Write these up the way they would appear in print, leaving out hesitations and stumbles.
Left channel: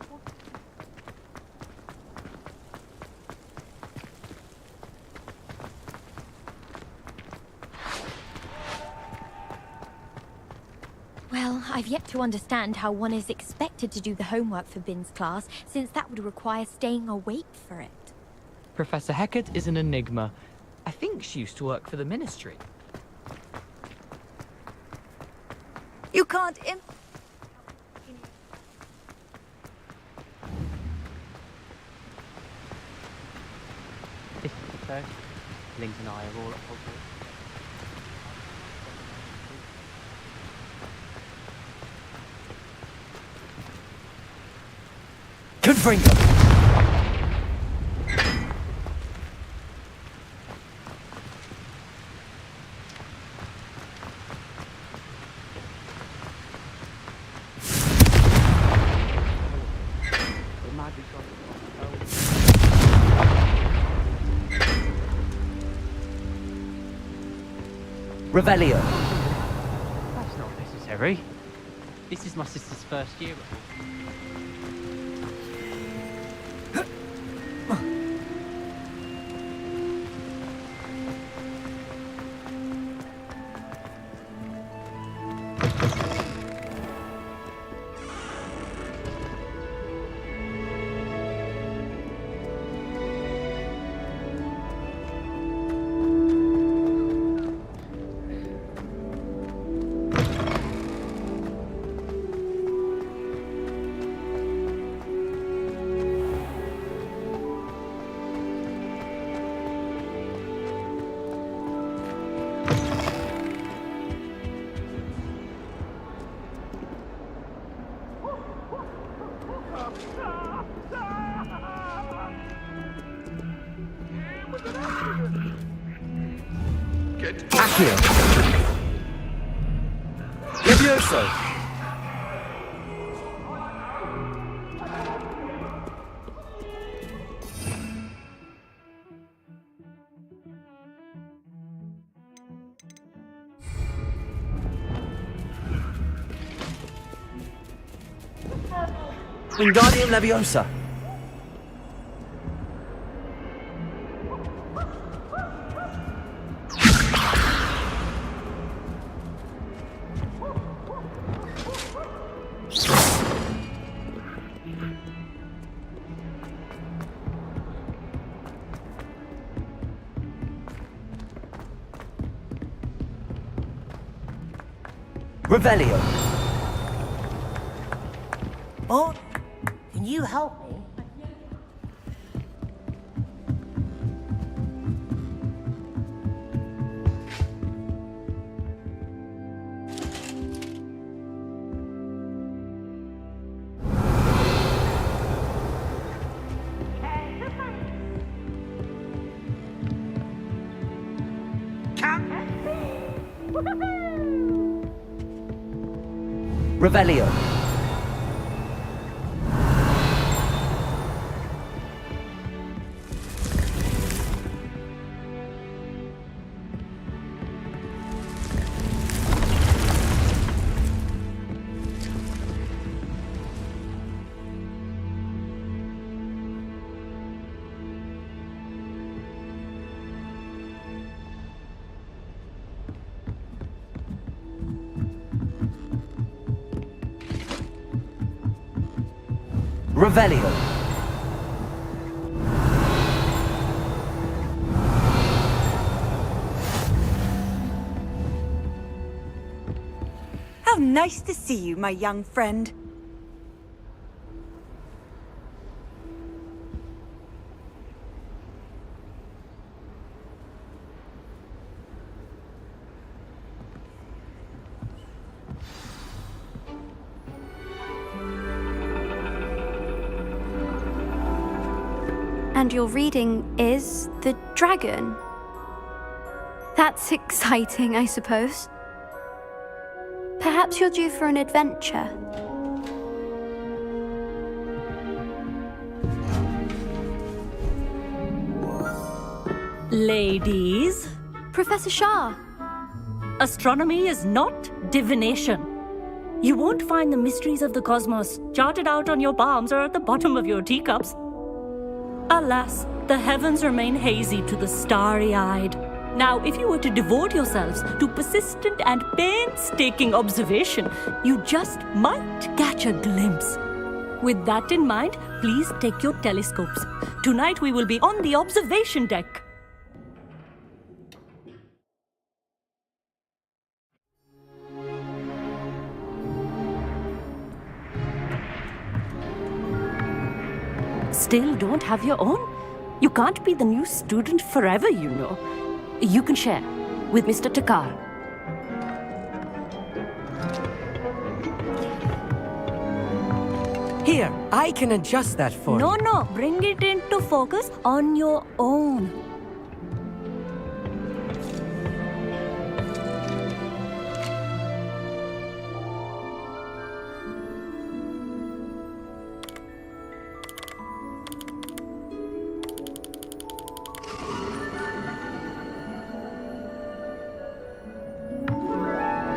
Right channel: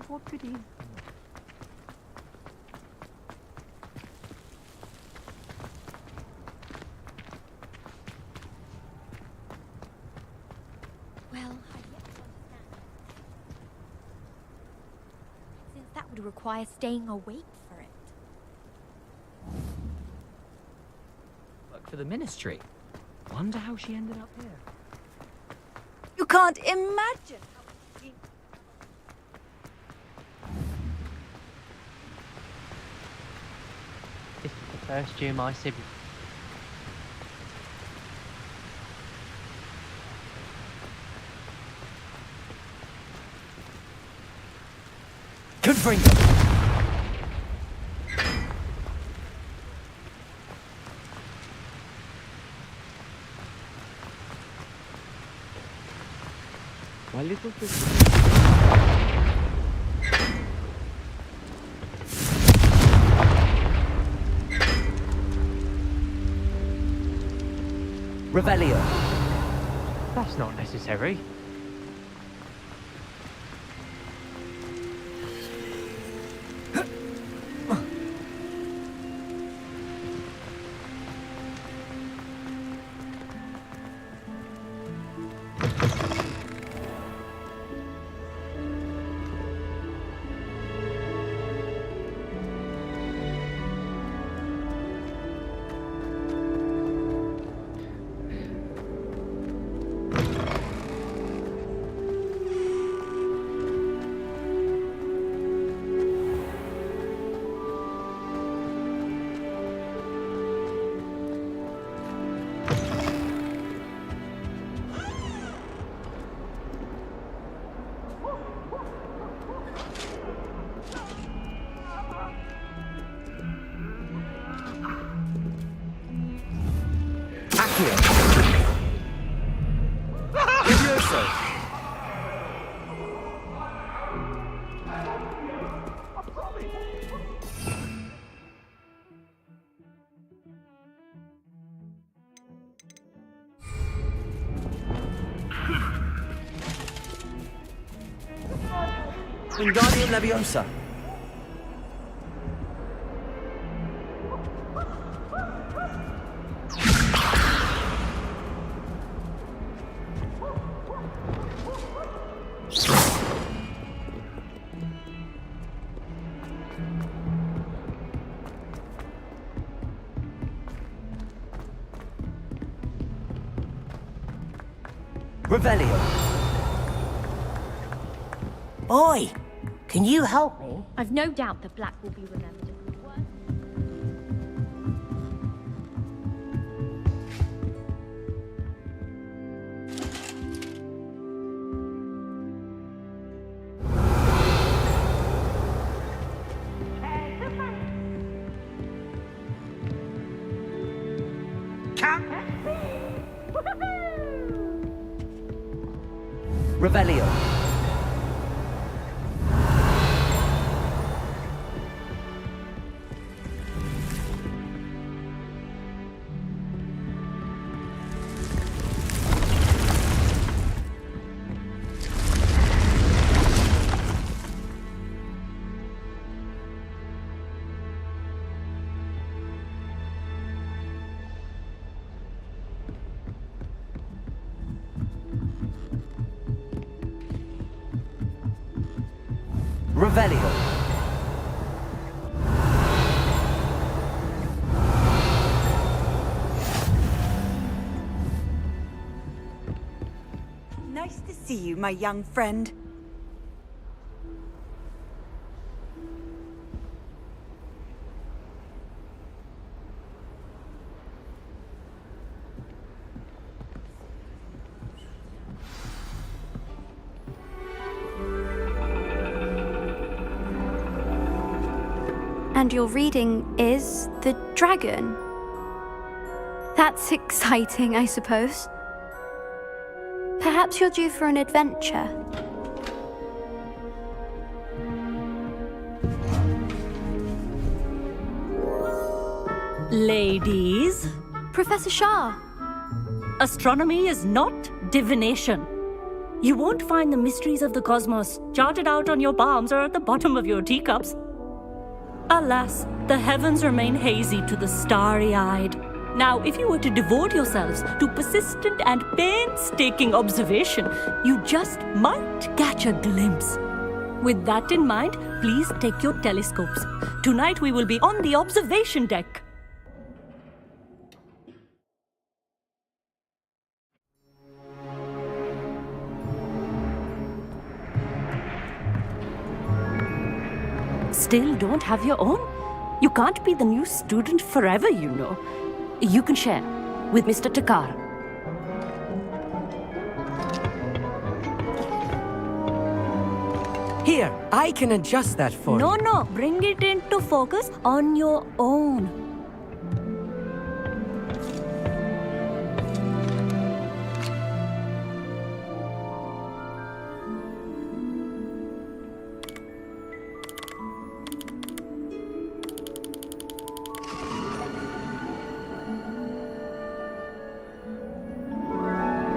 but what could he? Well, I've yet to understand how one is expected to do the homework for Bin's class, since that would require staying awake for it. Professor Hecat is an enigma. I think she used to work for the Ministry. Wonder how she ended up here. You can't imagine how... This is the first year my siblings and I are all at Hogwarts. Confringo! My little sister. Revelio. That's not necessary. This is my sister's first year. Accio. Levioso. Wingardium Leviosa. Revelio. Boy, can you help me? I've no doubt that Black will be remembered. Revelio. Revelio. How nice to see you, my young friend. And your reading is The Dragon. That's exciting, I suppose. Perhaps you're due for an adventure. Ladies, Professor Shah. astronomy is not divination. You won't find the mysteries of the cosmos charted out on your palms or at the bottom of your teacups. Alas, the heavens remain hazy to the starry-eyed. Now, if you were to devote yourselves to persistent and painstaking observation, you just might catch a glimpse. With that in mind, please take your telescopes. Tonight we will be on the observation deck. Still don't have your own? You can't be the new student forever, you know. You can share with Mr. Takar. Here, I can adjust that for you. No, bring it into focus on your own.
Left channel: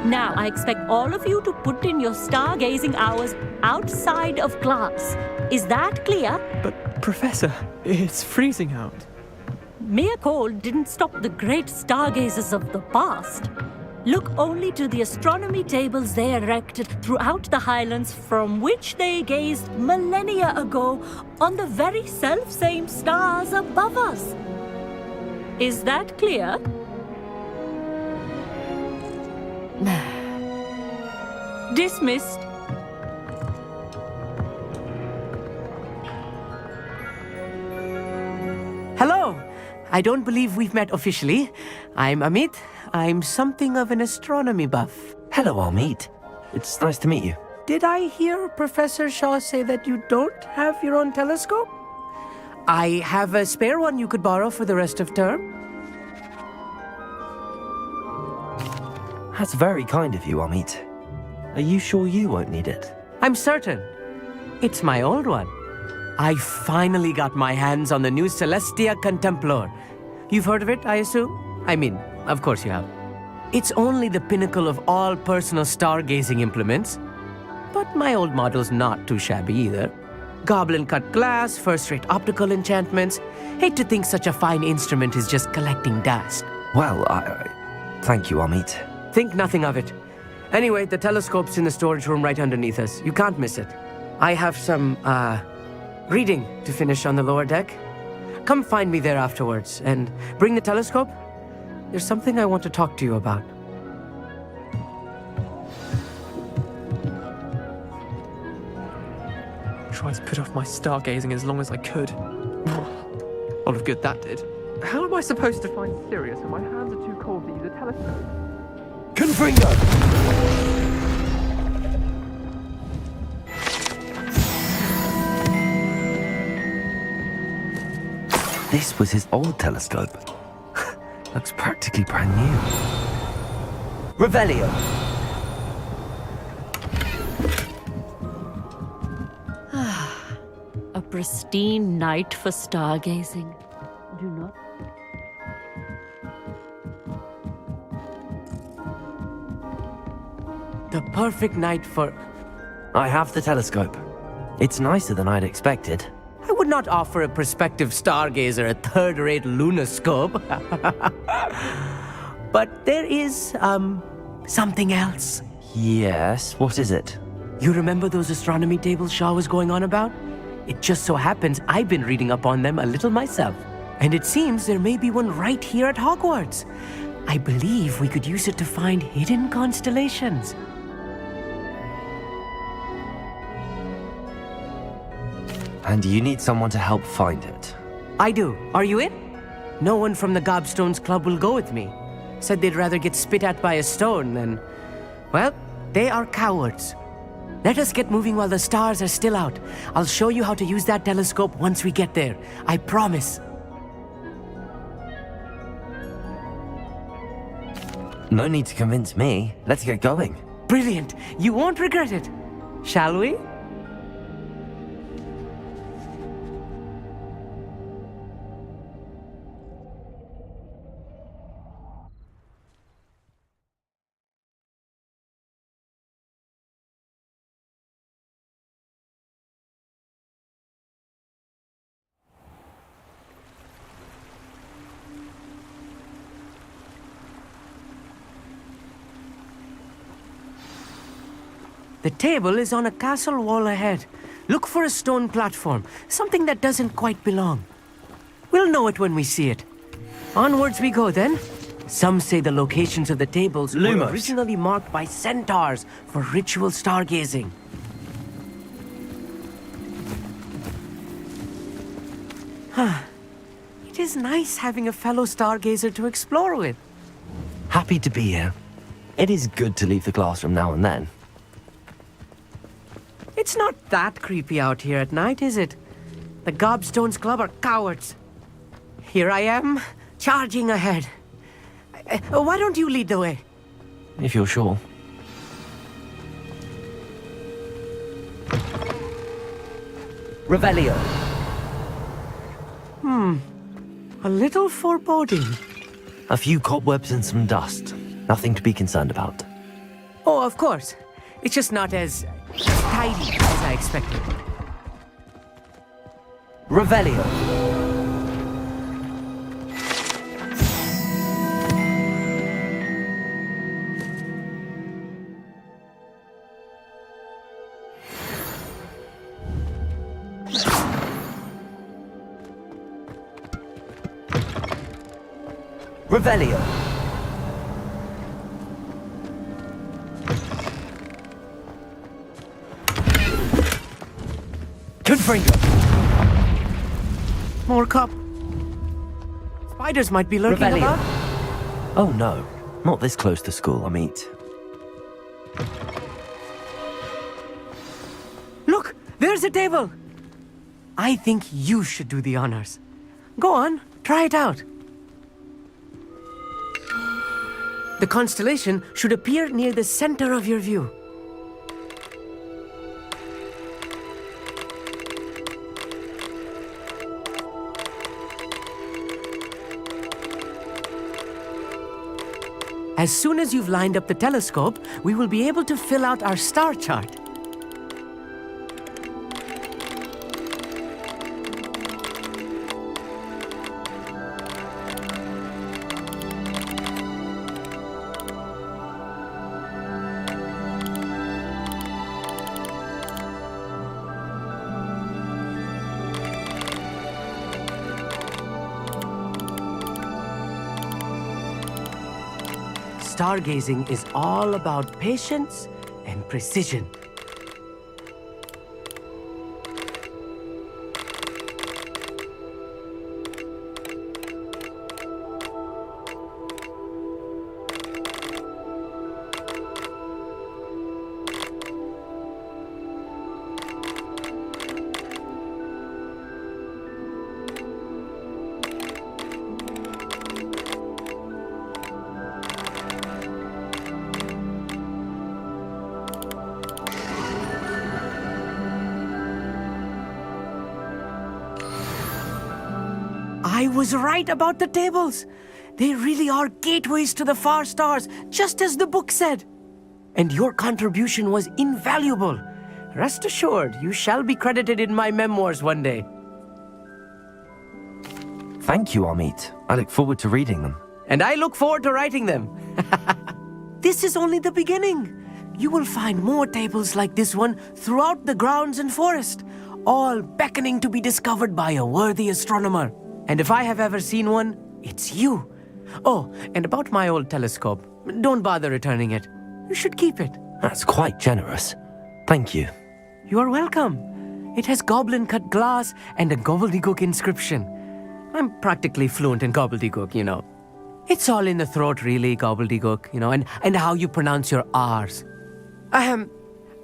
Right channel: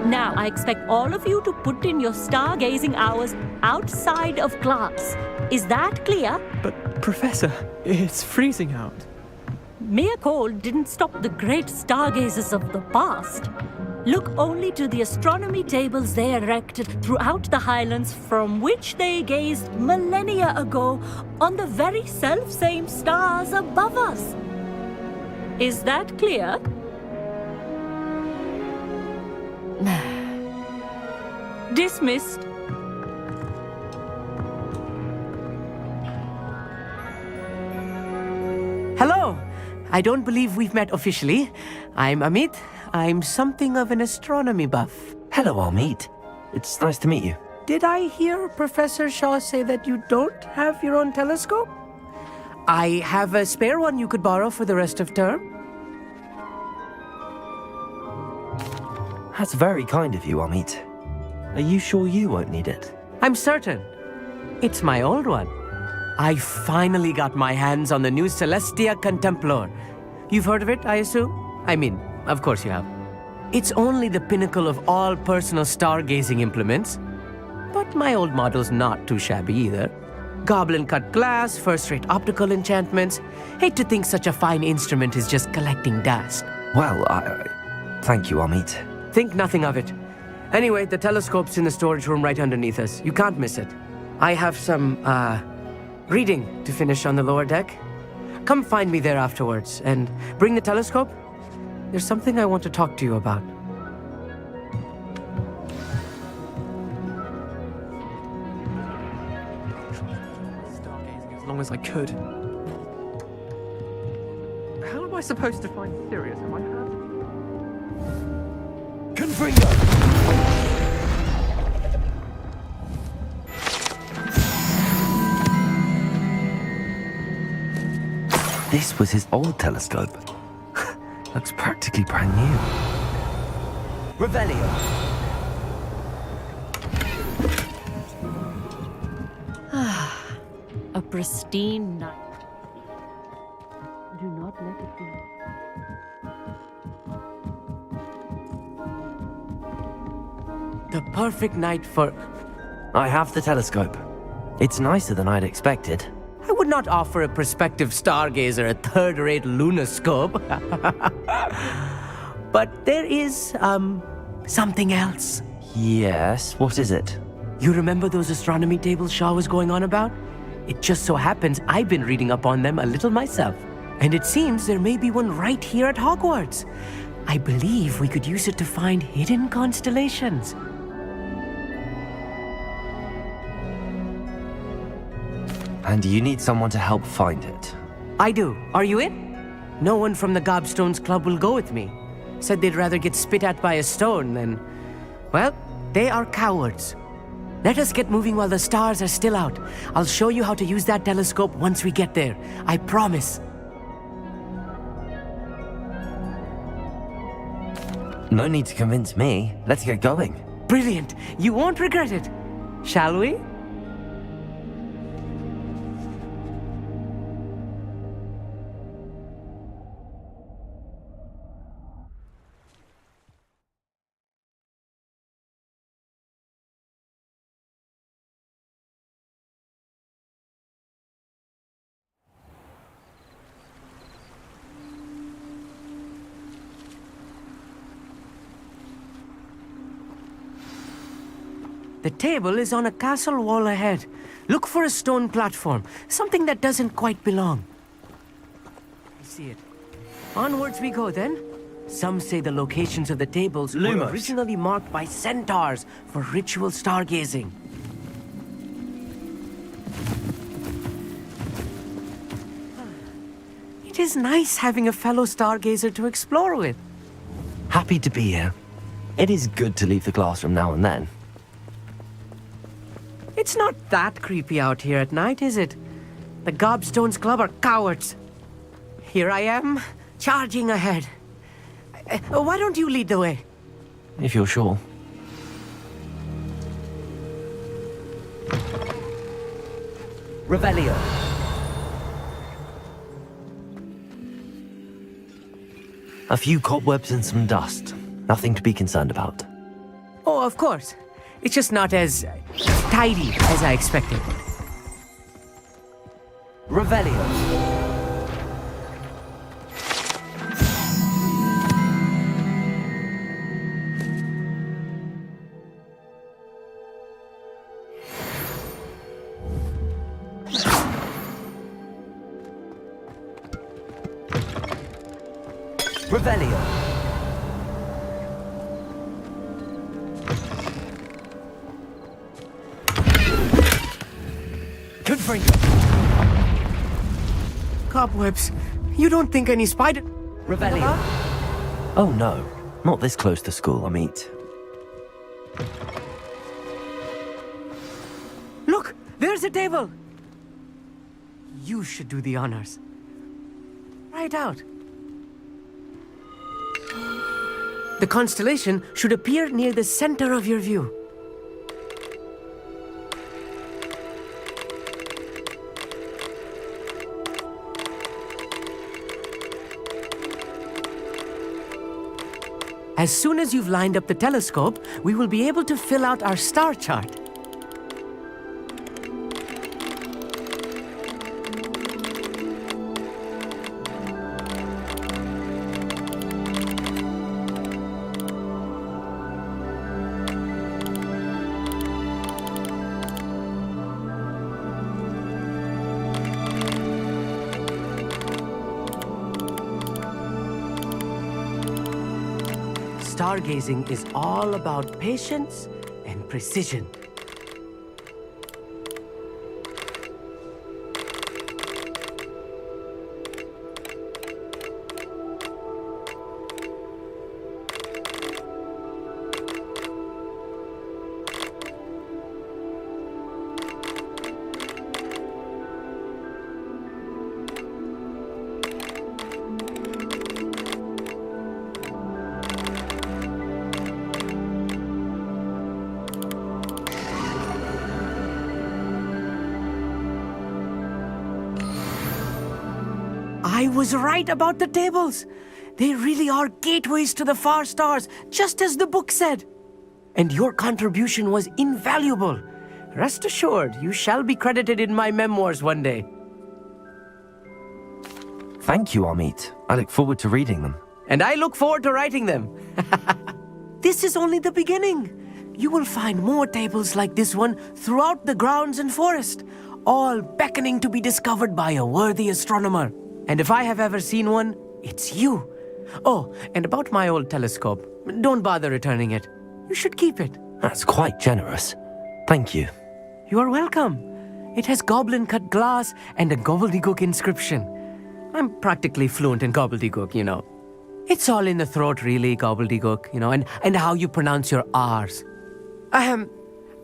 Now, I expect all of you to put in your stargazing hours outside of class. Is that clear? But, Professor, it's freezing out. Mere cold didn't stop the great stargazers of the past. Look only to the astronomy tables they erected throughout the highlands from which they gazed millennia ago on the very self-same stars above us. Is that clear? Dismissed. Hello. I don't believe we've met officially. I'm Amit. I'm something of an astronomy buff. Hello, Amit. It's nice to meet you. Did I hear Professor Shaw say that you don't have your own telescope? I have a spare one you could borrow for the rest of term. That's very kind of you, Amit. Are you sure you won't need it? I'm certain. It's my old one. I finally got my hands on the new Celestia Contemplar. You've heard of it, I assume? I mean, of course you have. It's only the pinnacle of all personal stargazing implements. But my old model's not too shabby either. Goblin-cut glass, first-rate optical enchantments. Hate to think such a fine instrument is just collecting dust. Well, thank you, Amit. Think nothing of it. Anyway, the telescope's in the storage room right underneath us. You can't miss it. I have some, reading to finish on the lower deck. Come find me there afterwards, and bring the telescope. There's something I want to talk to you about. Tried to put off my stargazing as long as I could. A lot of good that did. How am I supposed to find Sirius when my hands are too cold to use a telescope? Confringo! This was his old telescope. Looks practically brand new. Revelio! A pristine night for stargazing. Do not let it be. The perfect night for... I have the telescope. It's nicer than I'd expected. I would not offer a prospective stargazer a third-rate lunoscope. But there is, something else. Yes, what is it? You remember those astronomy tables Shaw was going on about? It just so happens I've been reading up on them a little myself. And it seems there may be one right here at Hogwarts. I believe we could use it to find hidden constellations. And you need someone to help find it. I do. Are you in? No one from the Gobstones Club will go with me. Said they'd rather get spit at by a stone than... Well, they are cowards. Let us get moving while the stars are still out. I'll show you how to use that telescope once we get there. I promise. No need to convince me. Let's get going. Brilliant. You won't regret it. Shall we? The table is on a castle wall ahead. Look for a stone platform, something that doesn't quite belong. We'll know it when we see it. Onwards we go then. Some say the locations of the tables were Lumos. originally marked by centaurs for ritual stargazing. It is nice having a fellow stargazer to explore with. Happy to be here. It is good to leave the classroom now and then. It's not that creepy out here at night, is it? The Gobstones Club are cowards. Here I am, charging ahead. Why don't you lead the way? If you're sure. Revelio. A little foreboding. A few cobwebs and some dust. Nothing to be concerned about. Oh, of course. It's just not as tidy as I expected. Revelio. Revelio. Confringo. More cobwebs. You don't think any spiders might be lurking Revelio. about? Oh no, not this close to school, I mean. Look, there's a table. I think you should do the honors. Go on, try it out. The constellation should appear near the center of your view. As soon as you've lined up the telescope, we will be able to fill out our star chart. Stargazing is all about patience and precision. I was right about the tables. They really are gateways to the far stars, just as the book said. And your contribution was invaluable. Rest assured, you shall be credited in my memoirs one day. Thank you, Amit. I look forward to reading them. And I look forward to writing them. This is only the beginning. You will find more tables like this one throughout the grounds and forest, all beckoning to be discovered by a worthy astronomer. And if I have ever seen one, it's you. Oh, and about my old telescope, don't bother returning it. You should keep it. That's quite generous. Thank you. You are welcome. It has goblin-cut glass and a gobbledygook inscription. I'm practically fluent in gobbledygook, you know. It's all in the throat, really, gobbledygook, you know, and how you pronounce your R's.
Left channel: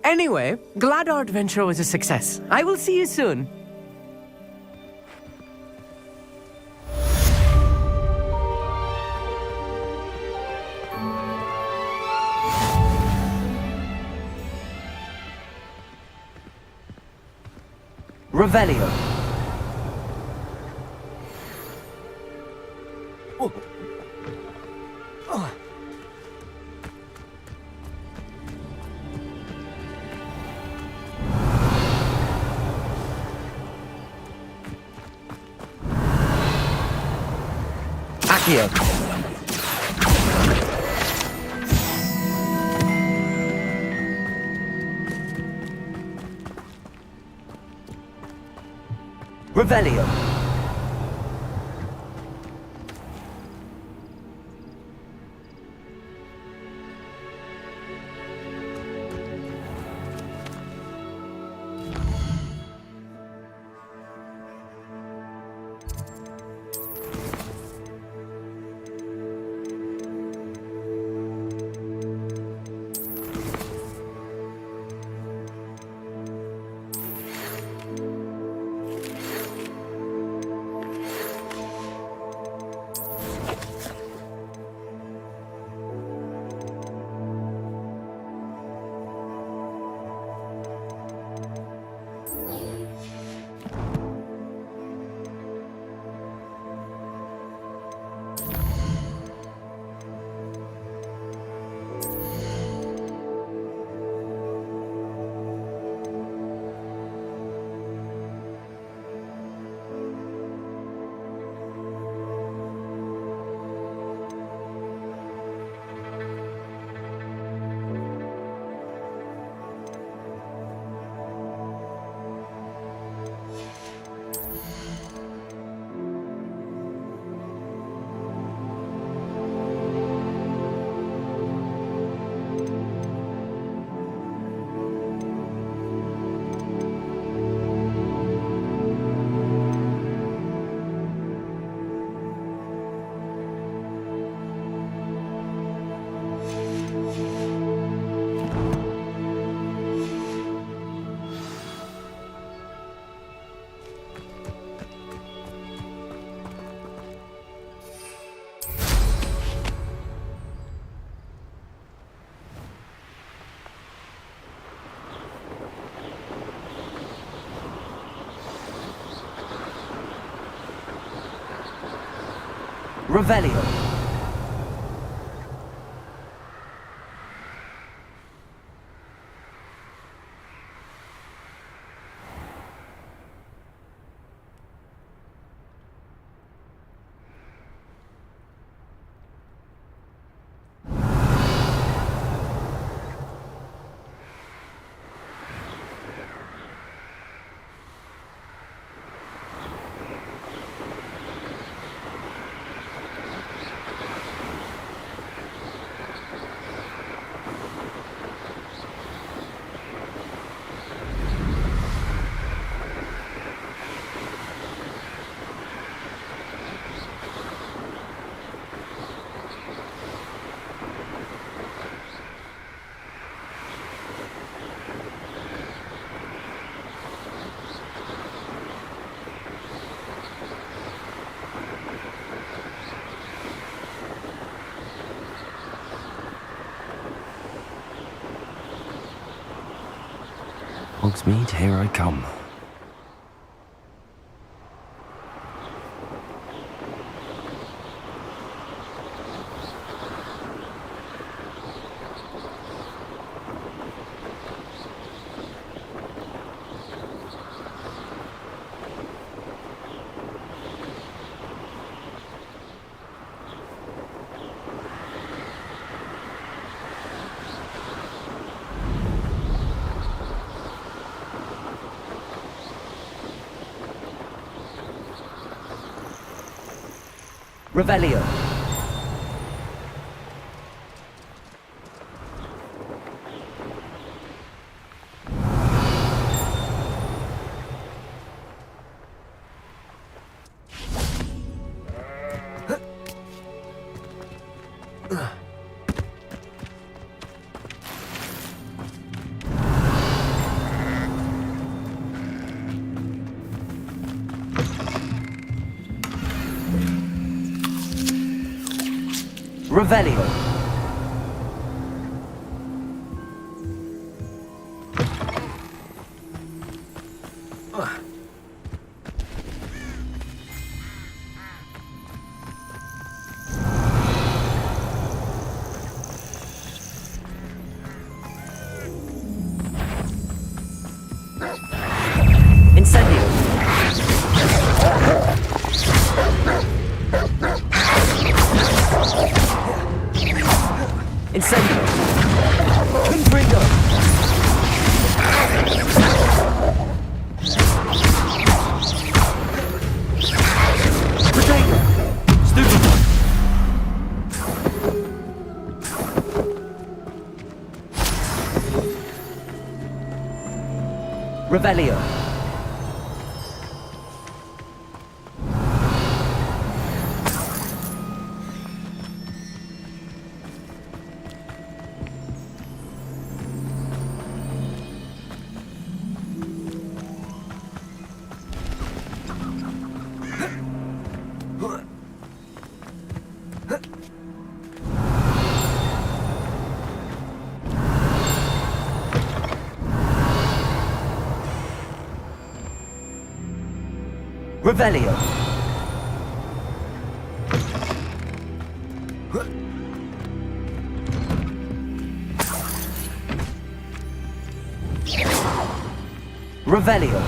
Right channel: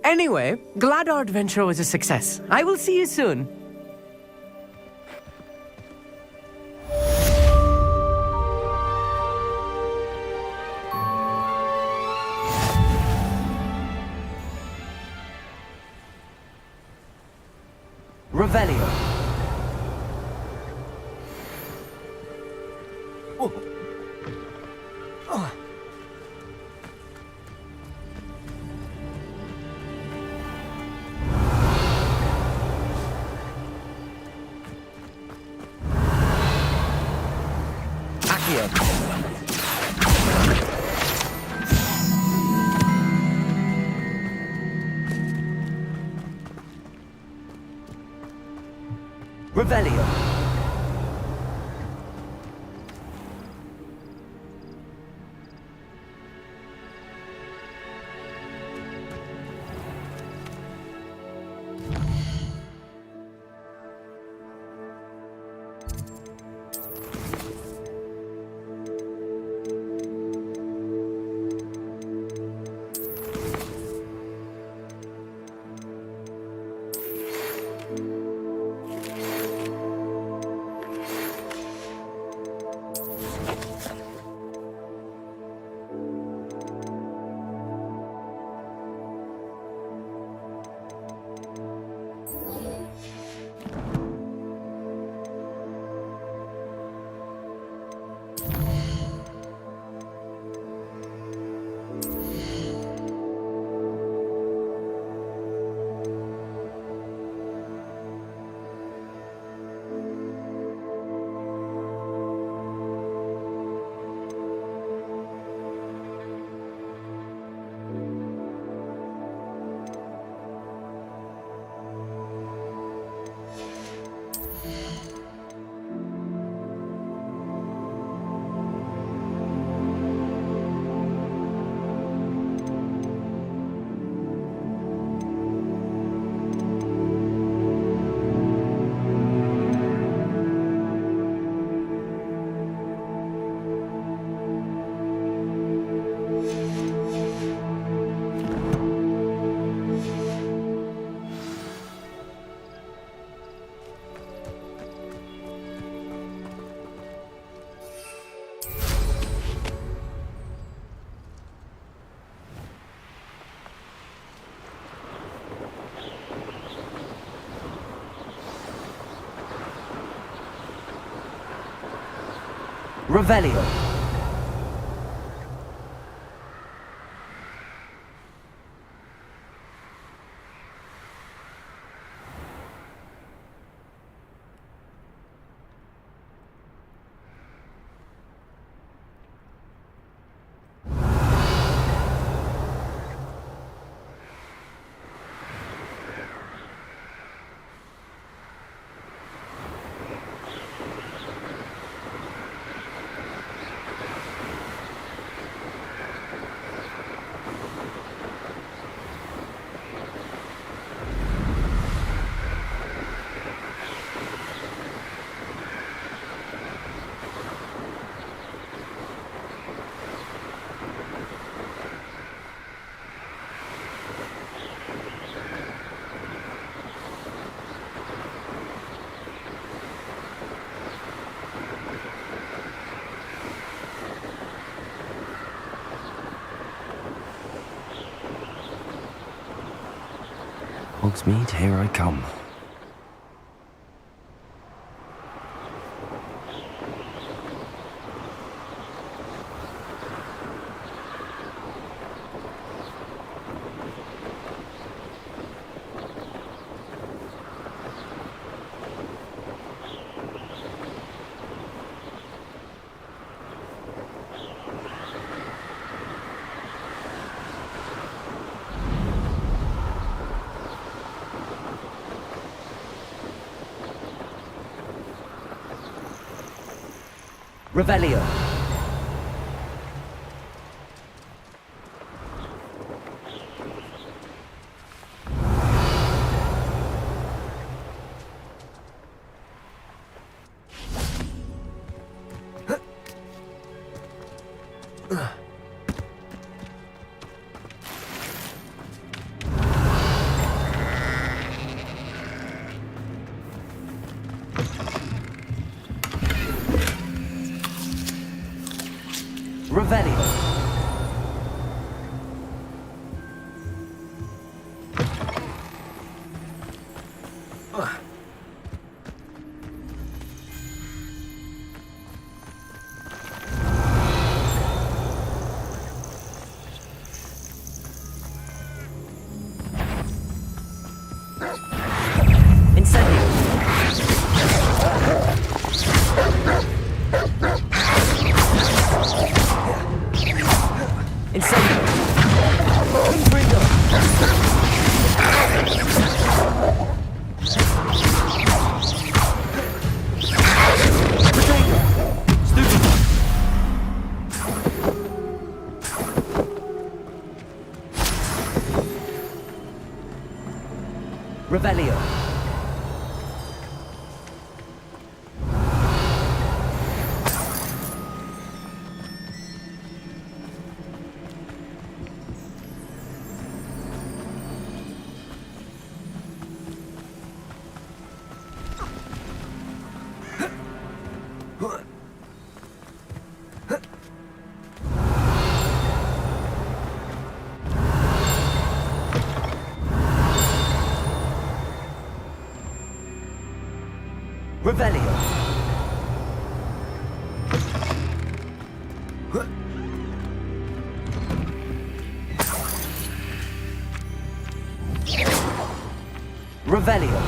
Anyway, glad our adventure was a success. I will see you soon. Revelio. Oh. Oh. Accio. Revelio. Revelio. Hogsmeade, here I come. Revelio. Revelio. Incendio. Revelio. Revelio. Revelio.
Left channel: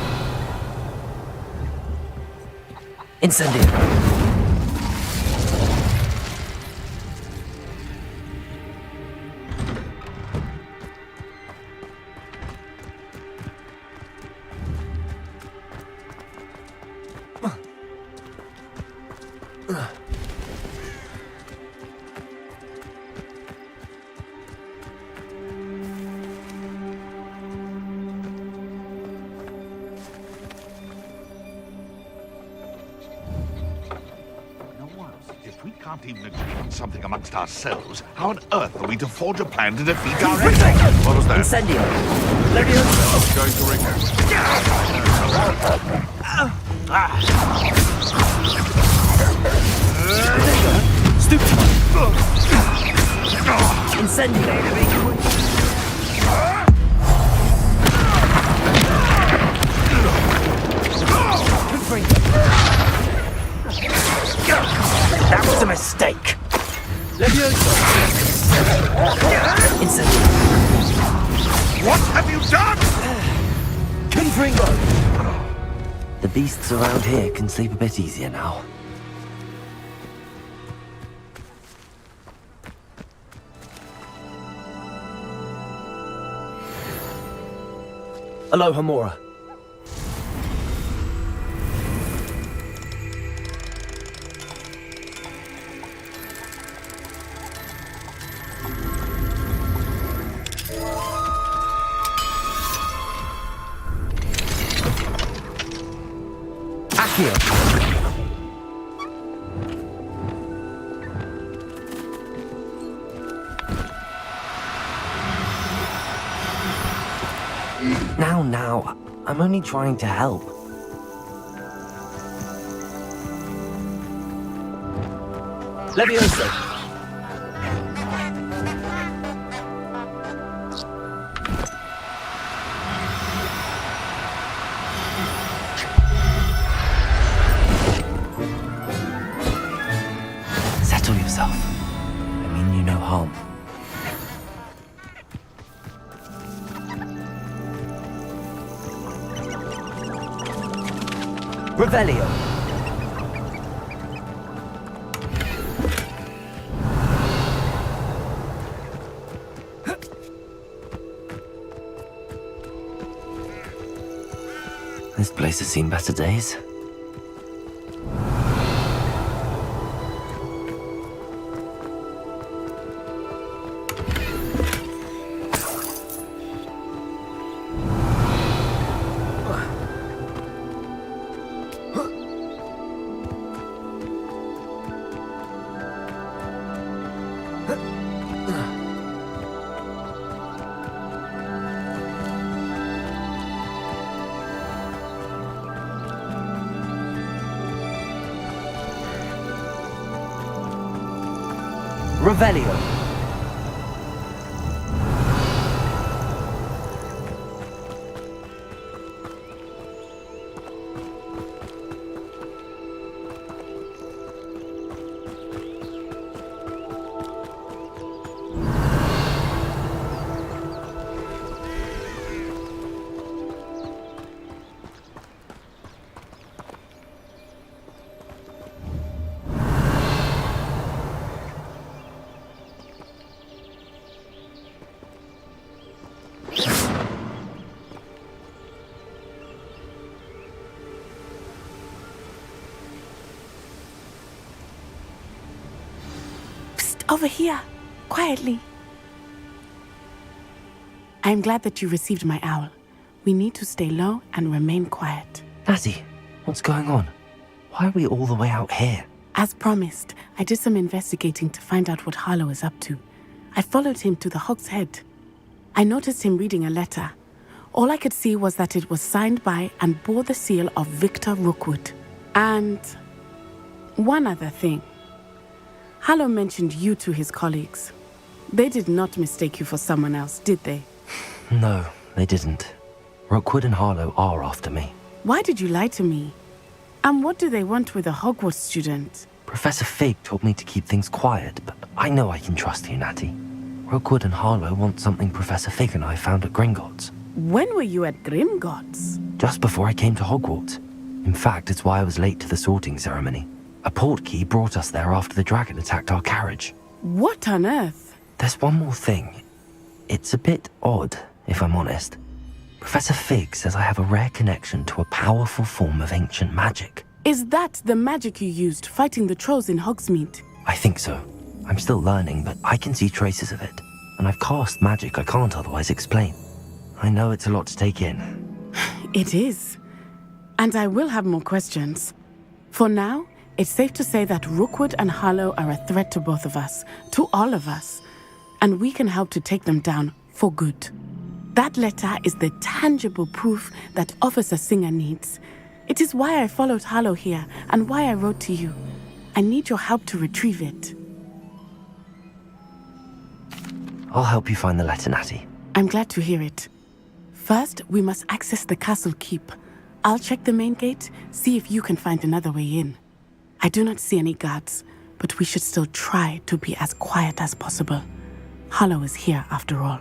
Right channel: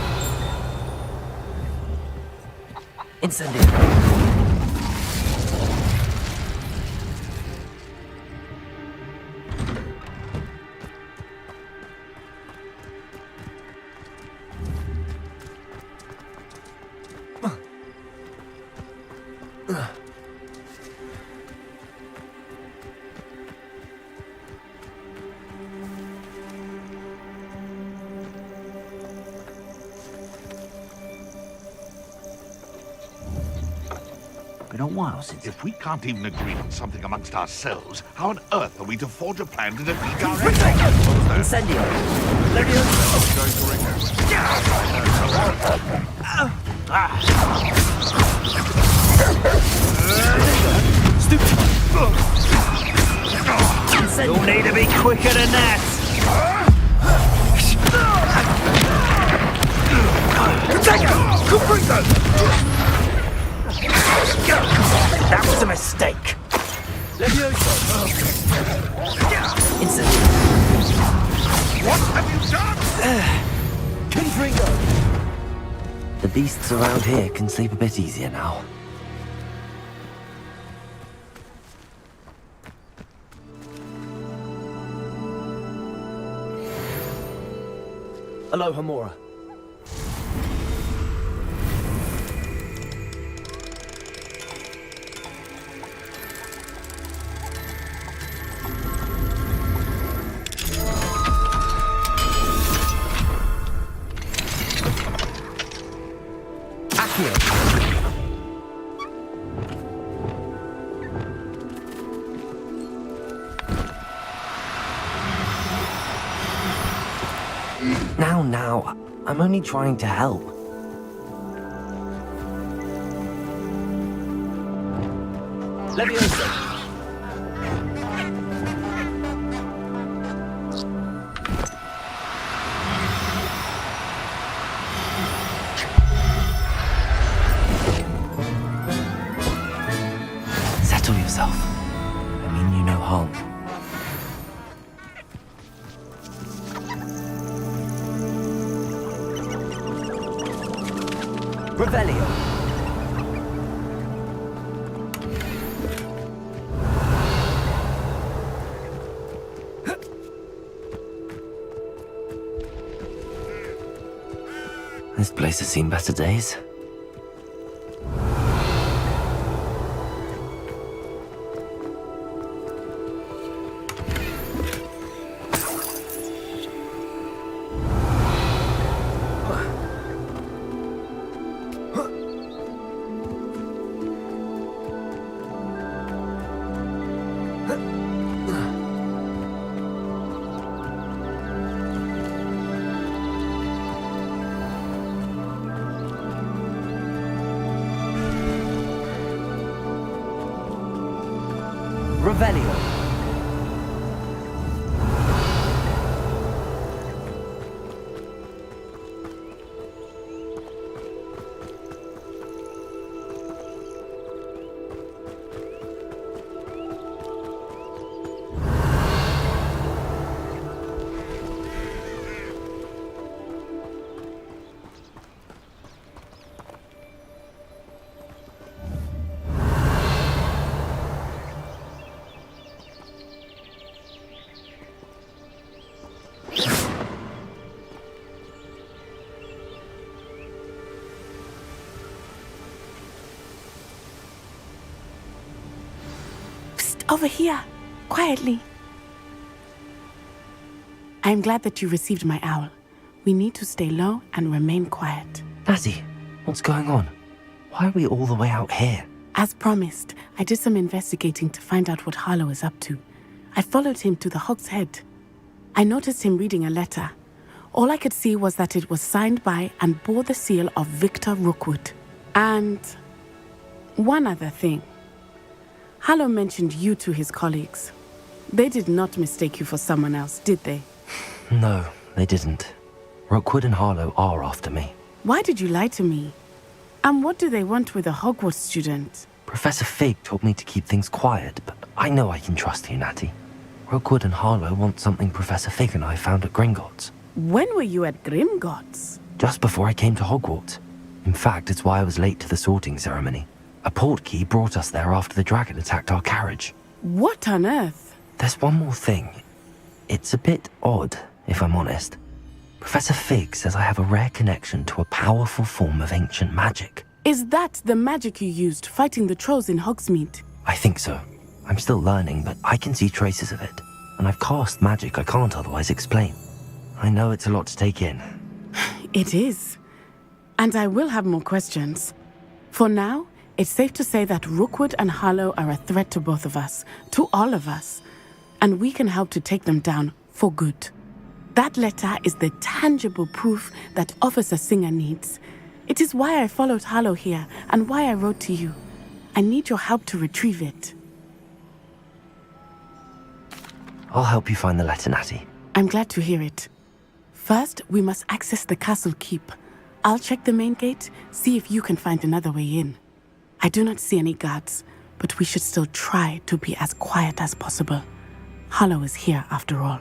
Incendio. Been a while since. If we can't even agree on something amongst ourselves, how on earth are we to forge a plan to defeat our enemy? What was that? Incendio. Going to ring Stupid. Incendio. Need to be quicker than that. That was a mistake. Incendio. What have you done? Confringo. The beasts around here can sleep a bit easier now. Aloha Mora. Accio. Now, I'm only trying to help. Levioso. Settle yourself. I mean you no harm. Revelio. This place has seen better days. Revelio. Over here, quietly. I am glad that you received my owl. We need to stay low and remain quiet. Natty, what's going on? Why are we all the way out here? As promised, I did some investigating to find out what Harlow is up to. I followed him to the Hog's Head. I noticed him reading a letter. All I could see was that it was signed by and bore the seal of Victor Rookwood. And one other thing. Harlow mentioned you to his colleagues. They did not mistake you for someone else, did they? No, they didn't. Rookwood and Harlow are after me. Why did you lie to me? And what do they want with a Hogwarts student? Professor Fig told me to keep things quiet, but I know I can trust you, Natty. Rookwood and Harlow want something Professor Fig and I found at Gringotts. When were you at Gringotts? Just before I came to Hogwarts. In fact, it's why I was late to the sorting ceremony. A portkey brought us there after the dragon attacked our carriage. What on earth? There's one more thing. It's a bit odd, if I'm honest. Professor Fig says I have a rare connection to a powerful form of ancient magic. Is that the magic you used fighting the trolls in Hogsmeade? I think so. I'm still learning, but I can see traces of it. And I've cast magic I can't otherwise explain. I know it's a lot to take in. It is. And I will have more questions. For now, it's safe to say that Rookwood and Harlow are a threat to both of us, to all of us. And we can help to take them down for good. That letter is the tangible proof that Officer Singer needs. It is why I followed Harlow here and why I wrote to you. I need your help to retrieve it. I'll help you find the letter, Natty. I'm glad to hear it. First, we must access the castle keep. I'll check the main gate, see if you can find another way in. I do not see any guards, but we should still try to be as quiet as possible. Harlow is here after all.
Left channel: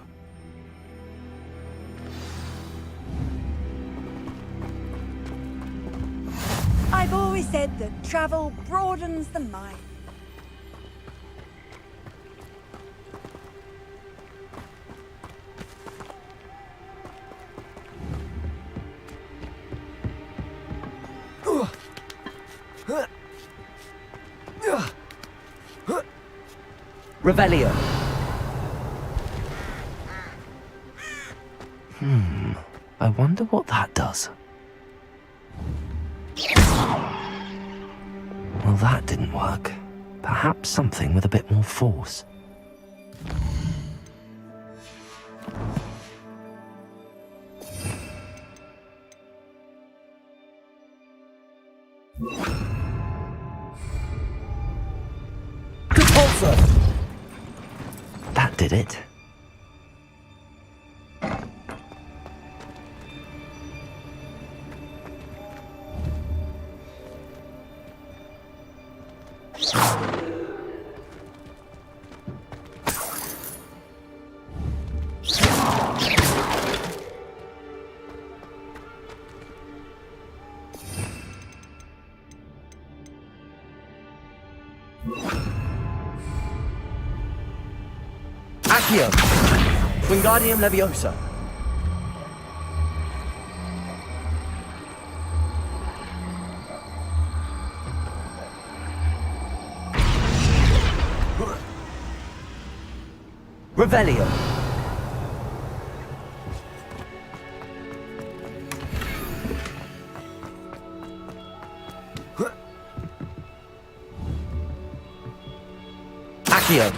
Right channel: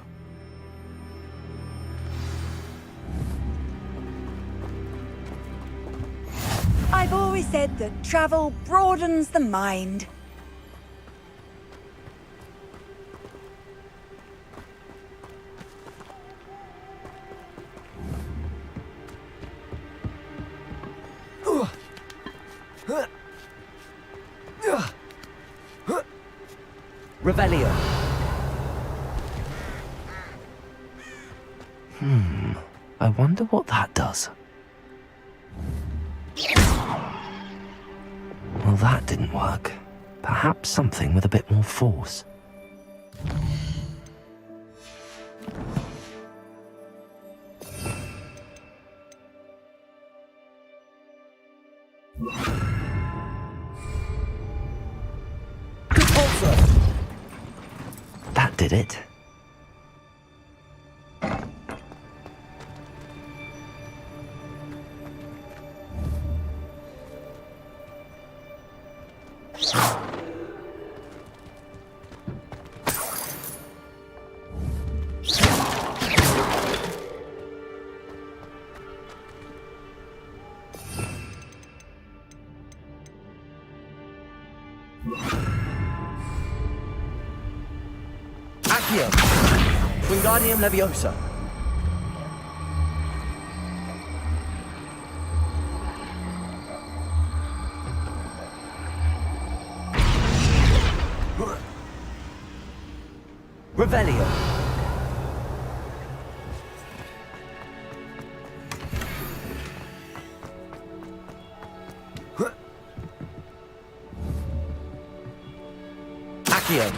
I've always said that travel broadens the mind. Revelio. I wonder what that does. Well, that didn't work. Perhaps something with a bit more force. That did it. Accio! Wingardium Leviosa! Revelio! Accio!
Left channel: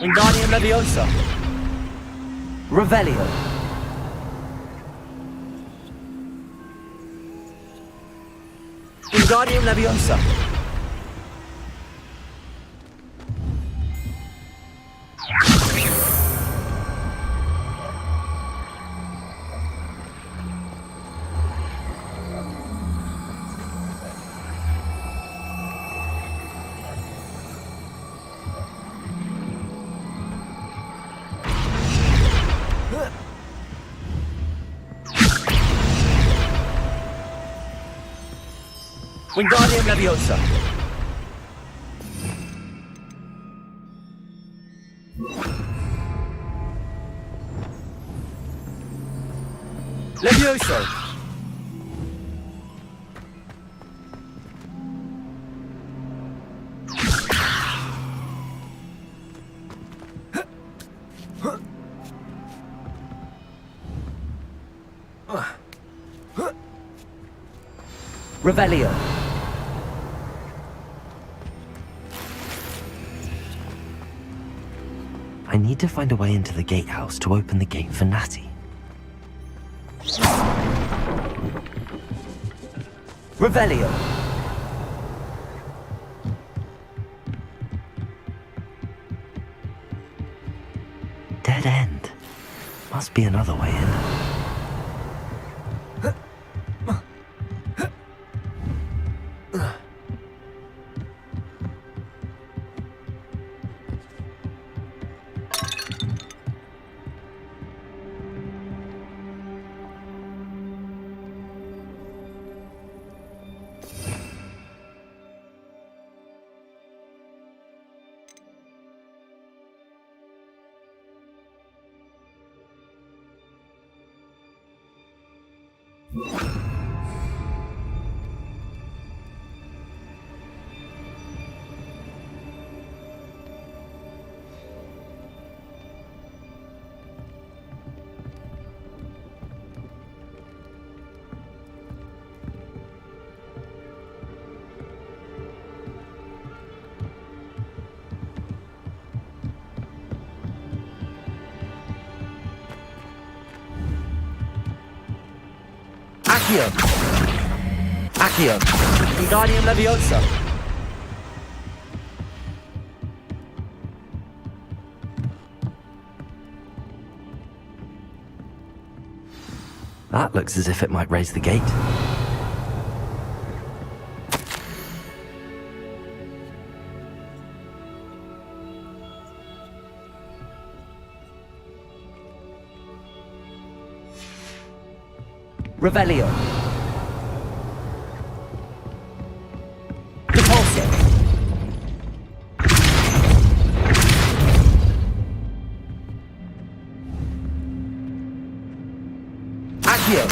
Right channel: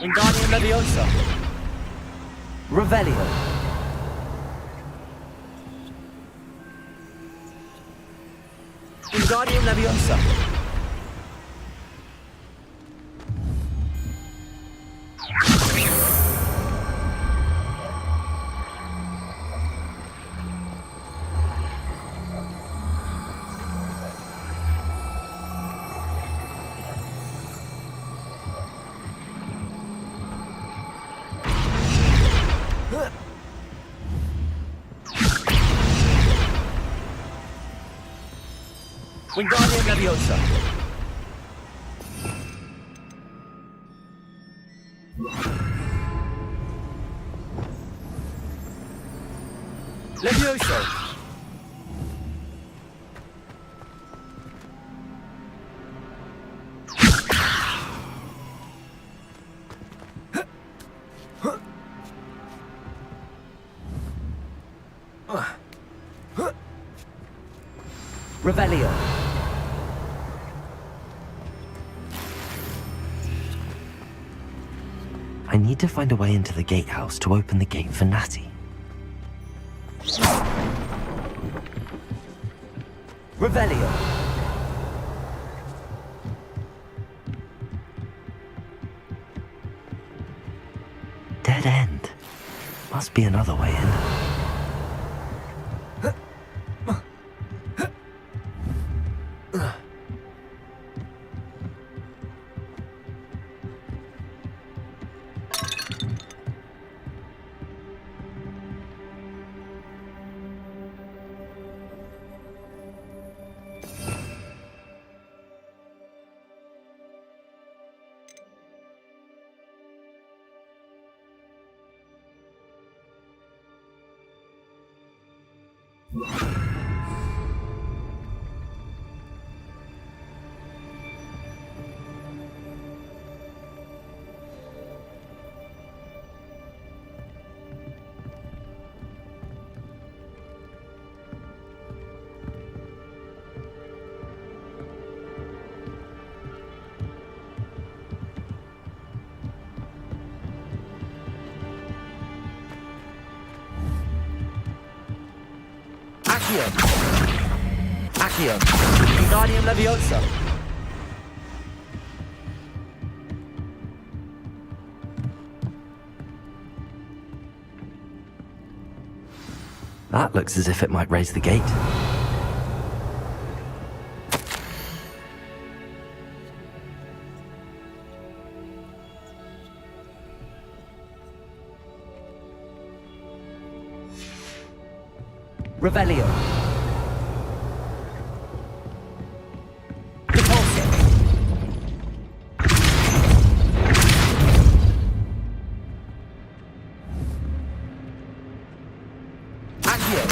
Wingardium Leviosa. Revelio. Wingardium Leviosa. Wingardium Leviosa. Levioso! Revelio. I need to find a way into the gatehouse to open the gate for Natty. Revelio. Dead end. Must be another way in. Accio. Wingardium Leviosa. That looks as if it might raise the gate. Revelio. Repulsor. Accio.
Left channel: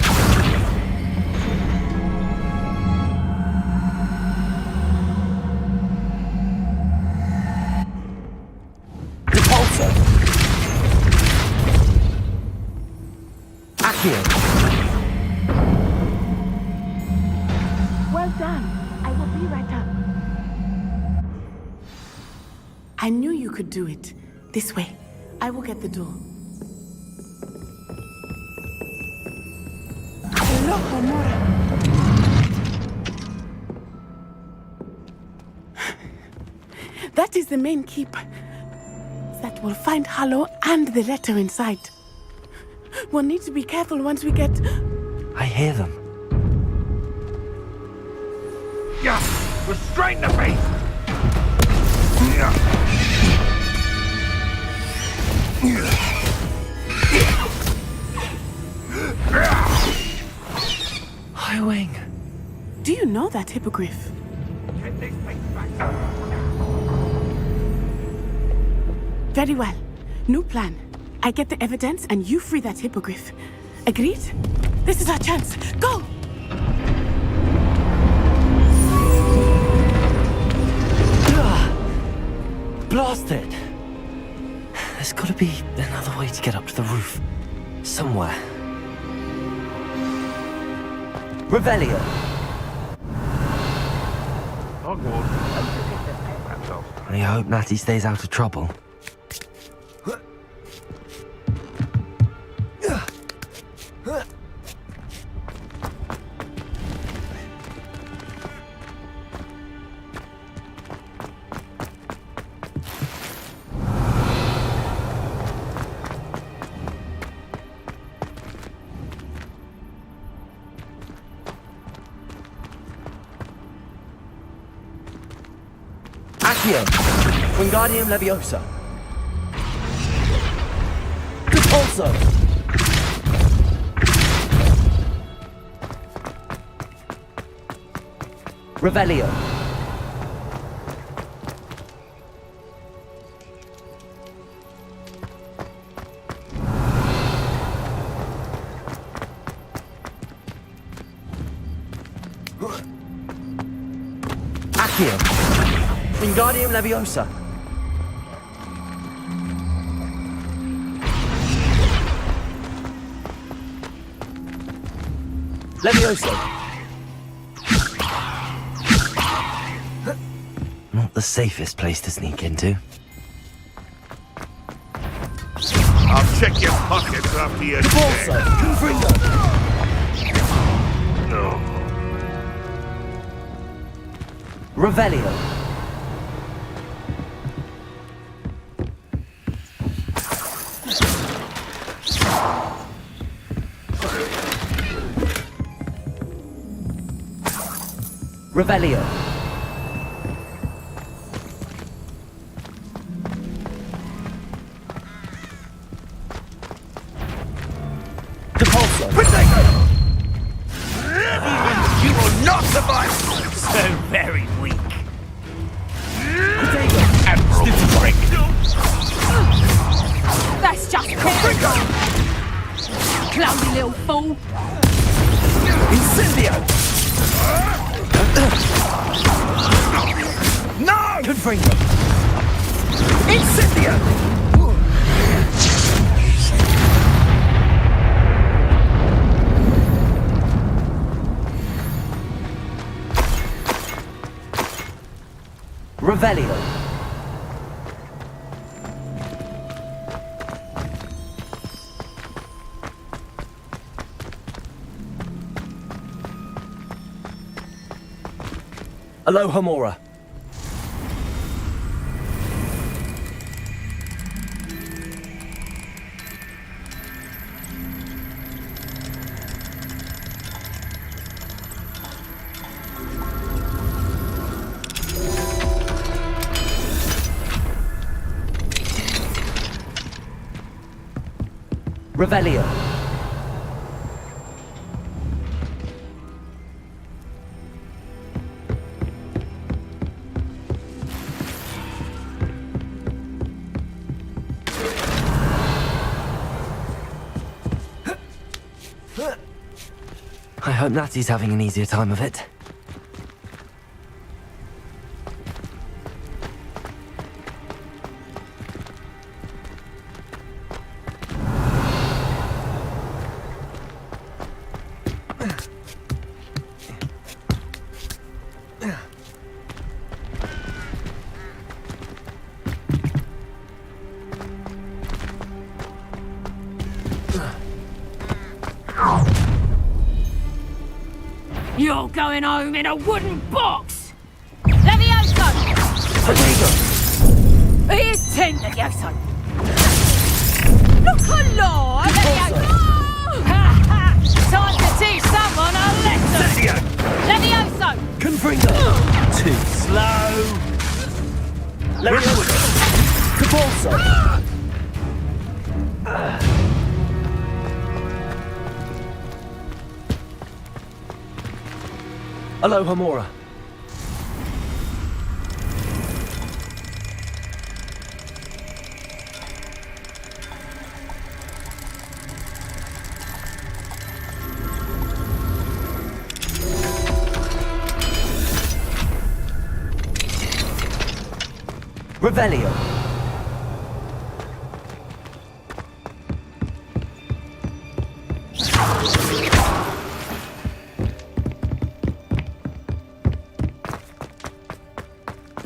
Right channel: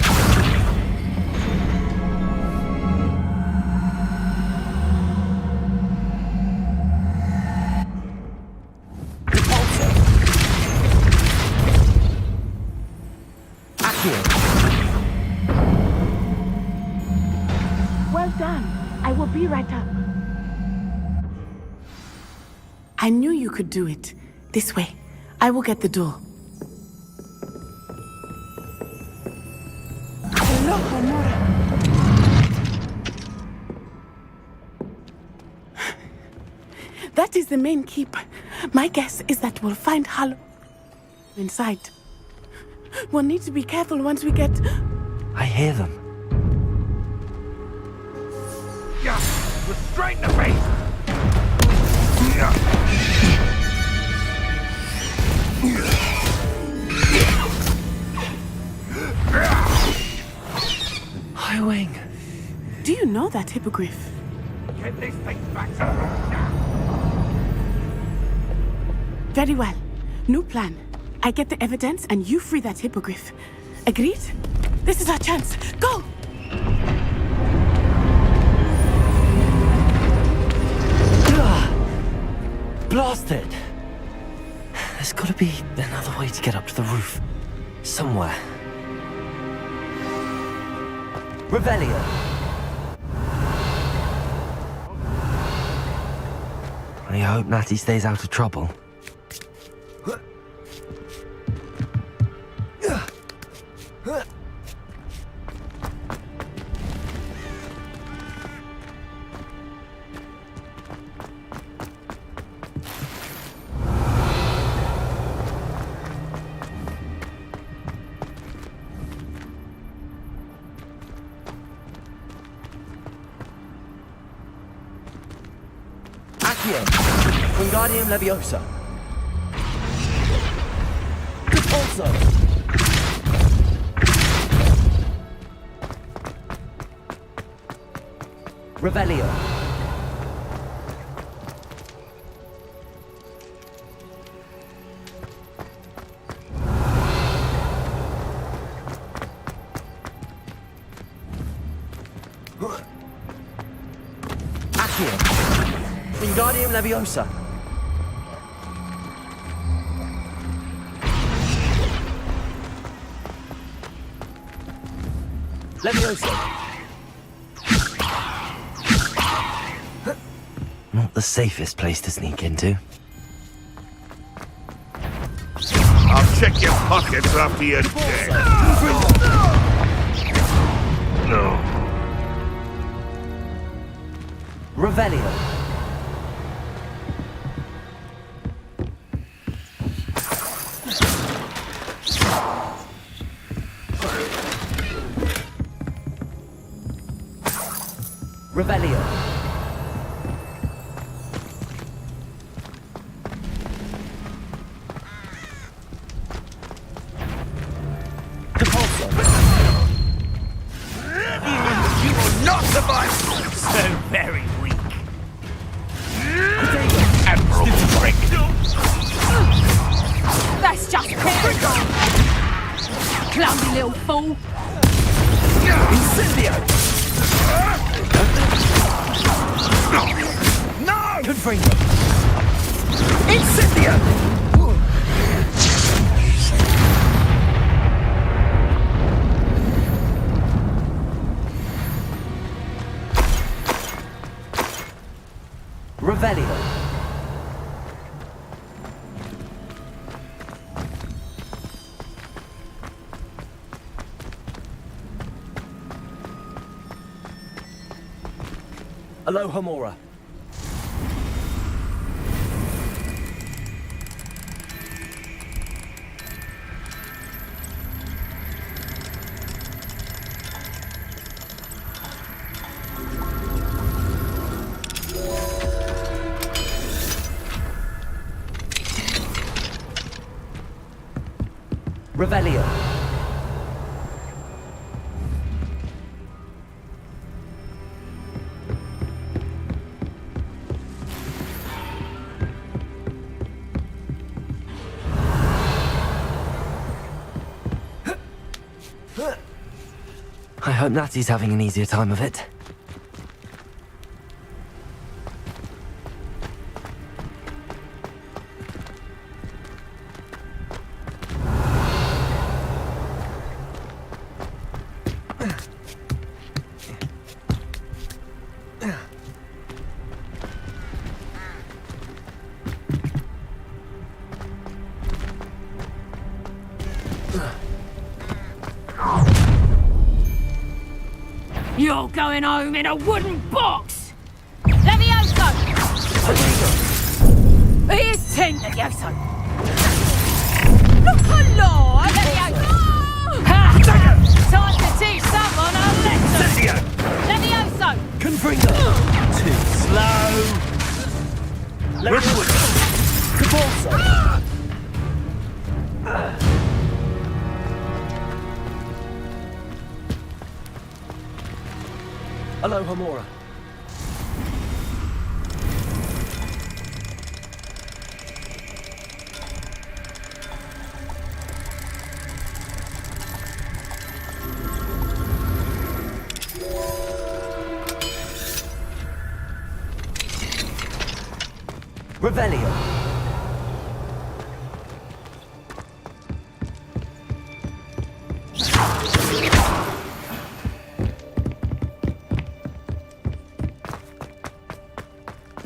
Repulsor. Accio. Well done. I will be right up. I knew you could do it. This way. I will get the door. Hello, Honora. That is the main keep. My guess is that we'll find Hallow and the letter inside. We'll need to be careful once we get... I hear them. Yeah, restrain the beast! Highwing. Do you know that hippogriff? Get this thing back to Very well. New plan. I get the evidence and you free that hippogriff. Agreed? This is our chance. Go! Blasted! There's gotta be another way to get up to the roof. Somewhere. Revelio. I hope Natty stays out of trouble. Accio. Wingardium Leviosa. Repulsor. Revelio. Accio. Wingardium Leviosa. Leviosa. Not the safest place to sneak into. I'll check your pockets after you're dead. No. Revelio. Revelio. Depulso. You will not survive! So very weak. Admiral Frank. That's just crazy. Clumsy little fool. Incendio. No! Confringo. Incendio. Revelio. Alohomora. Revelio. I hope Natty's having an easier time of it. You're going home in a wooden box! Levioso! Here's 10, Levioso! Look alive, Levioso! Ha! Time to teach someone a lesson! Levioso! Confringo! Too slow! Levioso! Capulso! Alohomora. Revelio.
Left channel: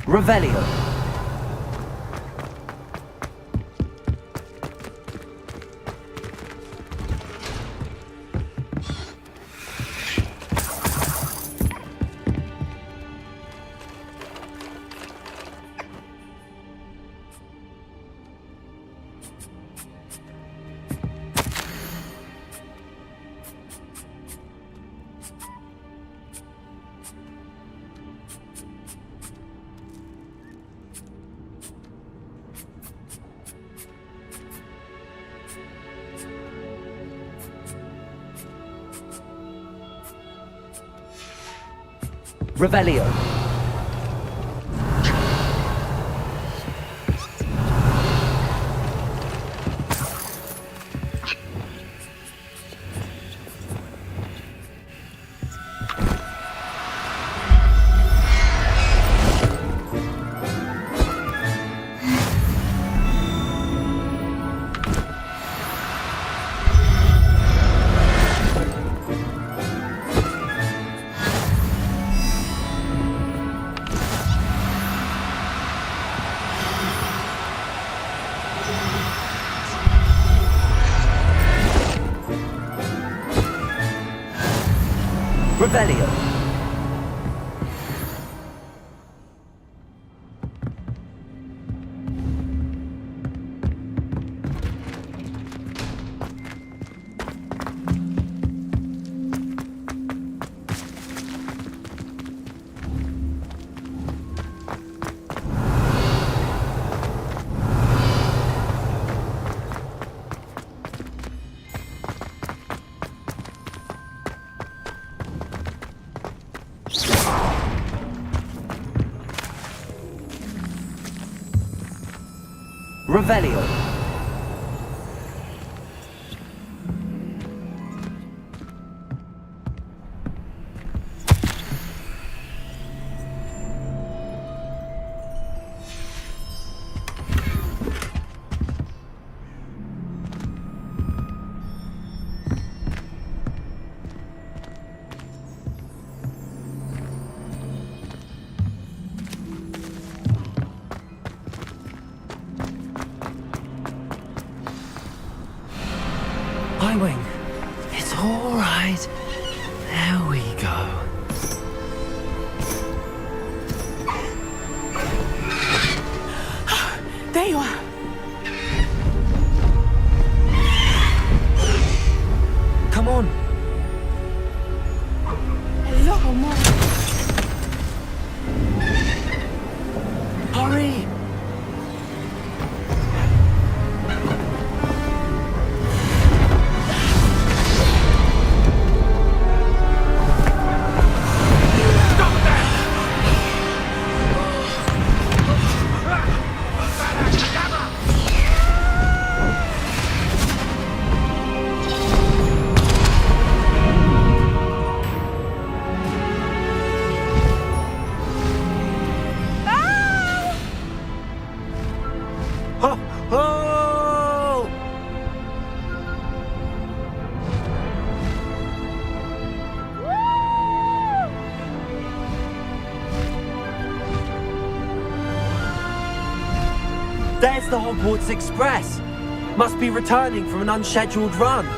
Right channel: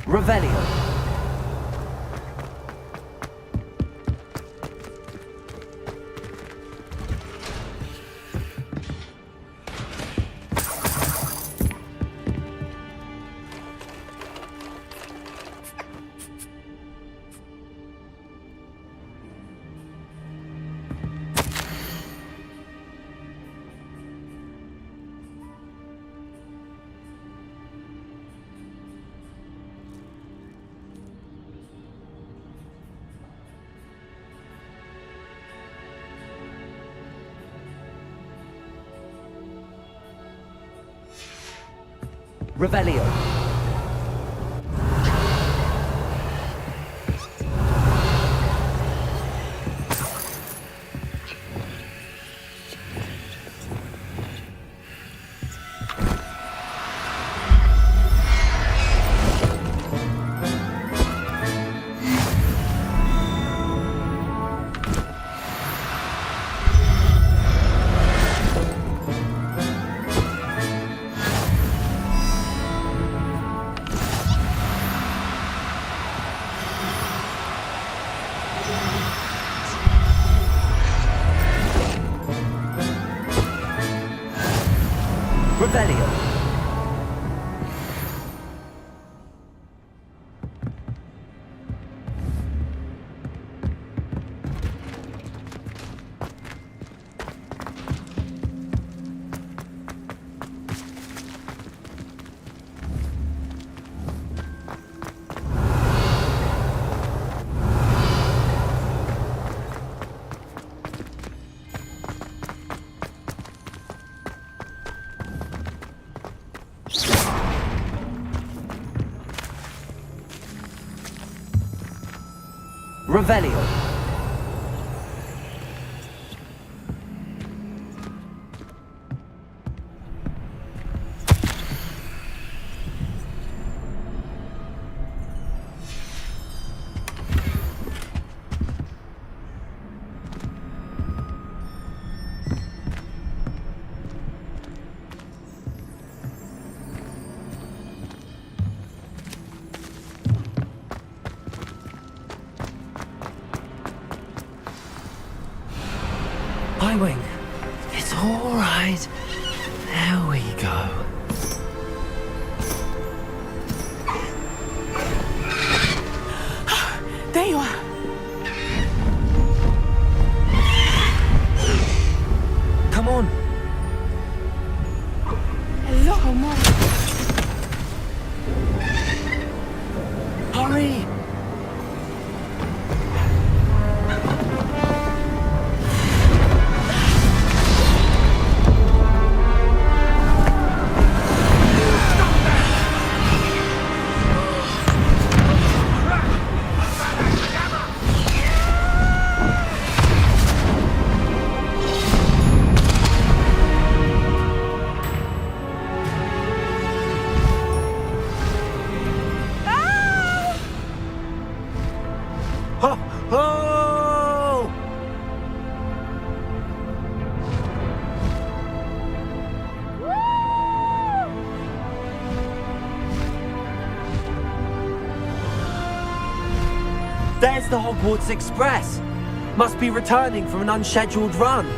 Revelio. Revelio. Revelio. Revelio. Highwing. It's all right. There we go. There you are. Come on. Hello, Mom. Hurry. Oh! There's the Hogwarts Express. Must be returning from an unscheduled run.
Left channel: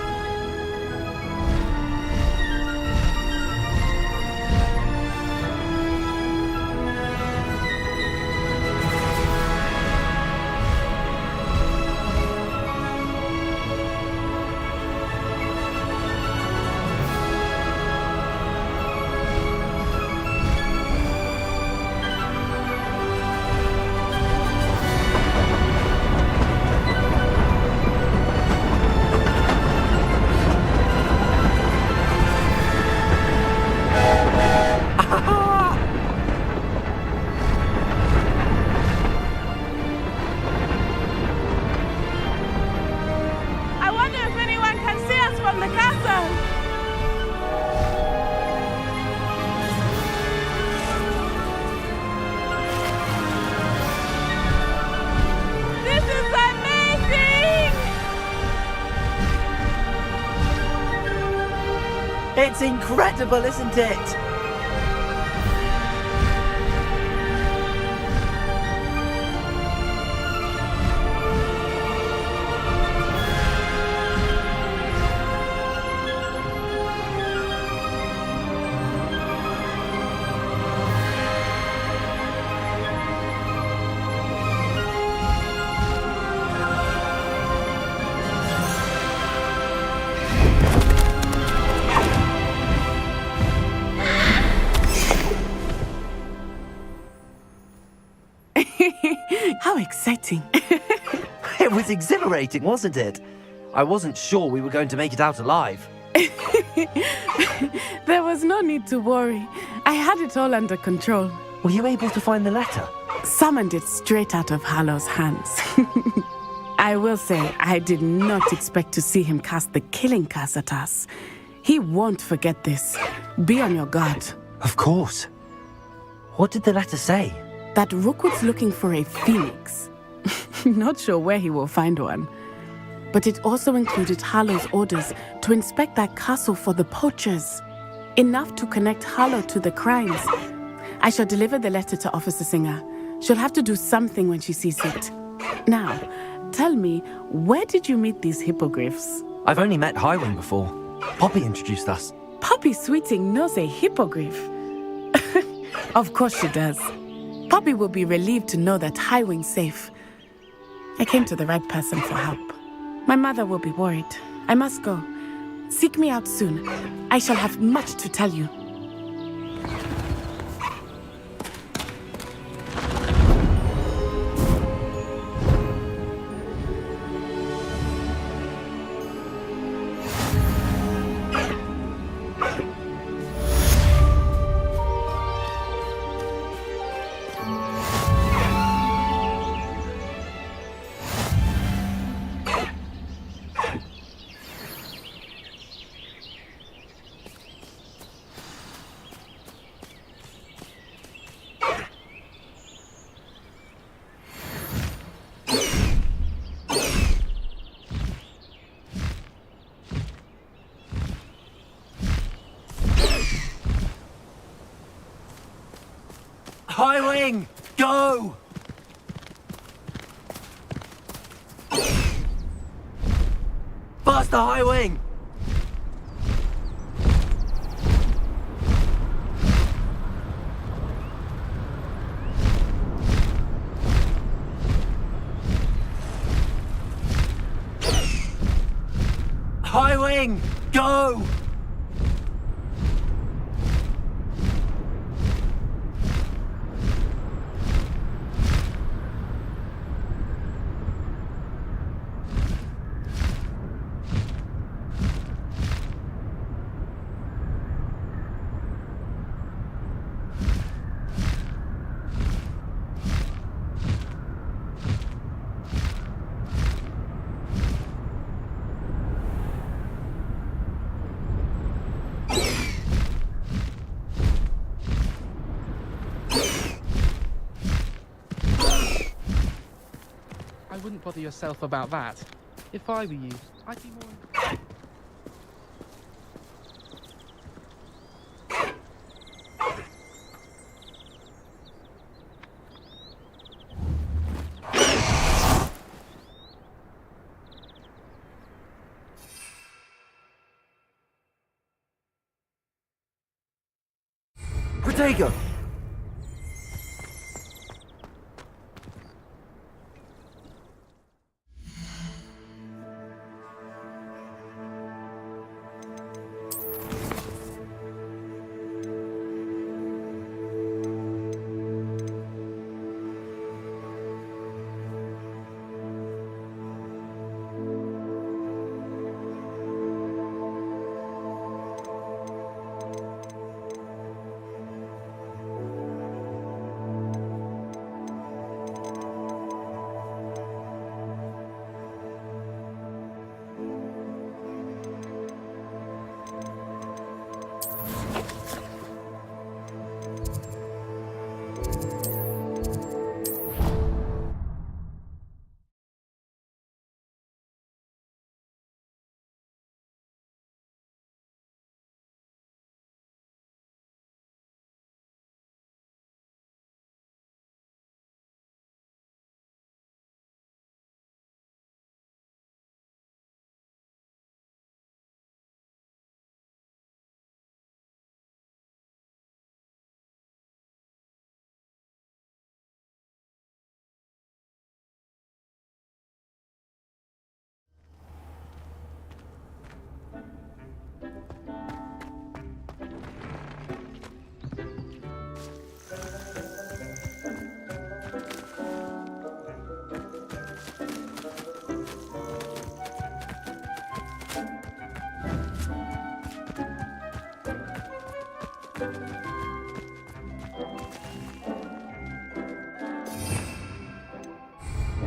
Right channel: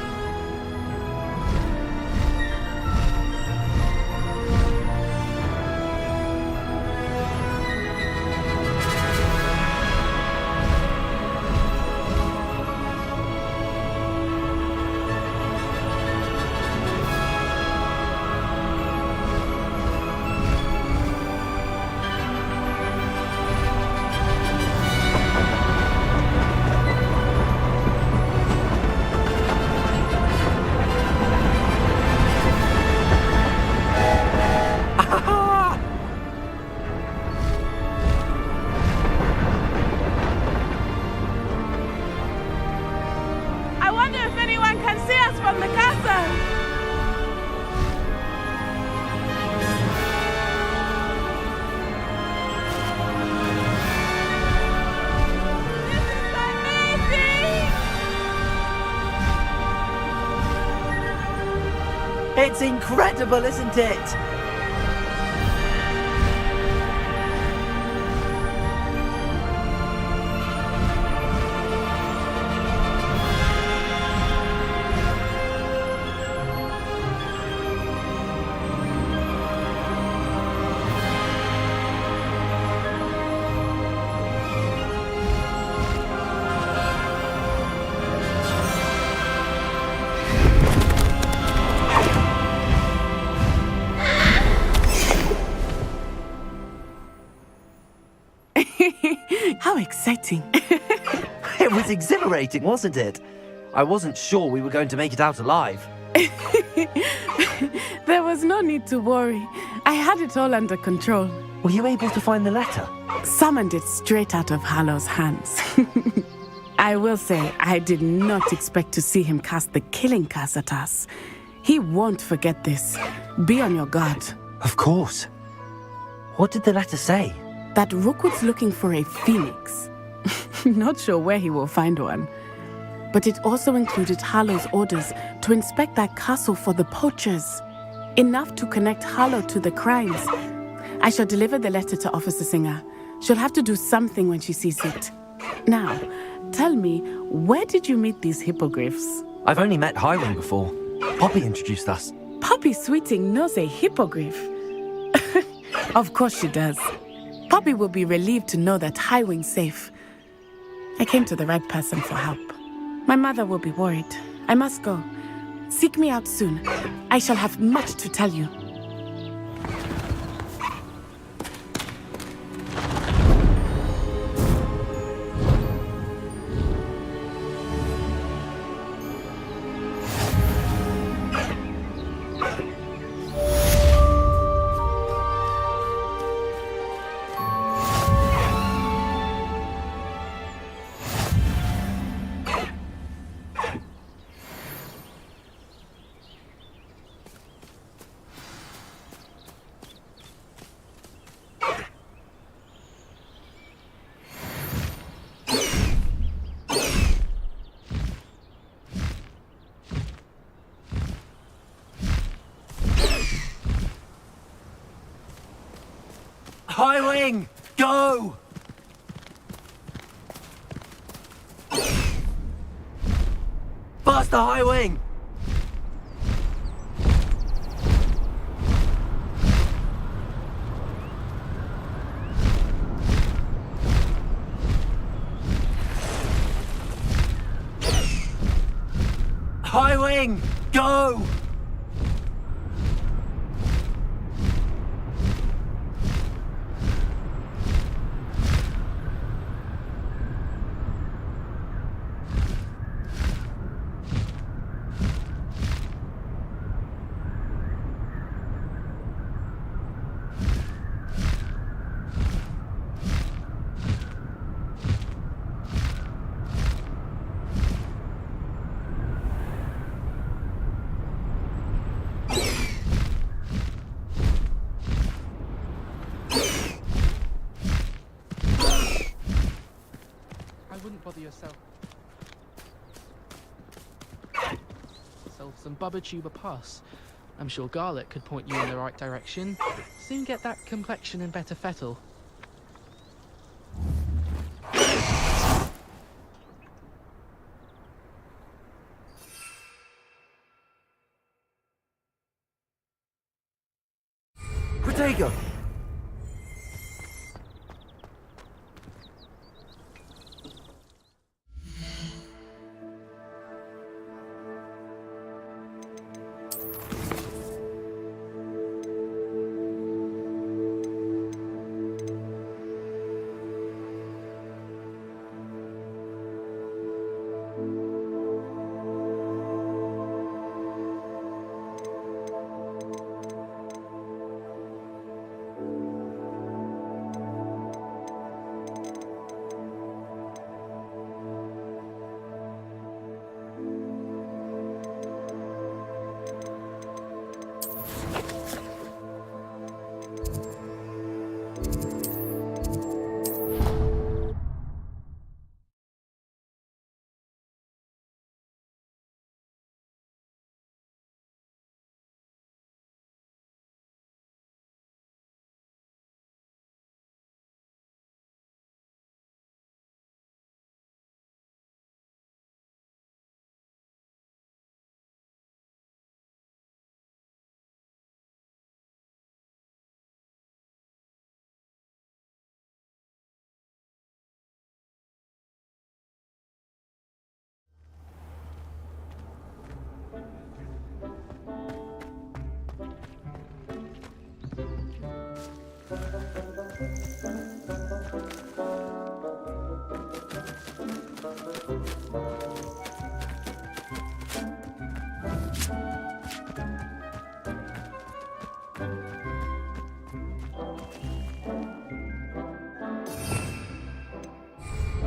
I wonder if anyone can see us from the castle. This is amazing! It's incredible, isn't it? How exciting. It was exhilarating, wasn't it? I wasn't sure we were going to make it out alive. There was no need to worry. I had it all under control. Were you able to find the letter? Summoned it straight out of Hallow's hands. I will say, I did not expect to see him cast the killing curse at us. He won't forget this. Be on your guard. Of course. What did the letter say? That Rookwood's looking for a phoenix. Not sure where he will find one. But it also included Hallow's orders to inspect that castle for the poachers. Enough to connect Hallow to the crimes. I shall deliver the letter to Officer Singer. She'll have to do something when she sees it. Now, tell me, where did you meet these hippogriffs? I've only met Highwing before. Poppy introduced us. Poppy Sweeting knows a hippogriff. Of course she does. Poppy will be relieved to know that Highwing's safe. I came to the right person for help. My mother will be worried. I must go. Seek me out soon. I shall have much to tell you. Highwing, go! Faster, Highwing! Highwing, go! I wouldn't bother yourself about that. If I were you, I'd be more... Sold some Bubba Tuber Puss. I'm sure Garlic could point you in the right direction. Soon get that complexion and better fettle. Protego!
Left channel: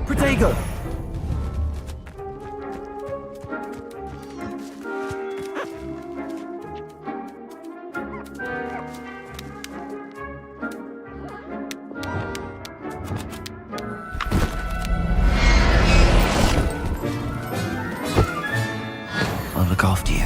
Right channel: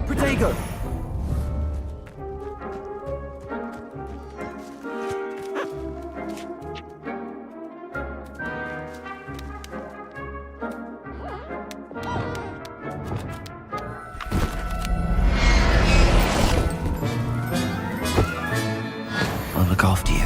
Protego! I'll look after you.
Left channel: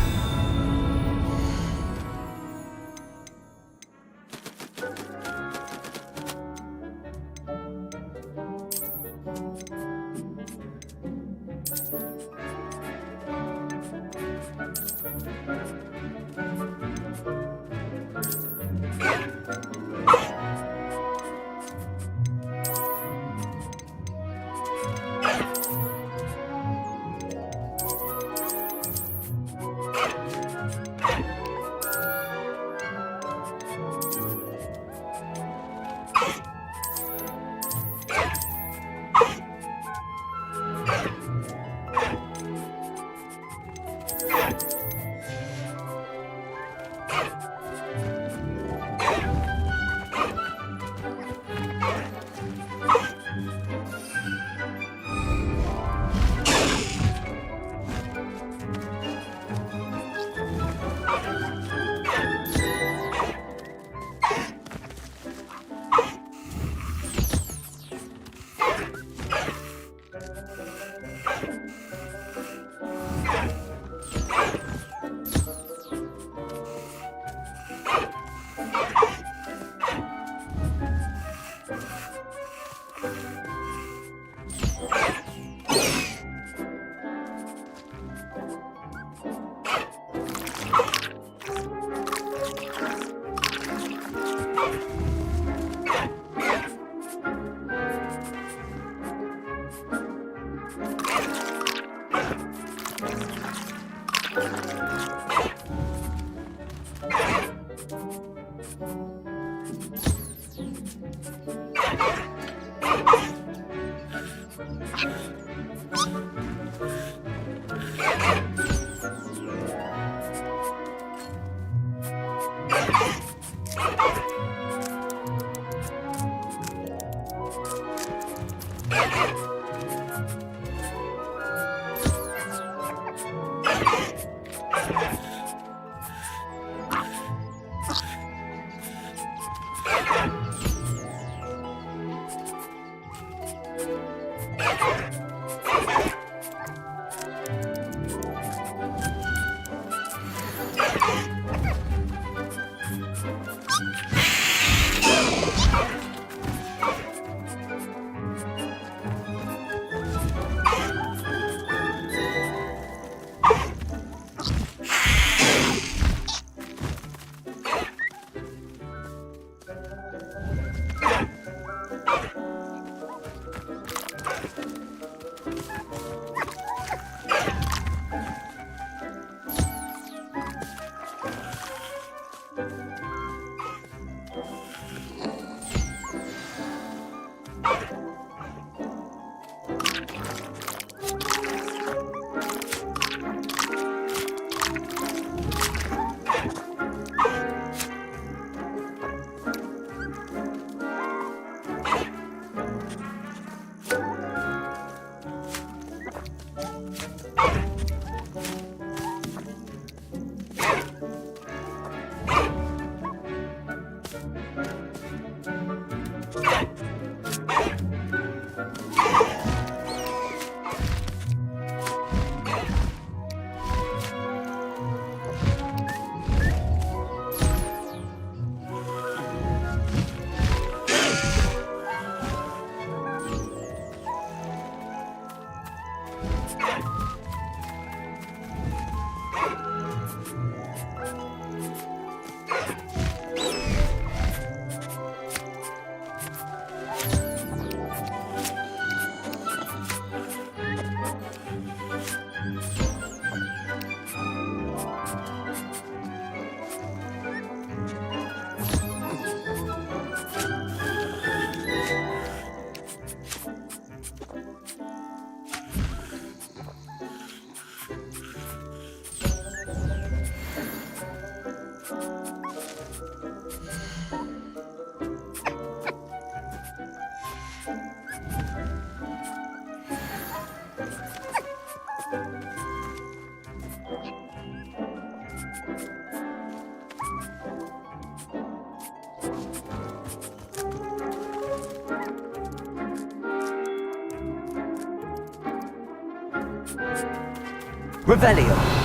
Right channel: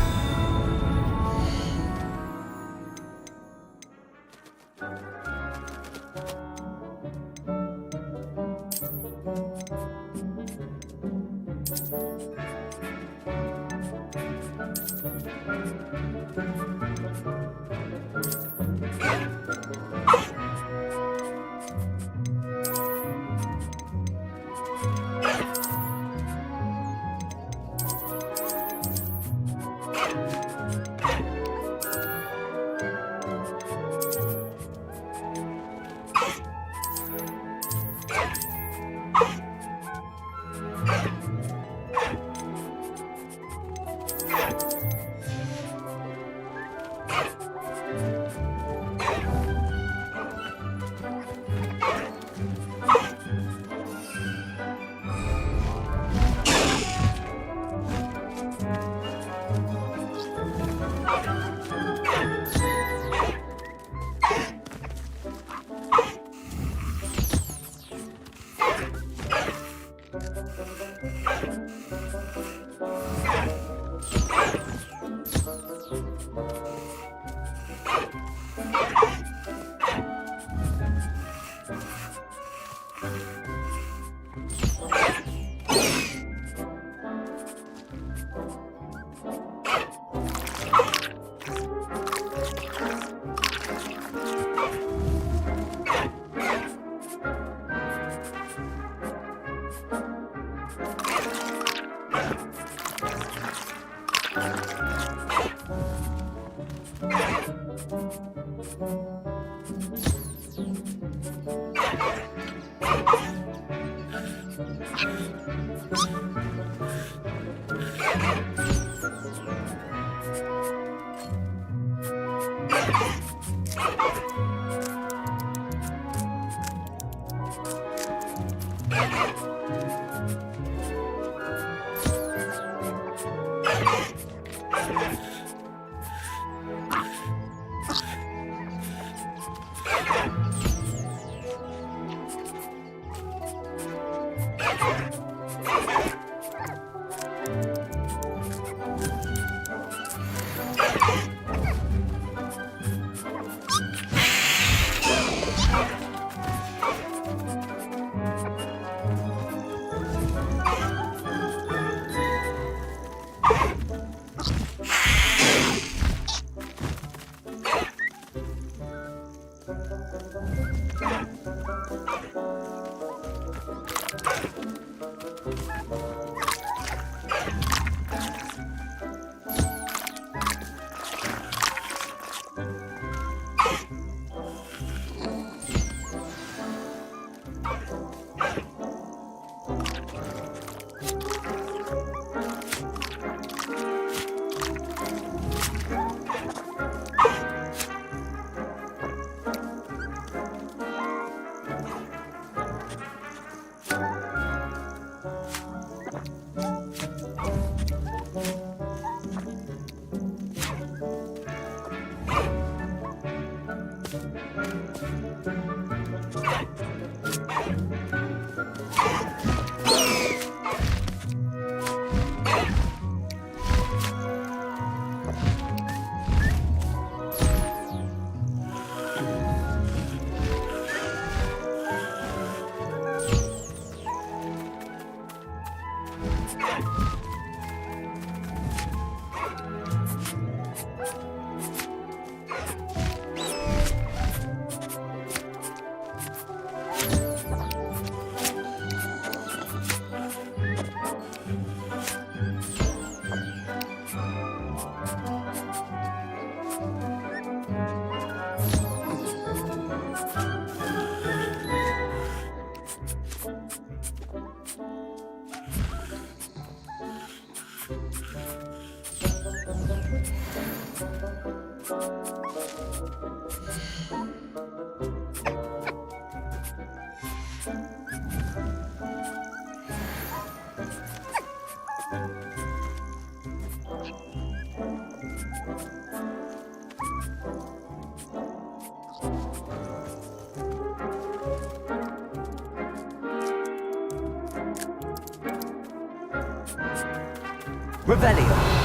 Revelio.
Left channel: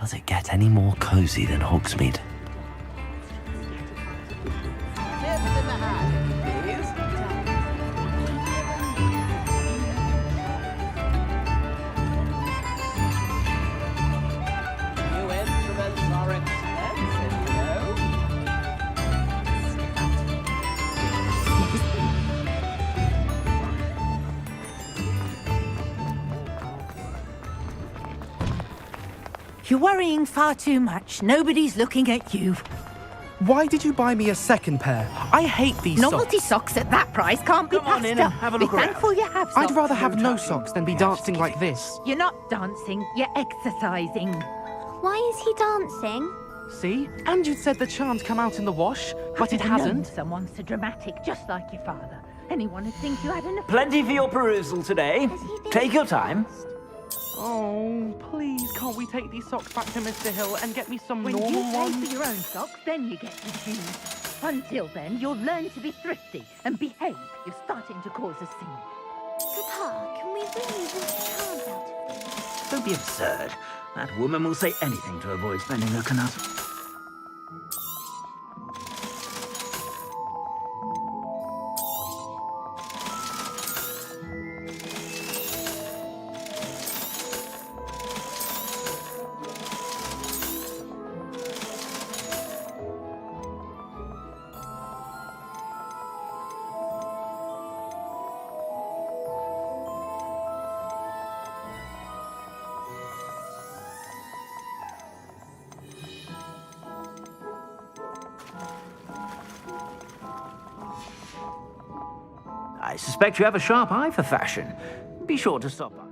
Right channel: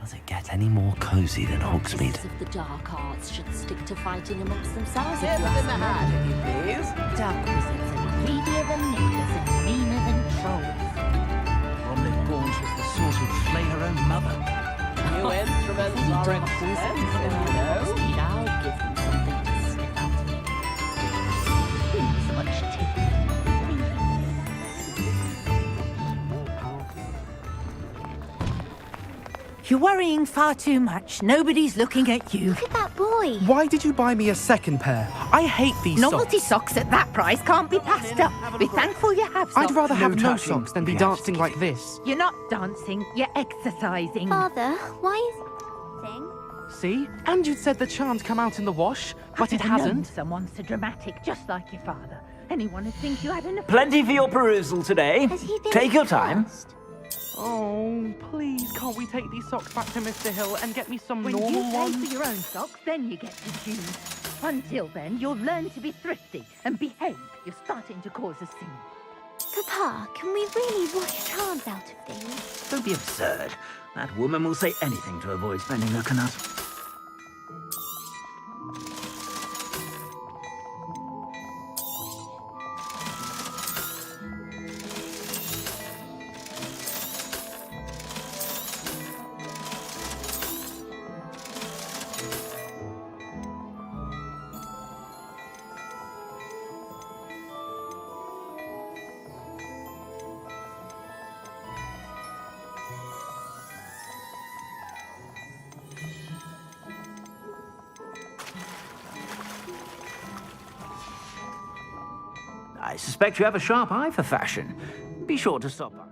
Does it get any more cozy than Hogsmeade? The dark arts should stick to fighting amongst themselves. Tips in the hat, if you please. Dark wizards are greedier than niggers and meaner than trolls. New instruments are expensive, you know. You're worrying far too much. Nobody's looking at you. Look at that boy. Why did you buy me a second pair? I hate these Novelty socks. socks at that price can't be passed up. Be thankful you have socks. I'd rather have no socks than be dancing like this. You're not dancing, you're exercising. Father, why is he dancing? See? And you said the charm'd come out in the wash, but it I've known hasn't. someone so dramatic, just like your father. Anyone would think you had an Plenty for your perusal today. Has he been Take your time. first? Oh, please, can't we take these socks back to Mr. Hill and get me some When normal you pay ones? for your own socks, then you get to choose. Until then, you'll learn to be thrifty and behave. You're starting to cause a scene. Papa, can we really wash charms out of these? Don't be absurd. That woman will say anything to avoid spending her canut. I suspect you have a sharp eye for fashion. Be sure to stop by.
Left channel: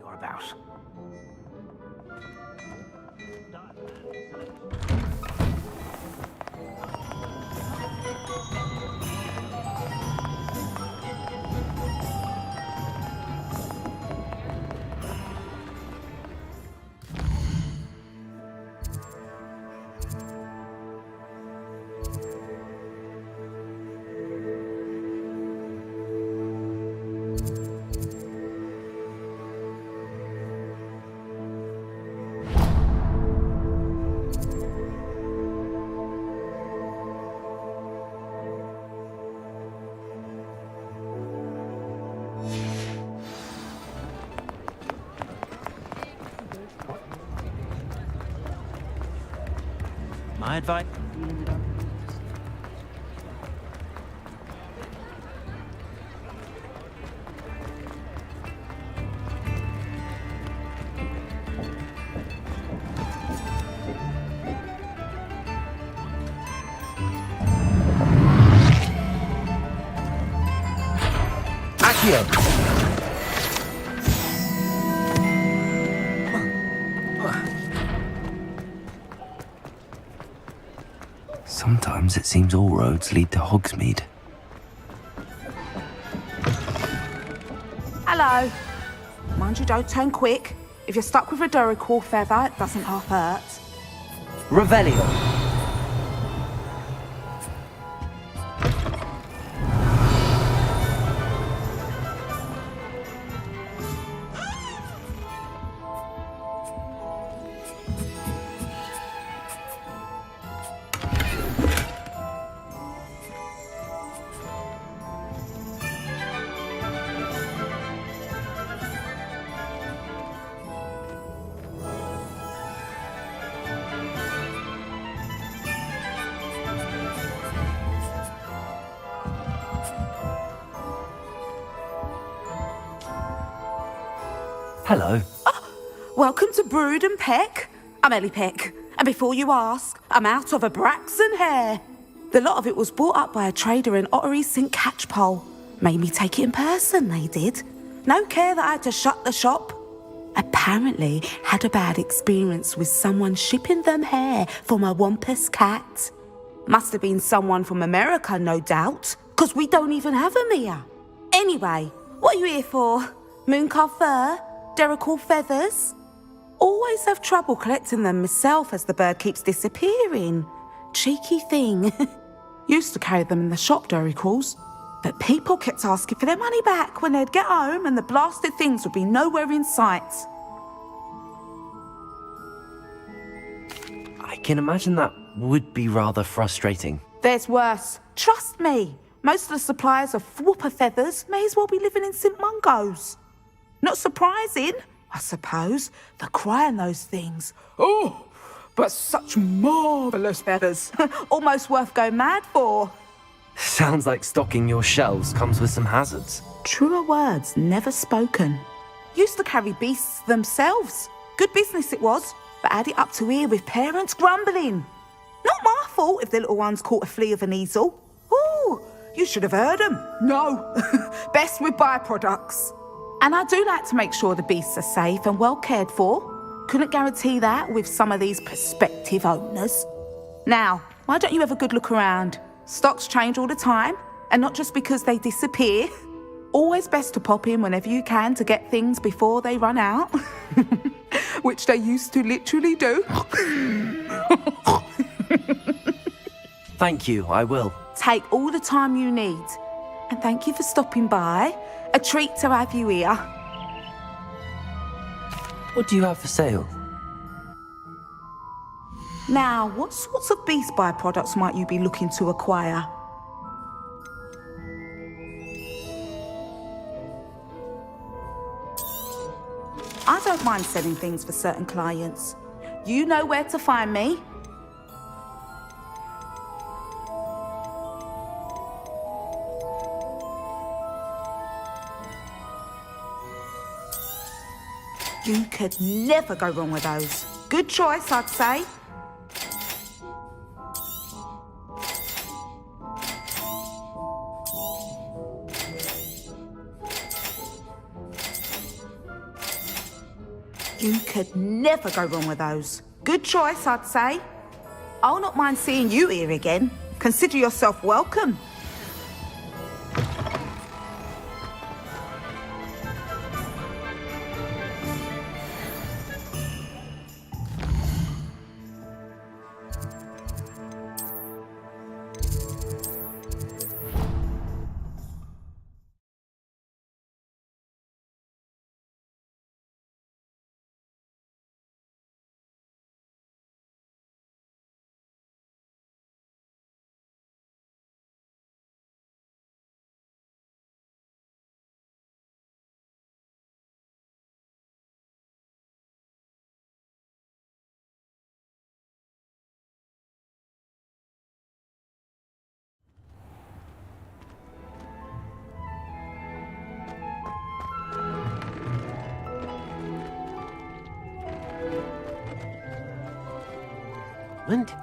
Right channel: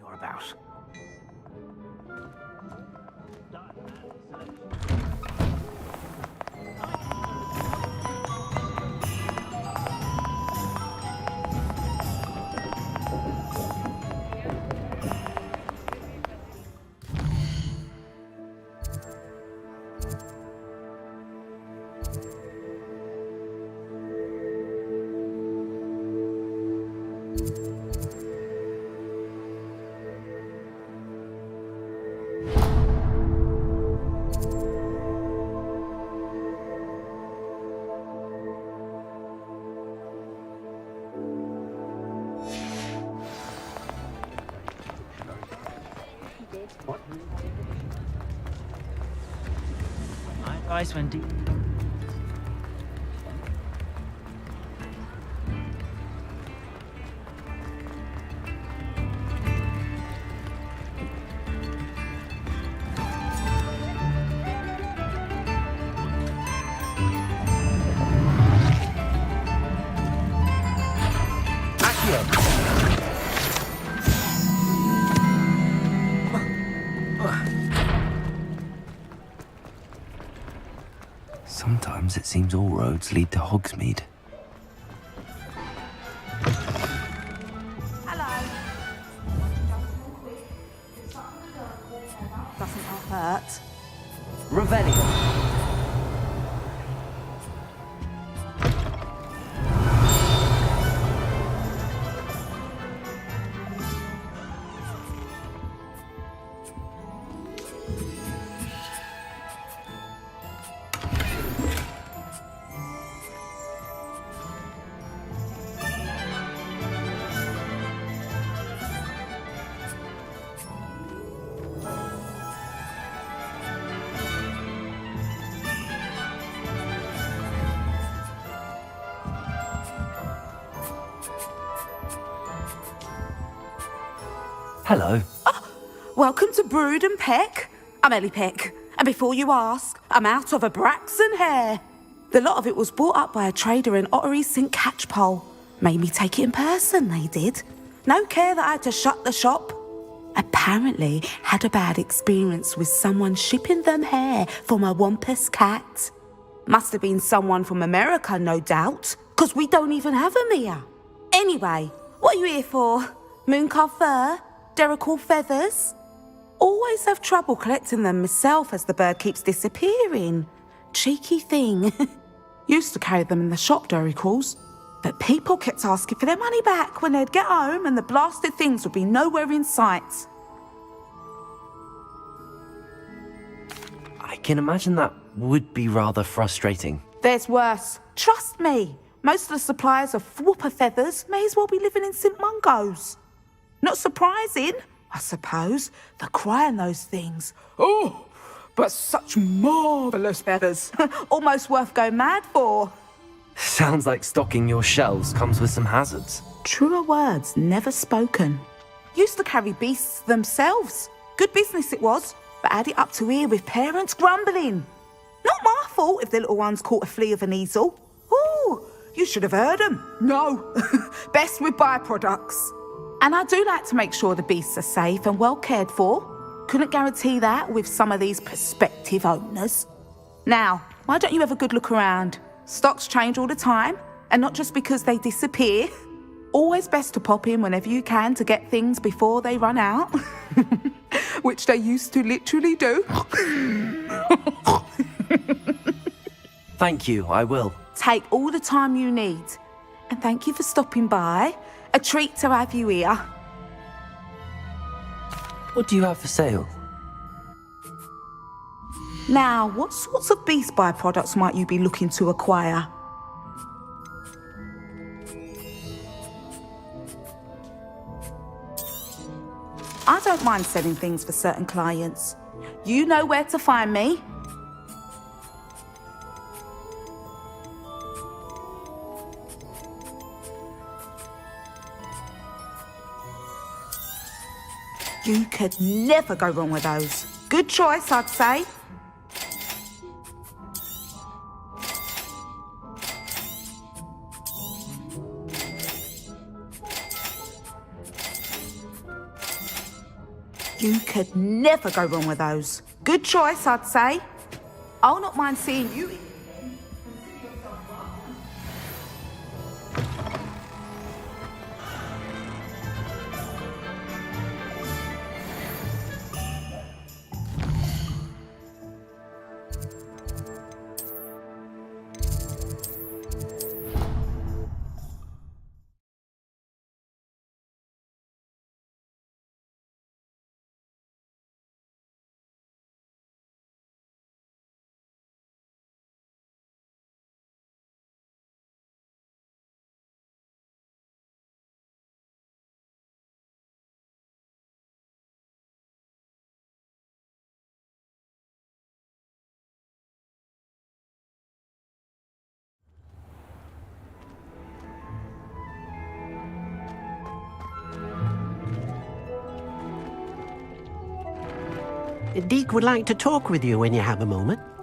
You're about. My advice when dealing with them. Sometimes it seems all roads lead to Hogsmeade. Hello. Mind you don't turn quick. If you're stuck with a Duracell feather, it doesn't half hurt. Revelio. Hello. Oh, welcome to Brood and Peck. I'm Ellie Peck. And before you ask, I'm out of a Braxton hair. The lot of it was bought up by a trader in Ottery St. Catchpole. Made me take it in person, they did. No care that I had to shut the shop. Apparently had a bad experience with someone shipping them hair for my Wampus cat. Must have been someone from America, no doubt, because we don't even have them here. Anyway, what are you here for? Mooncar fur? Duracell feathers? Always have trouble collecting them myself as the bird keeps disappearing. Cheeky thing. Used to carry them in the shop, Duracells, but people kept asking for their money back when they'd get home and the blasted things would be nowhere in sight. I can imagine that would be rather frustrating. There's worse. Trust me. Most of the suppliers of whooper feathers may as well be living in St. Mungo's. Not surprising, I suppose, the cry on those things. Oh, but such marvellous feathers. Almost worth going mad for. Sounds like stocking your shelves comes with some hazards. Truer words never spoken. Used to carry beasts themselves. Good business it was, but had it up to here with parents grumbling. Not my fault if the little ones caught a flea of an easel. Ooh, you should have heard them. No, best with byproducts. And I do like to make sure the beasts are safe and well cared for. Couldn't guarantee that with some of these prospective owners. Now, why don't you have a good look around? Stocks change all the time, and not just because they disappear. Always best to pop in whenever you can to get things before they run out. Which they used to literally do. Thank you, I will. Take all the time you need. And thank you for stopping by. A treat to have you here. What do you have for sale? Now, what sorts of beast byproducts might you be looking to acquire? I don't mind selling things for certain clients. You know where to find me. You could never go wrong with those. Good choice, I'd say. You could never go wrong with those. Good choice, I'd say. I'll not mind seeing you here again. Consider yourself welcome. Deke would like to talk with you when you have a moment.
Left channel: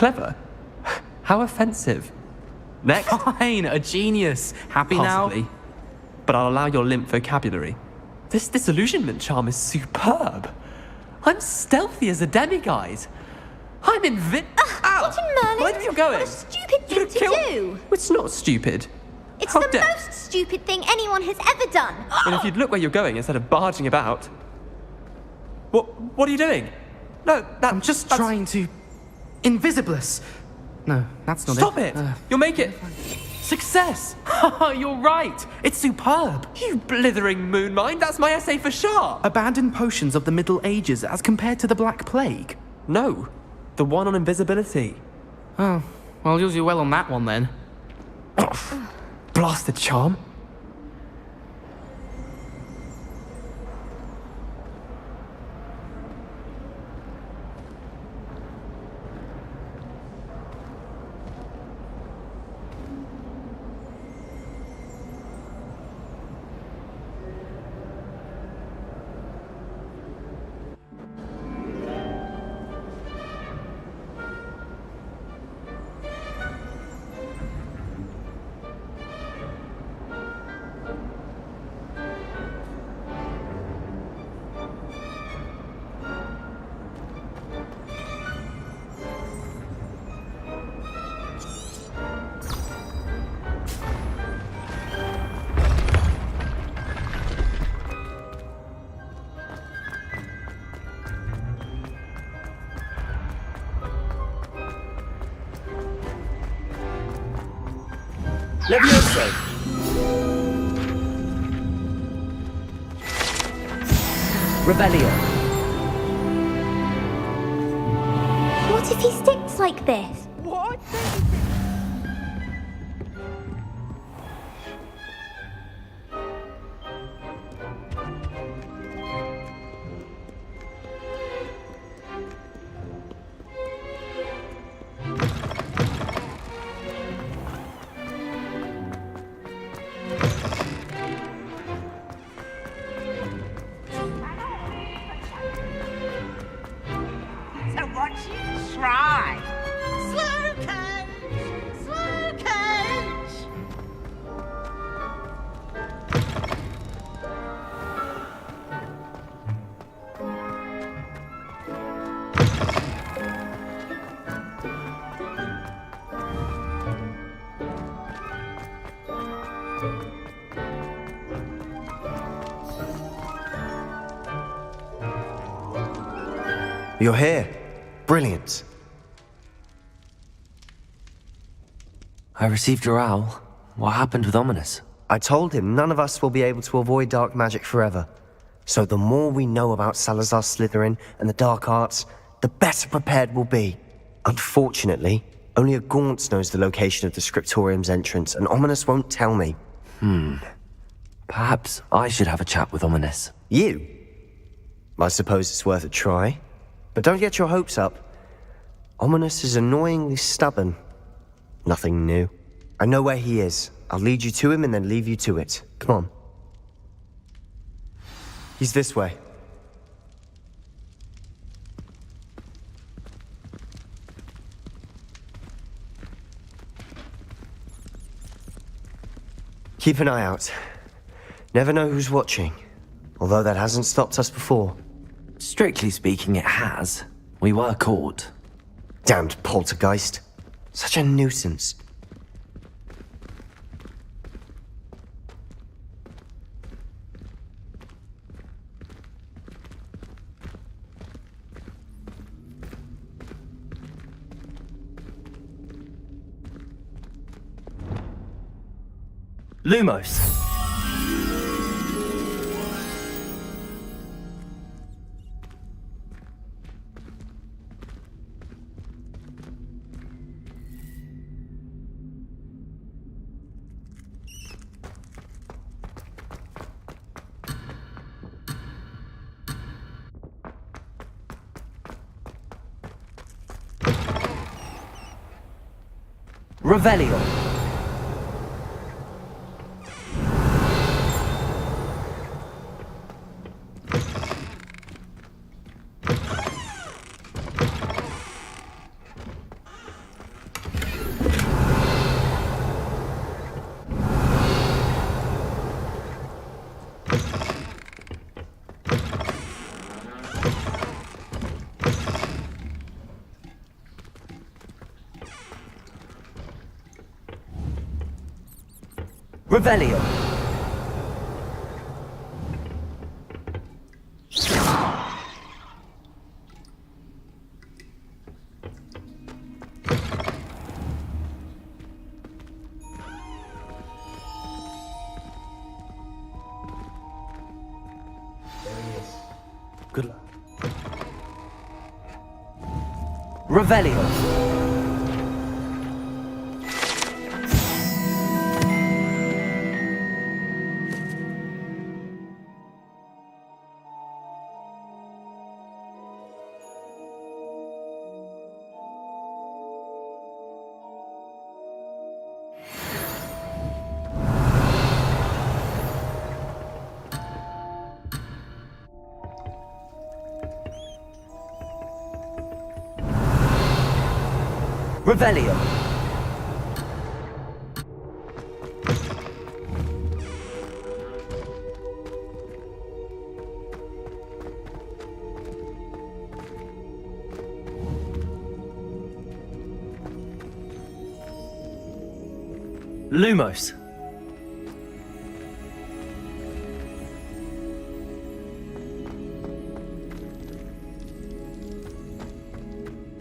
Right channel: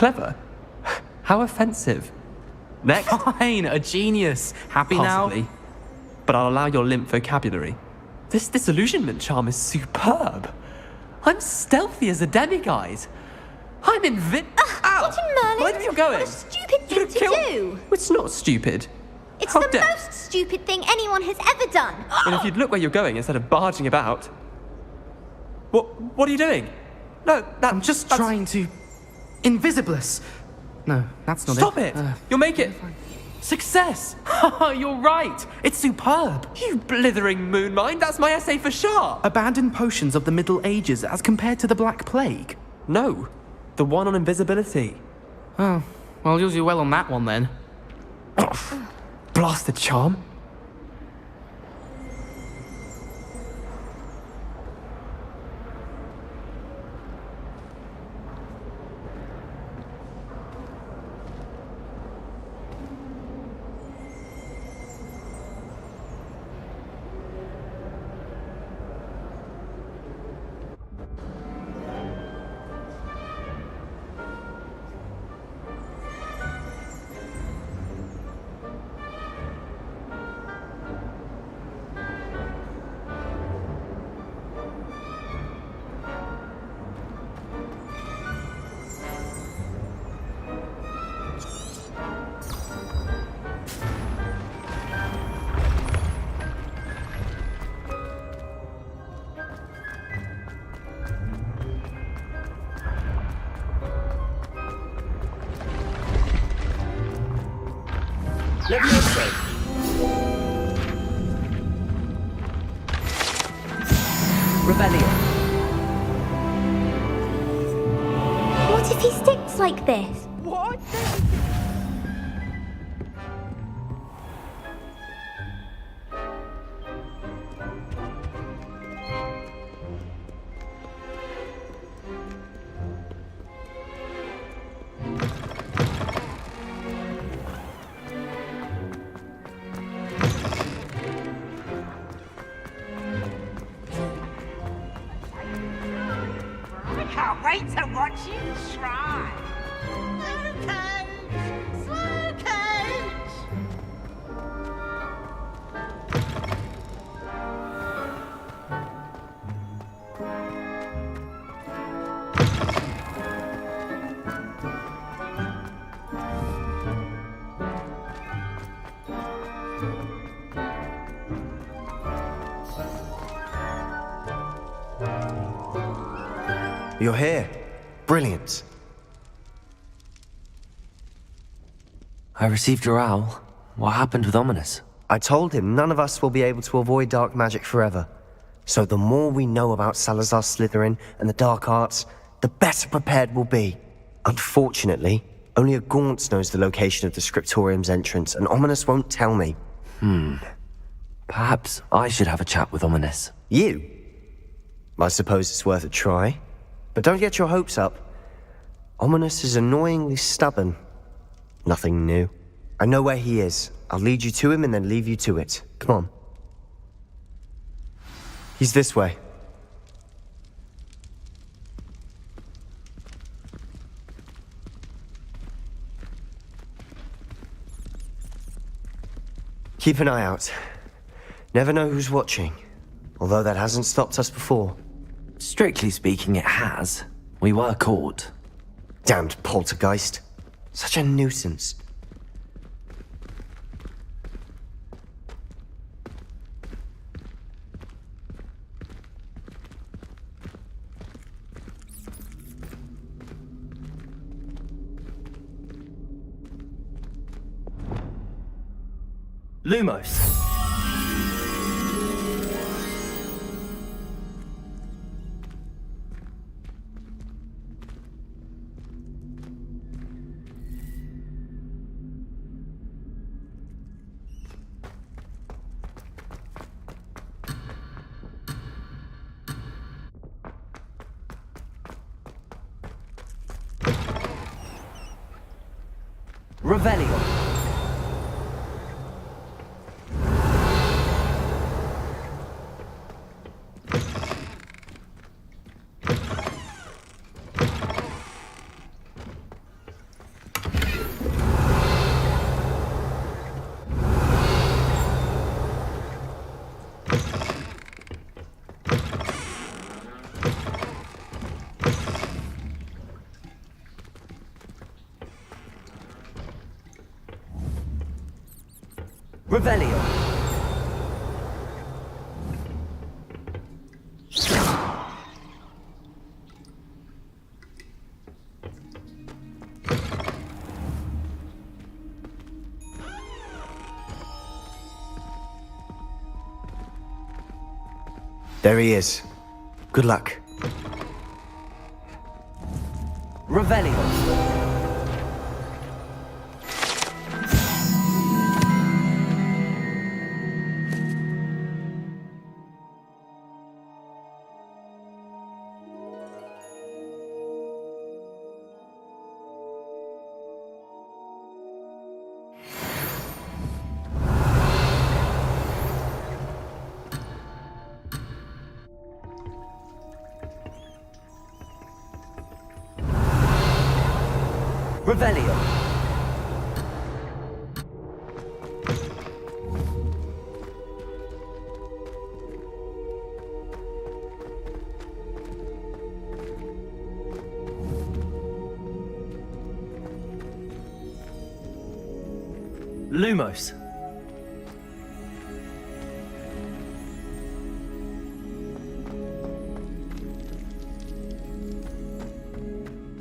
Clever? How offensive. Next. Fine, a genius. Happy Possibly. now? But I'll allow your limp vocabulary. This disillusionment charm is superb. I'm stealthy as a demiguise. I'm Ow! What in Merlin? Mind where you're going. What a stupid thing to do! It's not stupid. It's How the dare- most stupid thing anyone has ever done! And if you'd look where you're going instead of barging about. What are you doing? No, I'm just trying to... Invisibless! No, that's not Stop it! You'll make it! Success! You're right! It's superb! You blithering moon mind, that's my essay for sharp! Abandoned potions of the Middle Ages as compared to the Black Plague? No, the one on invisibility. Oh, well, you'll do well on that one then. Blasted charm. Levioso! Rebellion. What if he sticks like this? What? You're here. Brilliant. I received your owl. What happened with Ominous? I told him none of us will be able to avoid dark magic forever. So the more we know about Salazar Slytherin and the dark arts, the better prepared we'll be. Unfortunately, only a Gaunt knows the location of the Scriptorium's entrance, and Ominous won't tell me. Perhaps I should have a chat with Ominous. You? I suppose it's worth a try. But don't get your hopes up. Ominous is annoyingly stubborn. Nothing new. I know where he is. I'll lead you to him and then leave you to it. Come on. He's this way. Keep an eye out. Never know who's watching. Although that hasn't stopped us before. Strictly speaking, it has. We were caught. Damned poltergeist. Such a nuisance. Lumos! Revelio! Revelio! There he is. Good luck. Revelio! Revelio! Lumos!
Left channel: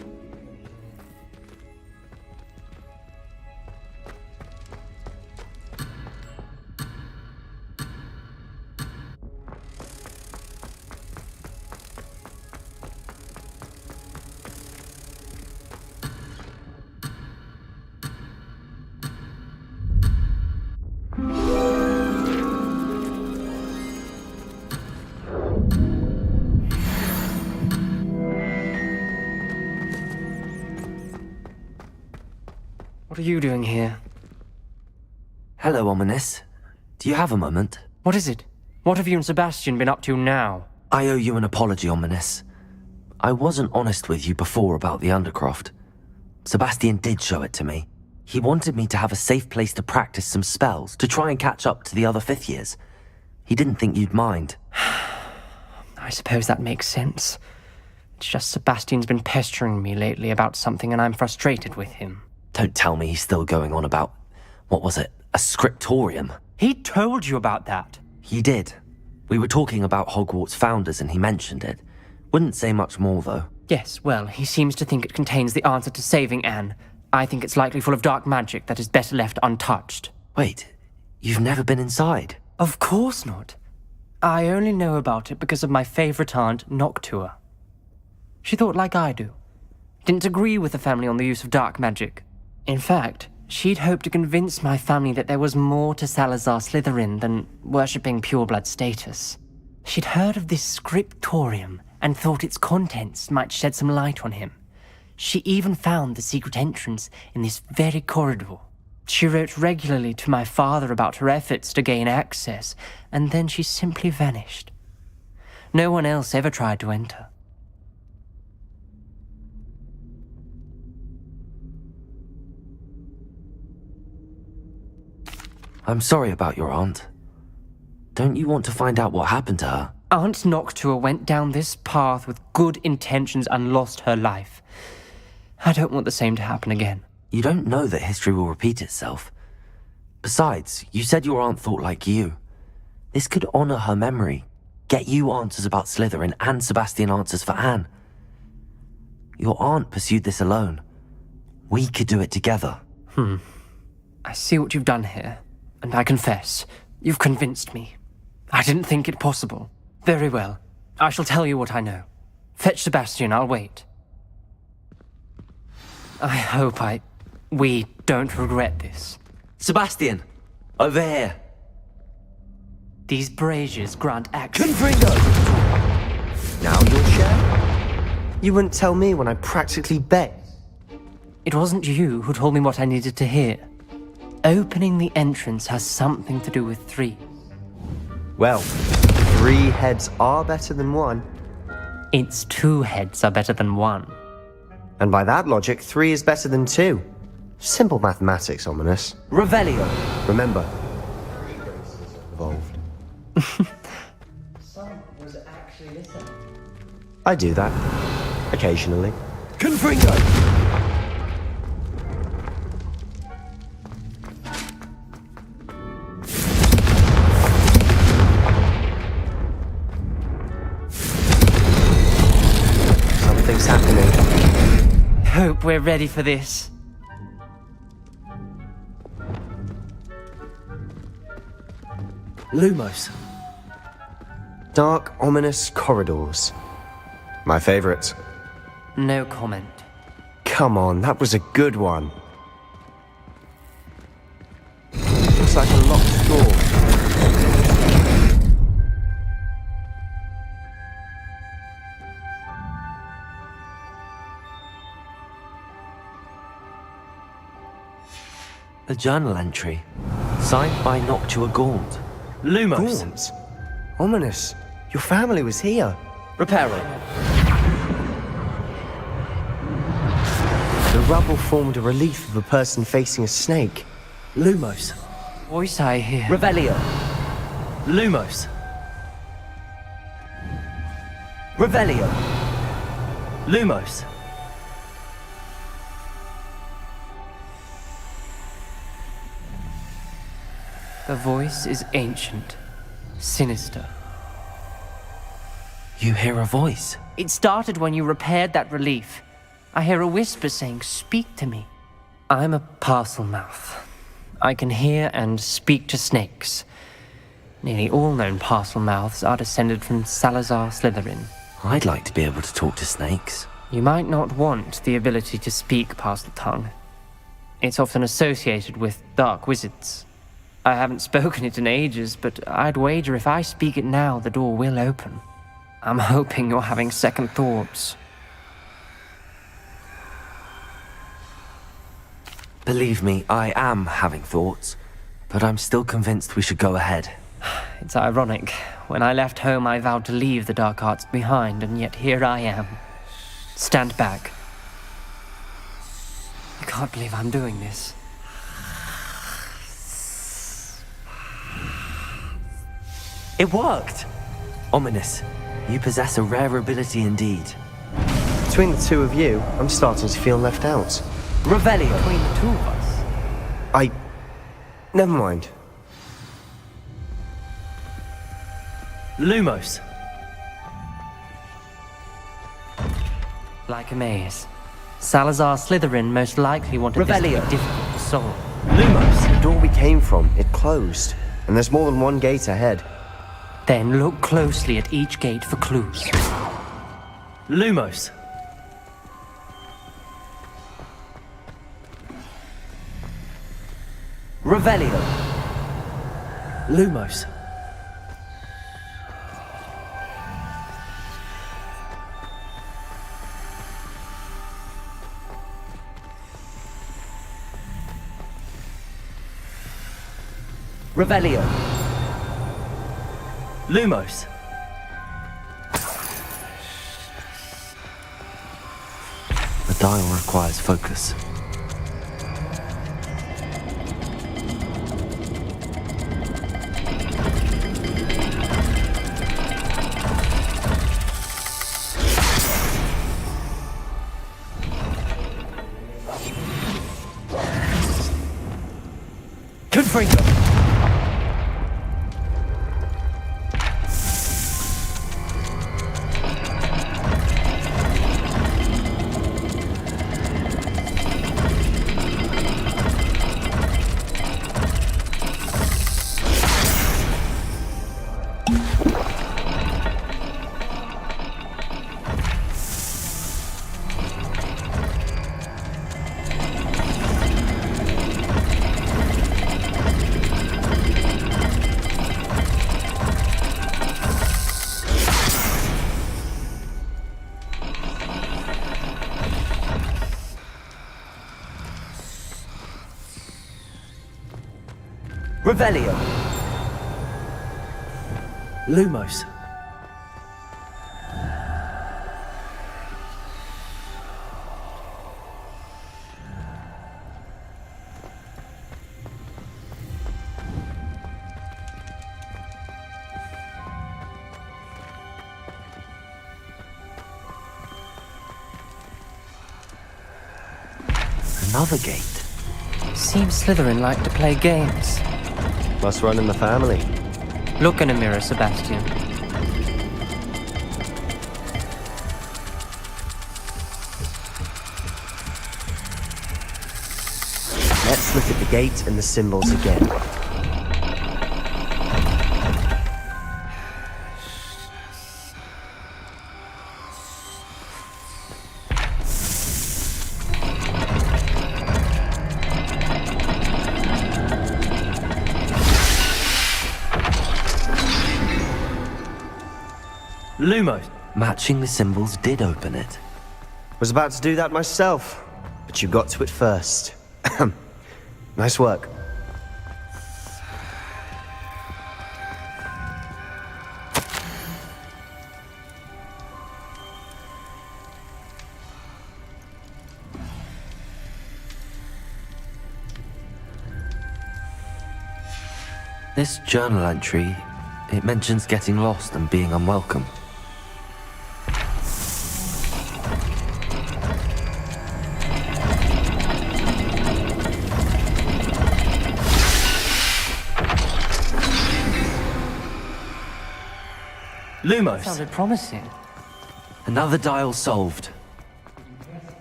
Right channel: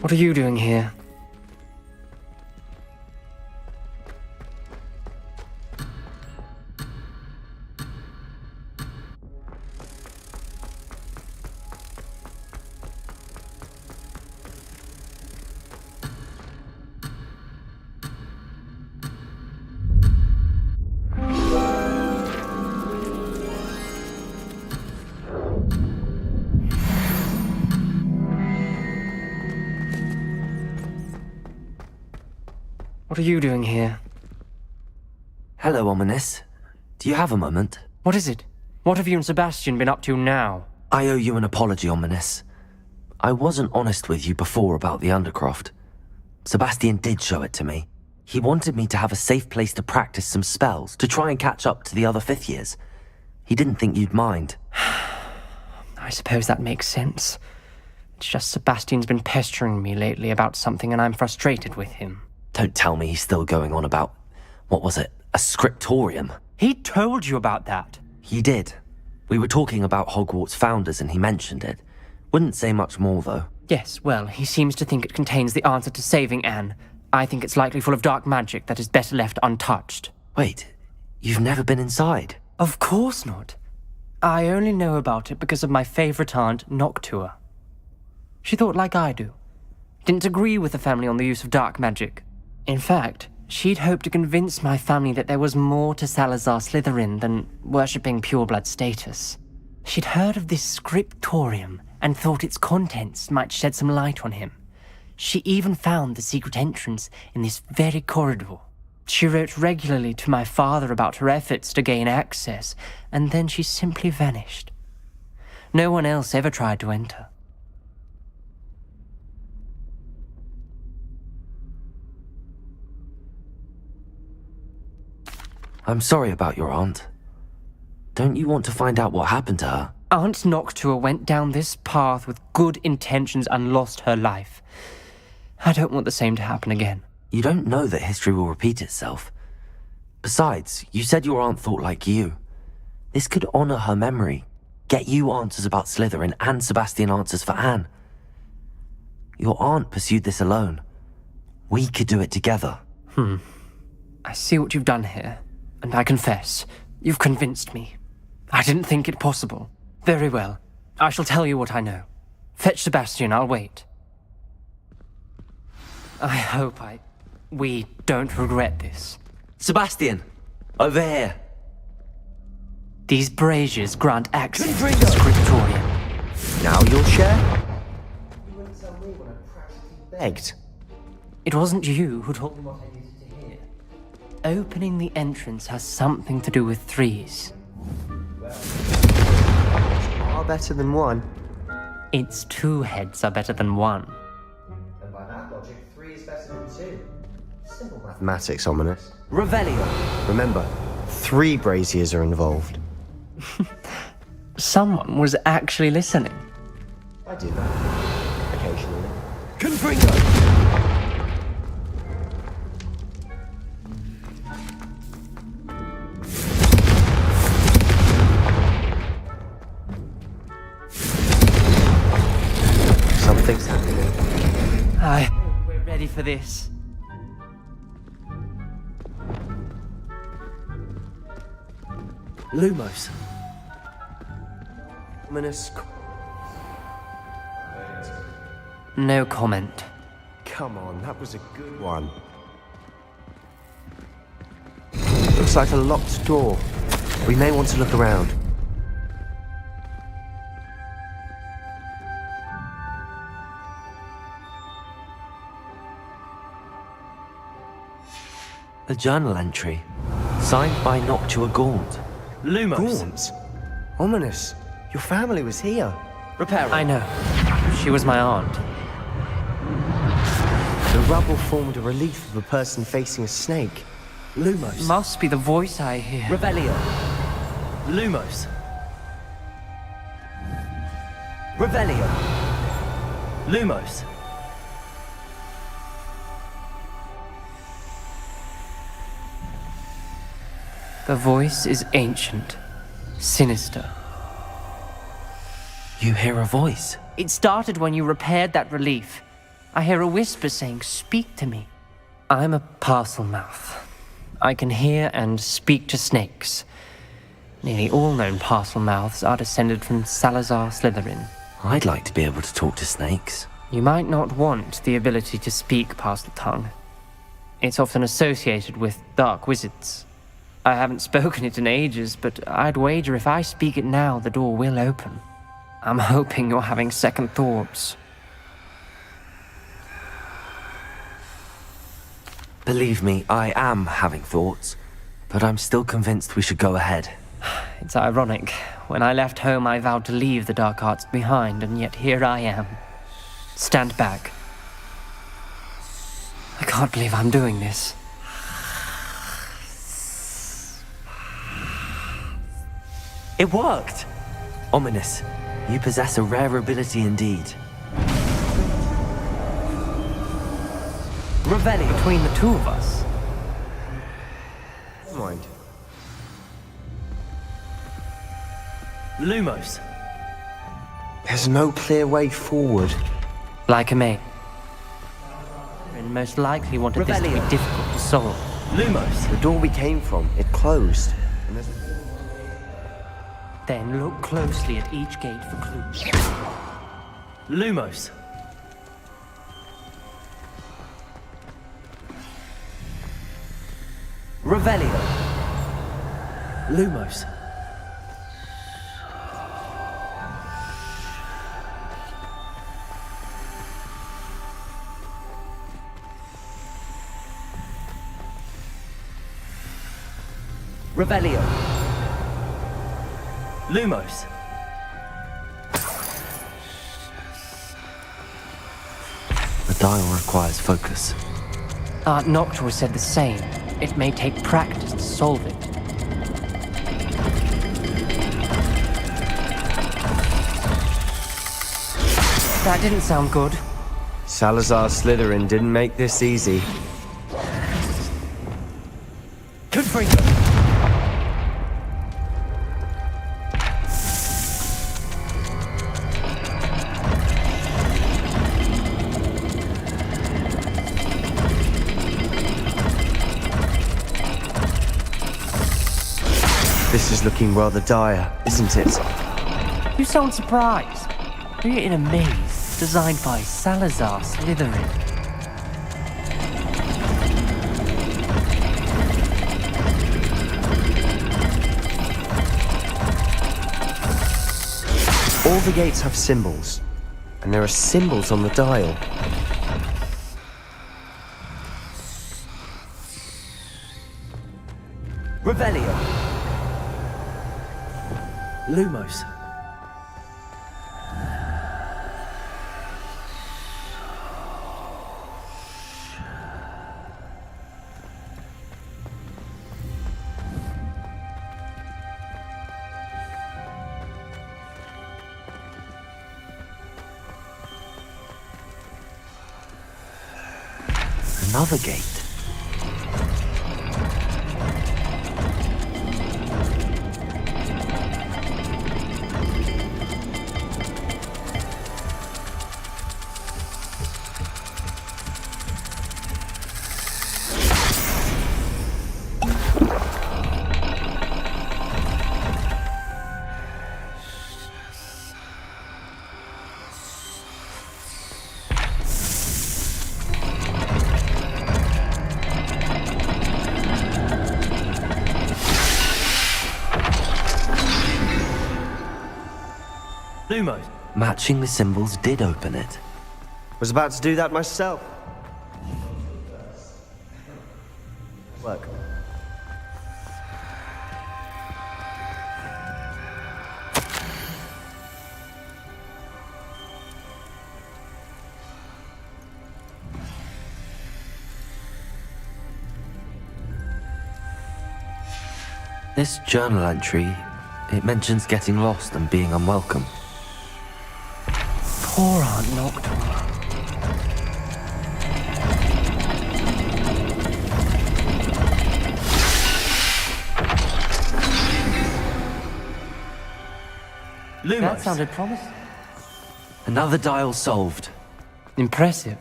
What are you doing here? What are you doing here? Hello, Ominous. Do you have a moment? What is it? What have you and Sebastian been up to now? I owe you an apology, Ominous. I wasn't honest with you before about the Undercroft. Sebastian did show it to me. He wanted me to have a safe place to practice some spells, to try and catch up to the other fifth years. He didn't think you'd mind. I suppose that makes sense. It's just Sebastian's been pestering me lately about something and I'm frustrated with him. Don't tell me he's still going on about, what was it, a scriptorium? He told you about that? He did. We were talking about Hogwarts founders and he mentioned it. Wouldn't say much more, though. Yes, well, he seems to think it contains the answer to saving Anne. I think it's likely full of dark magic that is better left untouched. Wait, you've never been inside? Of course not. I only know about it because of my favorite aunt, Noctua. She thought like I do. Didn't agree with the family on the use of dark magic. In fact, she'd hoped to convince my family that there was more to Salazar Slytherin than worshipping pureblood status. She'd heard of this scriptorium and thought its contents might shed some light on him. She even found the secret entrance in this very corridor. She wrote regularly to my father about her efforts to gain access, and then she simply vanished. No one else ever tried to enter. I'm sorry about your aunt. Don't you want to find out what happened to her? Aunt Noctua went down this path with good intentions and lost her life. I don't want the same to happen again. You don't know that history will repeat itself. Besides, you said your aunt thought like you. This could honor her memory, get you answers about Slytherin and Sebastian answers for Anne. Your aunt pursued this alone. We could do it together. I see what you've done here, and I confess, you've convinced me. I didn't think it possible. Very well. I shall tell you what I know. Fetch Sebastian, I'll wait. I hope we don't regret this. Sebastian! Over here! These braziers grant access to the scriptorium. Now you'll share? You wouldn't tell me when I practically begged. It wasn't you who told me what I needed to hear. Opening the entrance has something to do with threes. Well, 3 heads are better than 1. It's 2 heads are better than 1. And by that logic, 3 is better than 2. Simple mathematics, Ominous. Revelio! Remember, 3 braziers are involved. Someone was actually listening. I do that. Occasionally. Confringo! Something's happening. I hope we're ready for this. Lumos. Dark, ominous corridors. My favorite. No comment. Come on, that was a good one. Looks like a locked door. We may want to look around. A journal entry, signed by Noctua Gaunt. Lumos. Gaunt? Ominous. Your family was here. Reparo. I know. She was my aunt. The rubble formed a relief of a person facing a snake. Lumos. Must be the voice I hear. Revelio. Lumos. Revelio. Lumos. The voice is ancient, sinister. You hear a voice? It started when you repaired that relief. I hear a whisper saying, "Speak to me." I'm a parcel mouth. I can hear and speak to snakes. Nearly all known parcel mouths are descended from Salazar Slytherin. I'd like to be able to talk to snakes. You might not want the ability to speak parcel tongue. It's often associated with dark wizards. I haven't spoken it in ages, but I'd wager if I speak it now, the door will open. I'm hoping you're having second thoughts. Believe me, I am having thoughts, but I'm still convinced we should go ahead. It's ironic. When I left home, I vowed to leave the dark arts behind, and yet here I am. Stand back. I can't believe I'm doing this. It worked! Ominous, you possess a rare ability indeed. Between the 2 of you, I'm starting to feel left out. Revelio. Between the 2 of us? Never mind. Lumos. There's no clear way forward. Like a maze. Salazar Slytherin most likely wanted this to be difficult to solve. Lumos. The door we came from, it closed. And there's more than one gate ahead. Then look closely at each gate for clues. Lumos. Revelio. Lumos. Revelio. Lumos. The dial requires focus. Aunt Noctua said the same. It may take practice to solve it. That didn't sound good. Salazar Slytherin didn't make this easy. Confringo! This is looking rather dire, isn't it? You sound surprised. You're in a maze designed by Salazar Slytherin. All the gates have symbols, and there are symbols on the dial. Revelio. Lumos. Another gate. Seems Slytherin like to play games. Must run in the family. Look in a mirror, Sebastian. Let's look at the gate and the symbols again. Lumos. Matching the symbols did open it. Was about to do that myself, but you got to it first. Nice work. This journal entry, it mentions getting lost and being unwelcome. Poor Aunt Nocturne. Lumos. That sounded promising. Another dial solved. Impressive.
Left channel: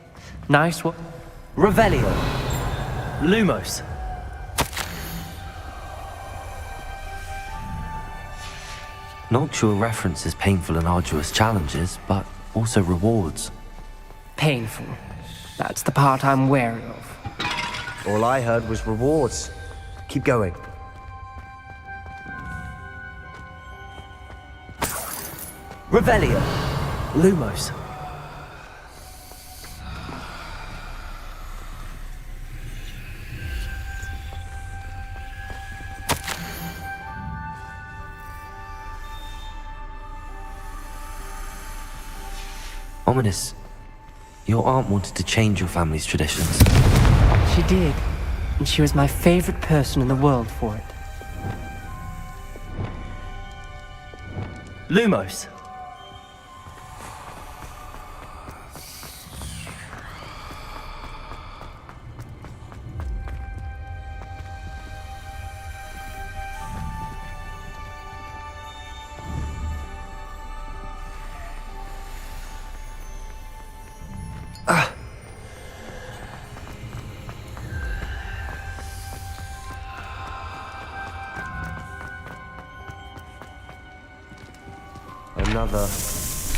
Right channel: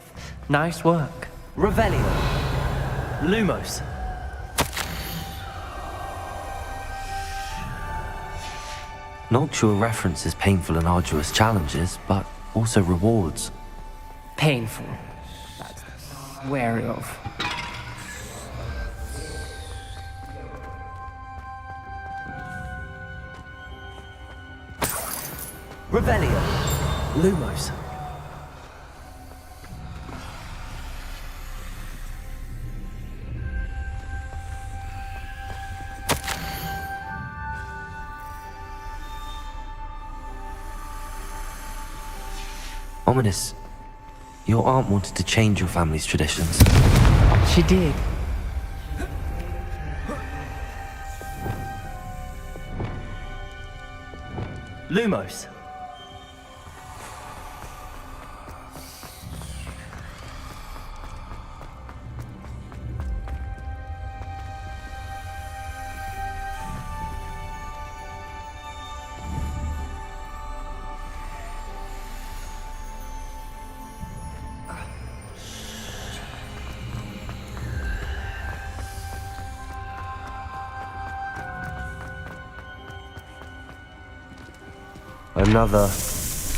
Nice work. Revelio. Lumos. Noctua references painful and arduous challenges, but also rewards. Painful. That's the part I'm wary of. All I heard was rewards. Keep going. Revelio. Lumos. Ominous. Your aunt wanted to change your family's traditions. She did. And she was my favorite person in the world for it. Lumos.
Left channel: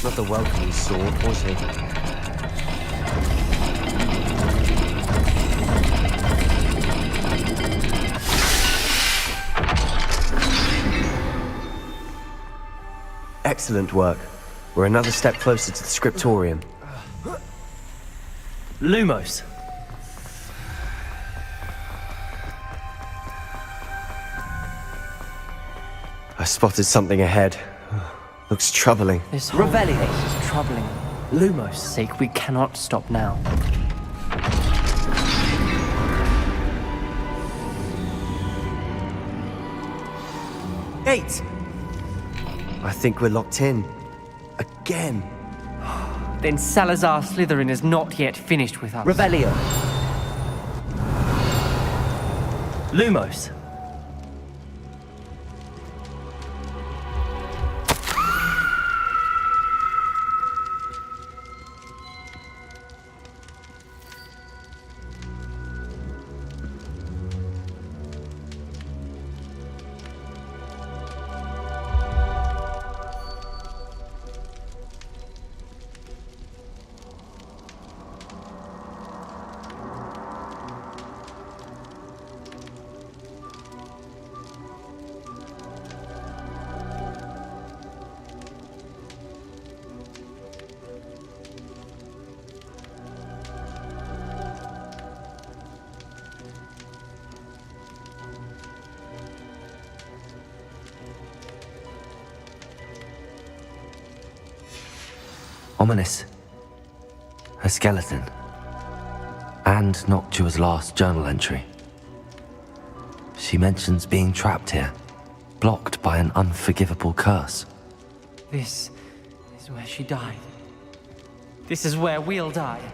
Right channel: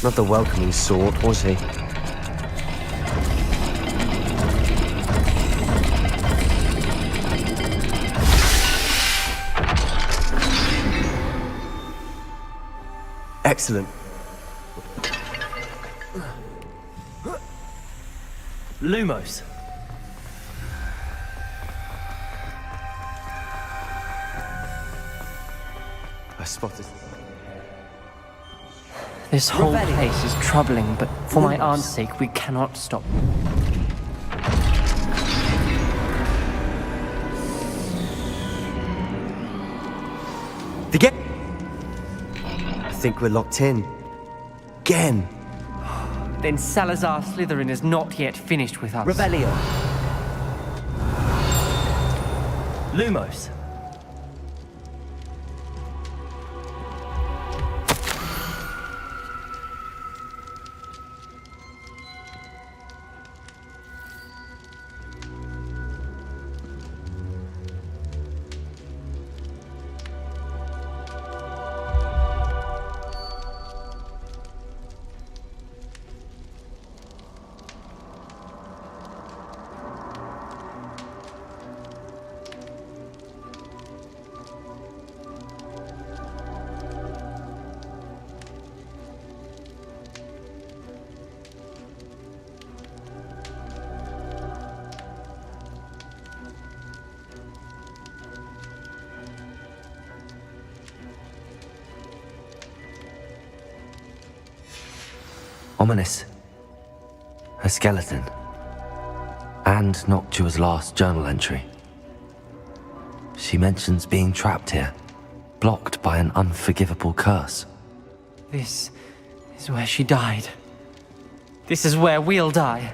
Not the welcoming sort, was he? Excellent work. We're another step closer to the scriptorium. Lumos. I spotted something ahead. Looks troubling. This whole place is troubling, but for my aunt's sake, we cannot stop now. The gate! I think we're locked in. Again. then Salazar Slytherin is not yet finished with us. Revelio. Lumos. Ominous. A skeleton. And Noctua's last journal entry. She mentions being trapped here, blocked by an unforgivable curse. This is where she died. This is where we'll die.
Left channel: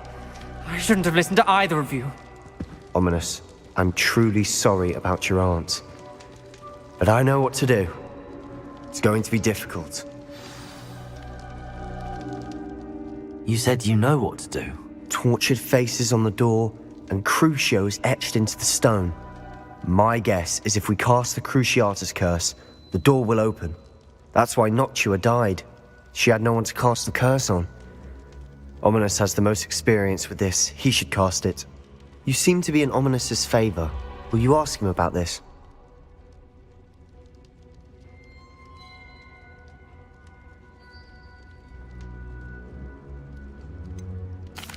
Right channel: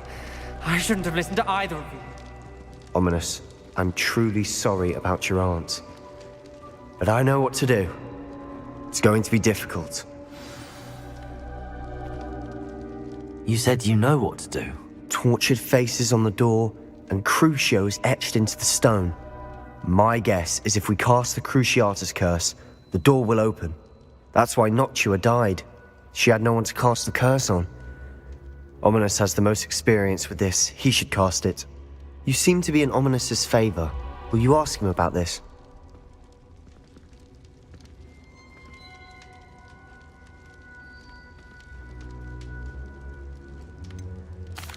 I shouldn't have listened to either of you. Ominous, I'm truly sorry about your aunt. But I know what to do. It's going to be difficult. You said you know what to do. Tortured faces on the door and Crucios etched into the stone. My guess is if we cast the Cruciatus curse, the door will open. That's why Noctua died. She had no one to cast the curse on. Ominous has the most experience with this. He should cast it. You seem to be in Ominous's favor. Will you ask him about this?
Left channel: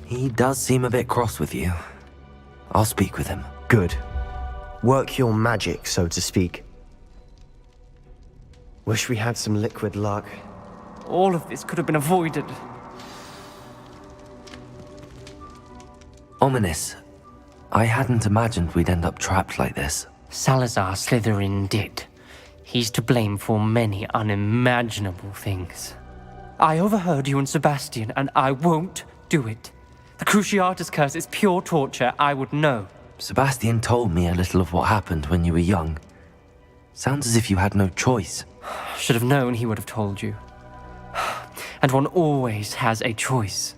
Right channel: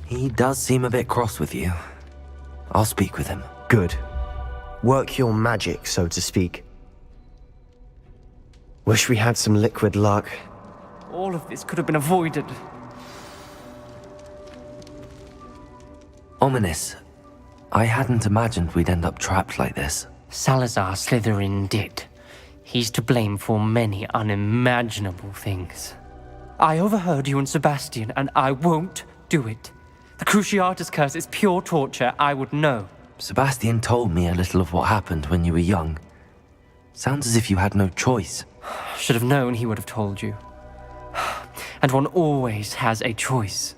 He does seem a bit cross with you. I'll speak with him. Good. Work your magic, so to speak. Wish we had some liquid luck. All of this could have been avoided. Ominous. I hadn't imagined we'd end up trapped like this. Salazar Slytherin did. He's to blame for many unimaginable things. I overheard you and Sebastian, and I won't do it. The Cruciatus curse is pure torture, I would know. Sebastian told me a little of what happened when you were young. Sounds as if you had no choice. Should have known he would have told you. And one always has a choice.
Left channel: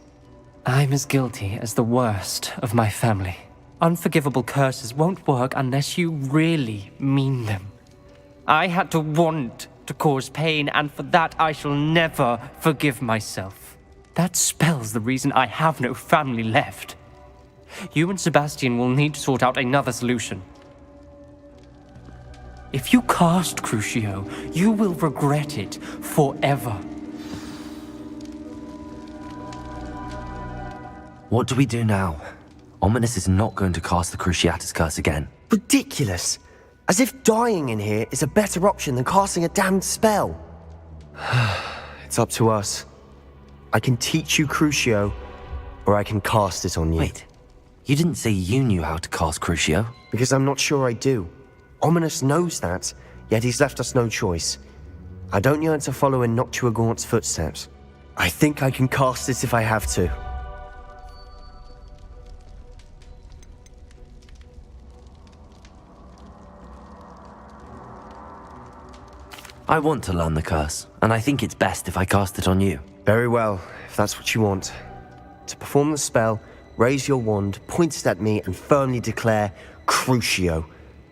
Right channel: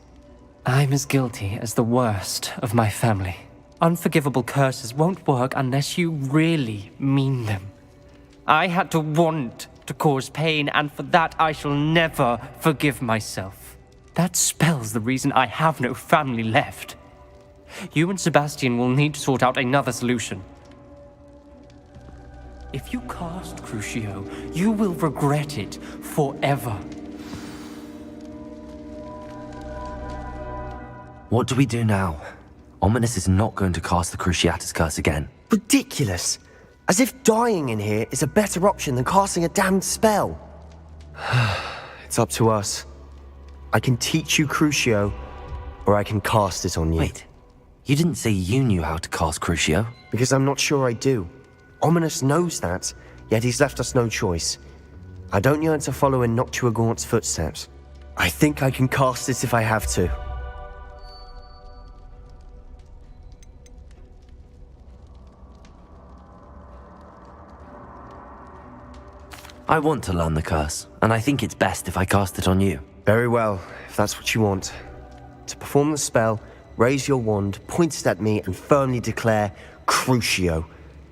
I'm as guilty as the worst of my family. Unforgivable curses won't work unless you really mean them. I had to want to cause pain, and for that I shall never forgive myself. That spell's the reason I have no family left. You and Sebastian will need to sort out another solution. If you cast Crucio, you will regret it forever. What do we do now? Ominous is not going to cast the Cruciatus curse again. Ridiculous! As if dying in here is a better option than casting a damned spell. It's up to us. I can teach you Crucio, or I can cast it on you. Wait, you didn't say you knew how to cast Crucio? Because I'm not sure I do. Ominous knows that, yet he's left us no choice. I don't yearn to follow in Noctua Gaunt's footsteps. I think I can cast it if I have to. I want to learn the curse, and I think it's best if I cast it on you. Very well, if that's what you want. To perform the spell, raise your wand, point it at me, and firmly declare, Crucio.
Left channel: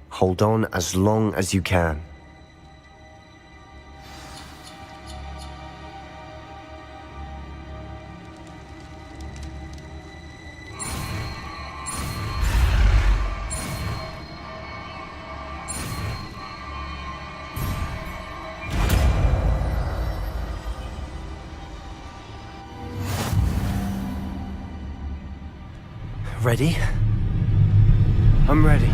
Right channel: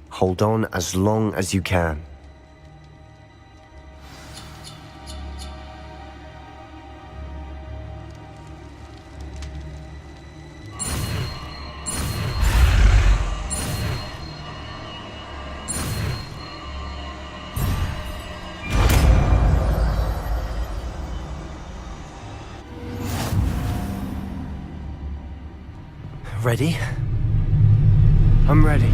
Hold on as long as you can. Ready? I'm ready.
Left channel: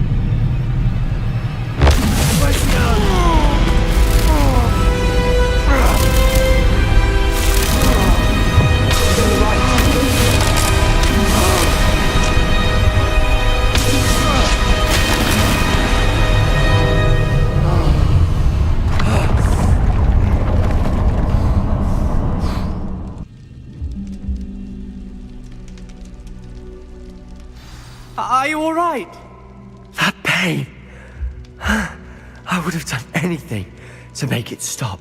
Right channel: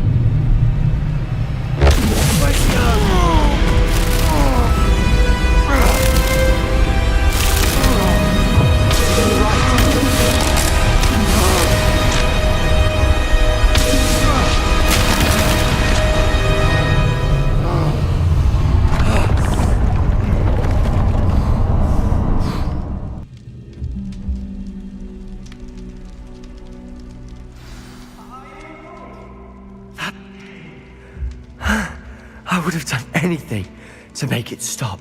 Are you alright? That pain. I would have done anything to make it stop.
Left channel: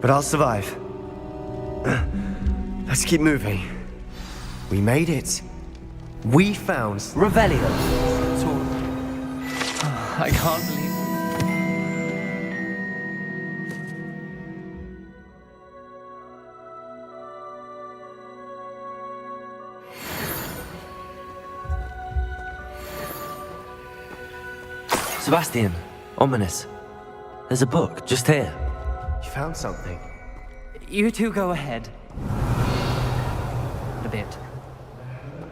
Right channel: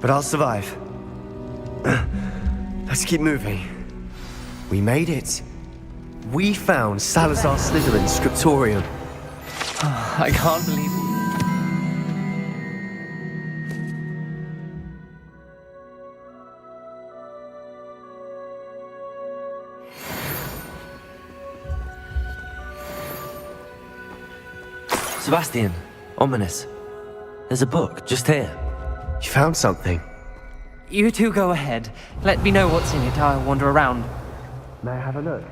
But I'll survive. Let's keep moving. We made it. We found Salazar Slytherin's scriptorium. I can't believe it. Sebastian, ominous. There's a book just here. You found something? You two go ahead. Let me know what's in it. I'll wander around a bit. May I have a look?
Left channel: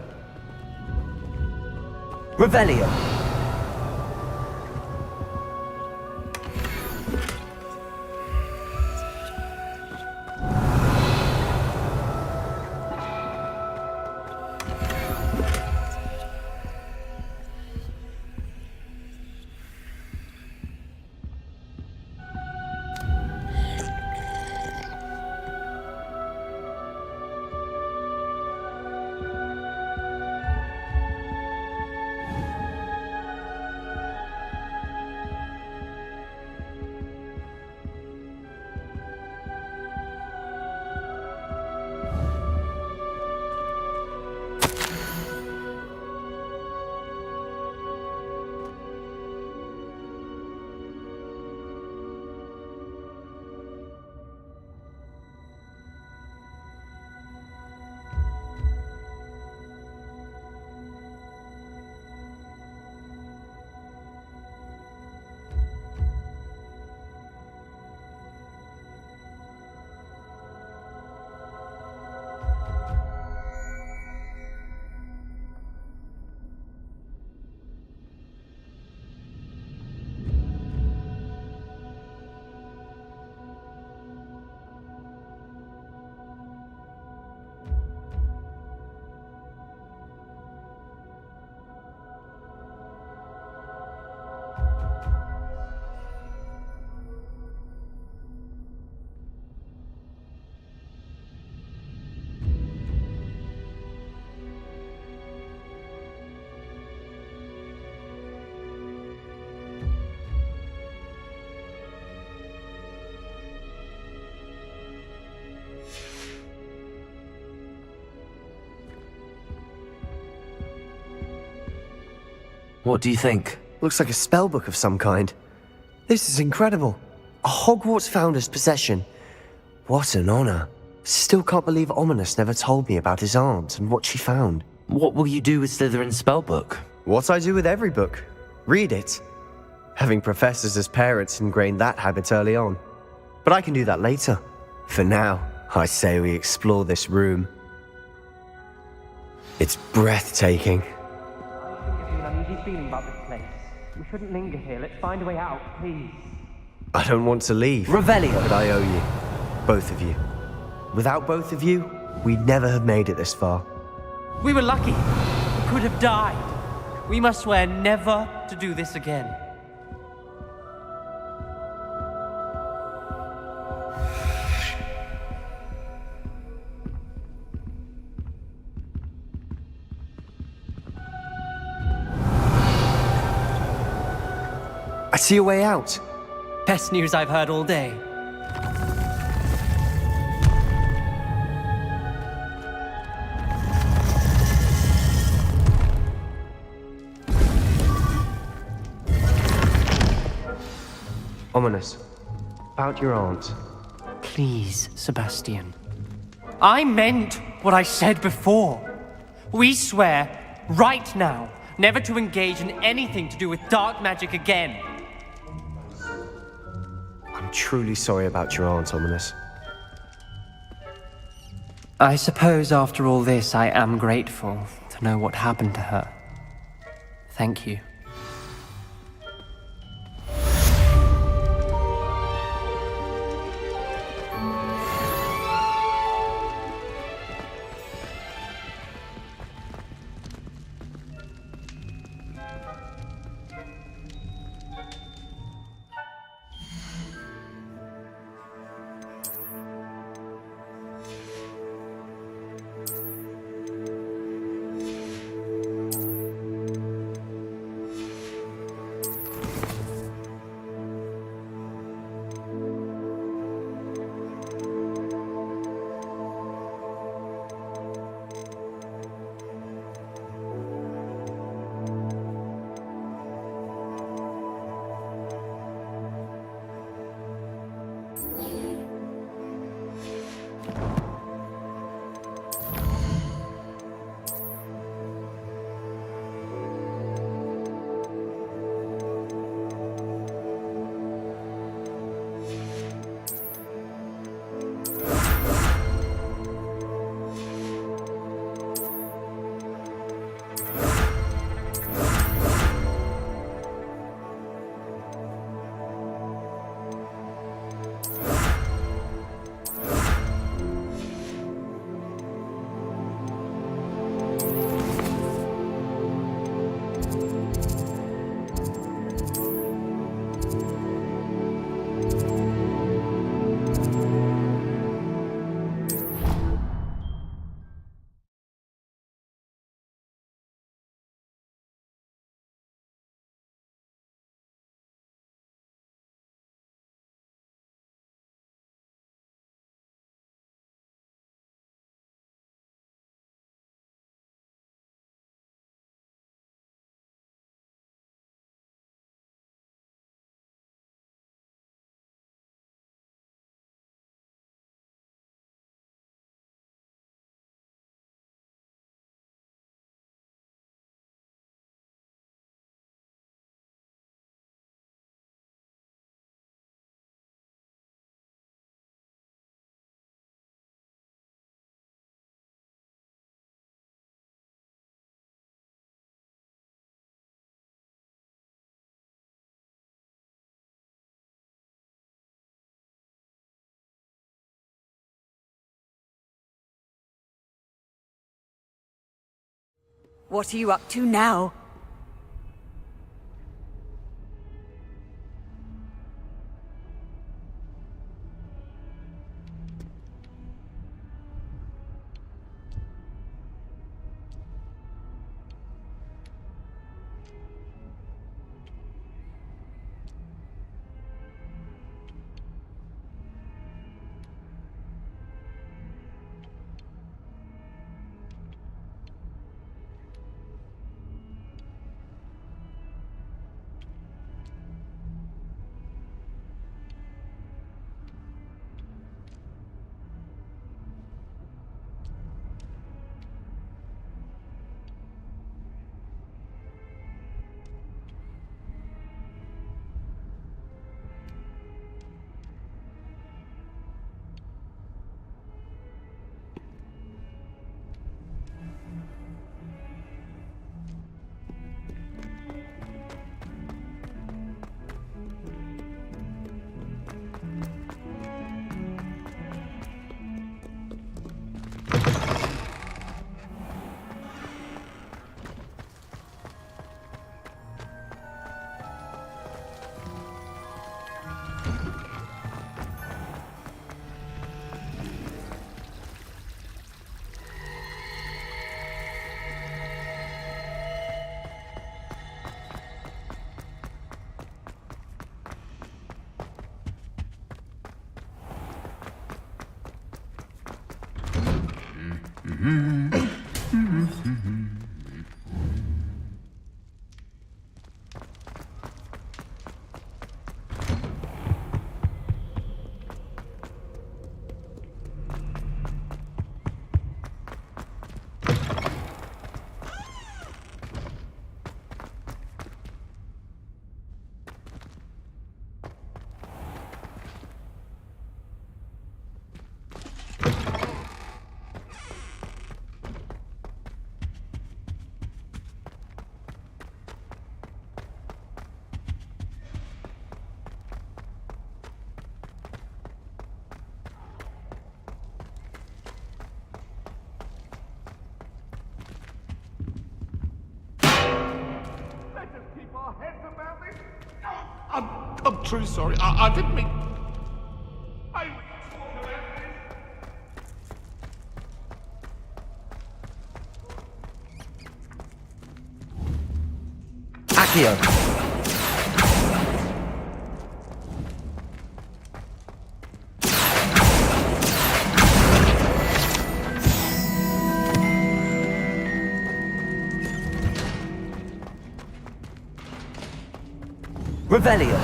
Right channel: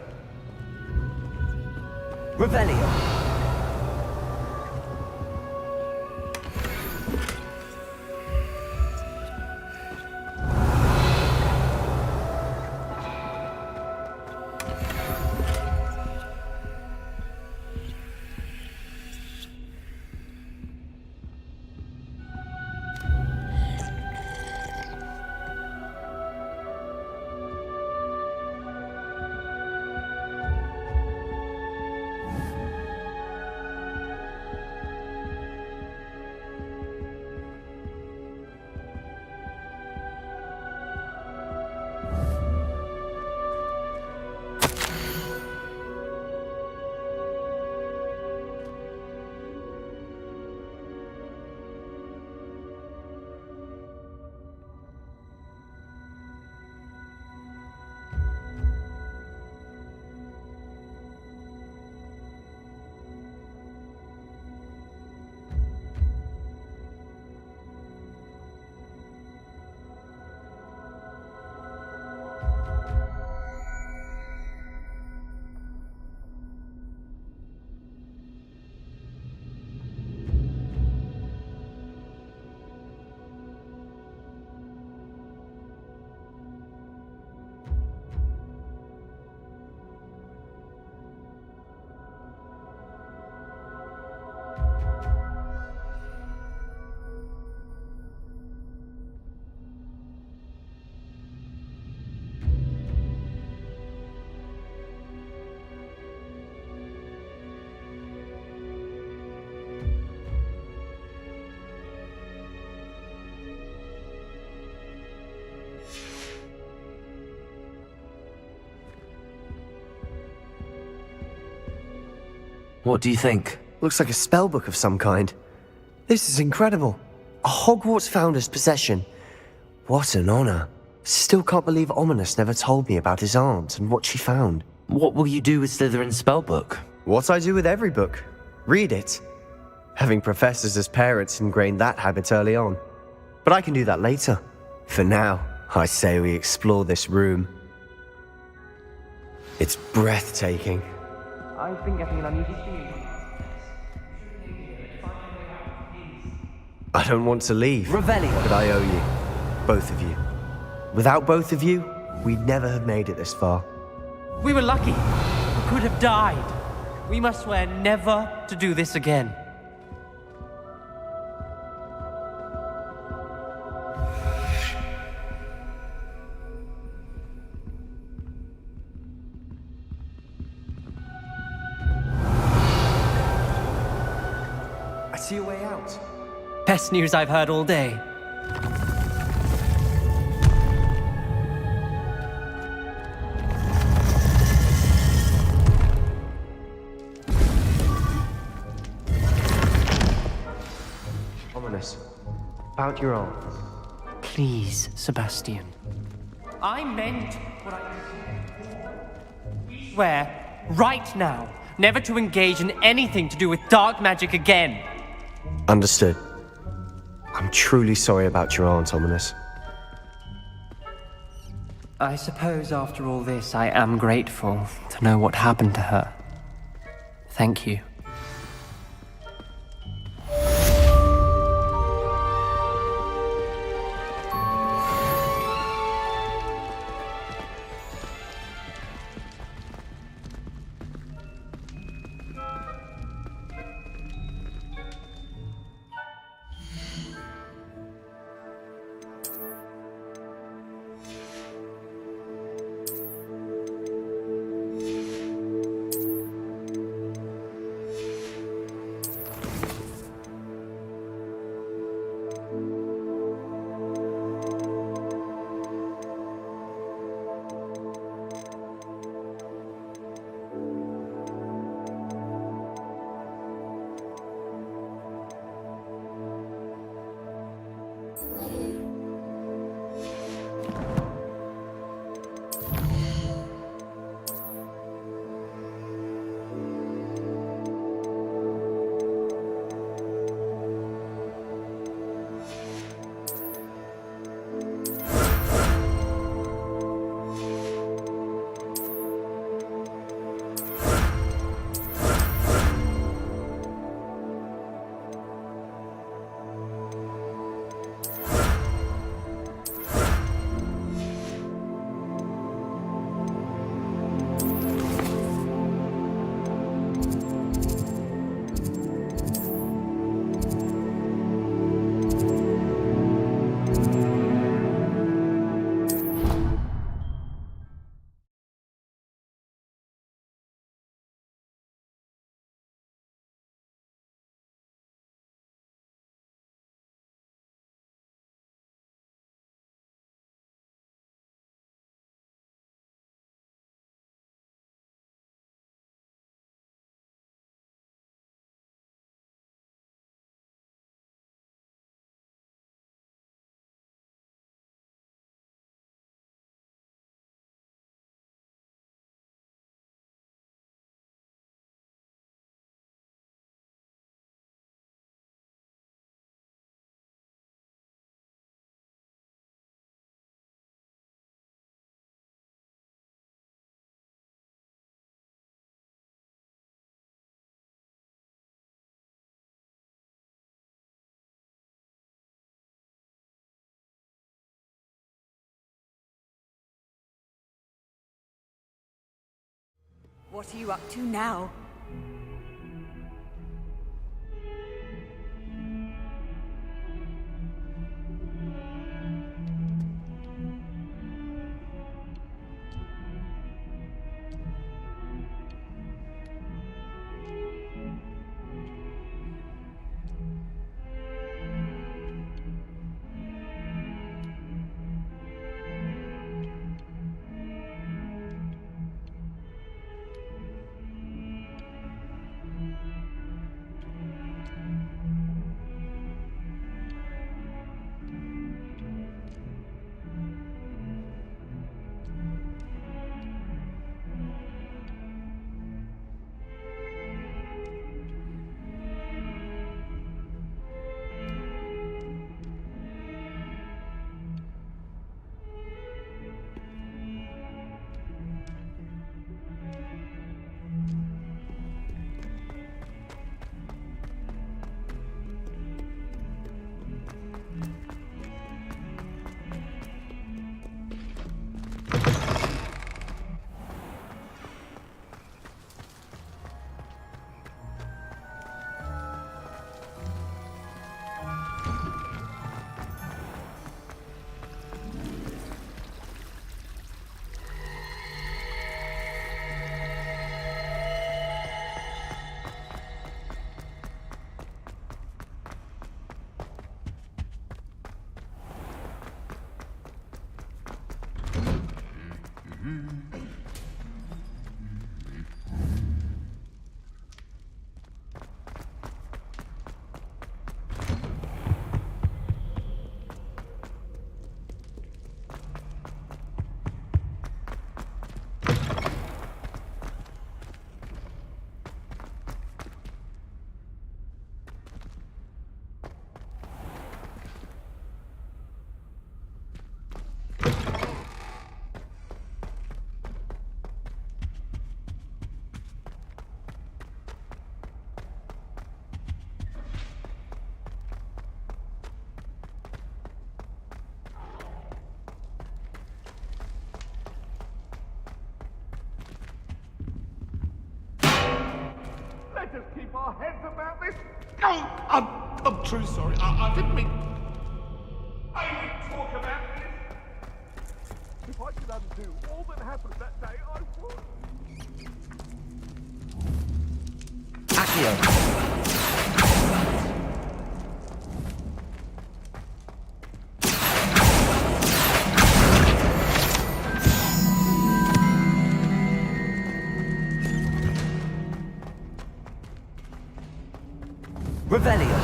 Revelio. What do you think? Looks like a spellbook of some kind. This is incredible. A Hogwarts founder's possession. What an honor. Still can't believe Ominous never told me about his aunt and what she found. What will you do with Slytherin's spellbook? What I do with every book. Read it. Having professors as parents ingrained that habit early on. But I can do that later. For now, I say we explore this room. It's breathtaking. I've been getting an uneasy feeling about this place. We shouldn't linger here. Let's find a way out, please. I don't want to leave. Revelio. But I owe you. Both of you. Without both of you, we'd never have made it this far. We were lucky. We could have died. We must swear never to do this again. I see a way out. Best news I've heard all day. Ominous. About your aunt. Please, Sebastian. I meant what I said before. We swear, right now, never to engage in anything to do with dark magic again. Understood. I'm truly sorry about your aunt, Ominous. I suppose after all this, I am grateful to know what happened to her. Thank you. What are you up to now? Let us keep our heads about this. Oh, I'm truly sorry. I didn't mean... I didn't talk about this. If I could undo all that happened that day, I would. Accio. Revelio.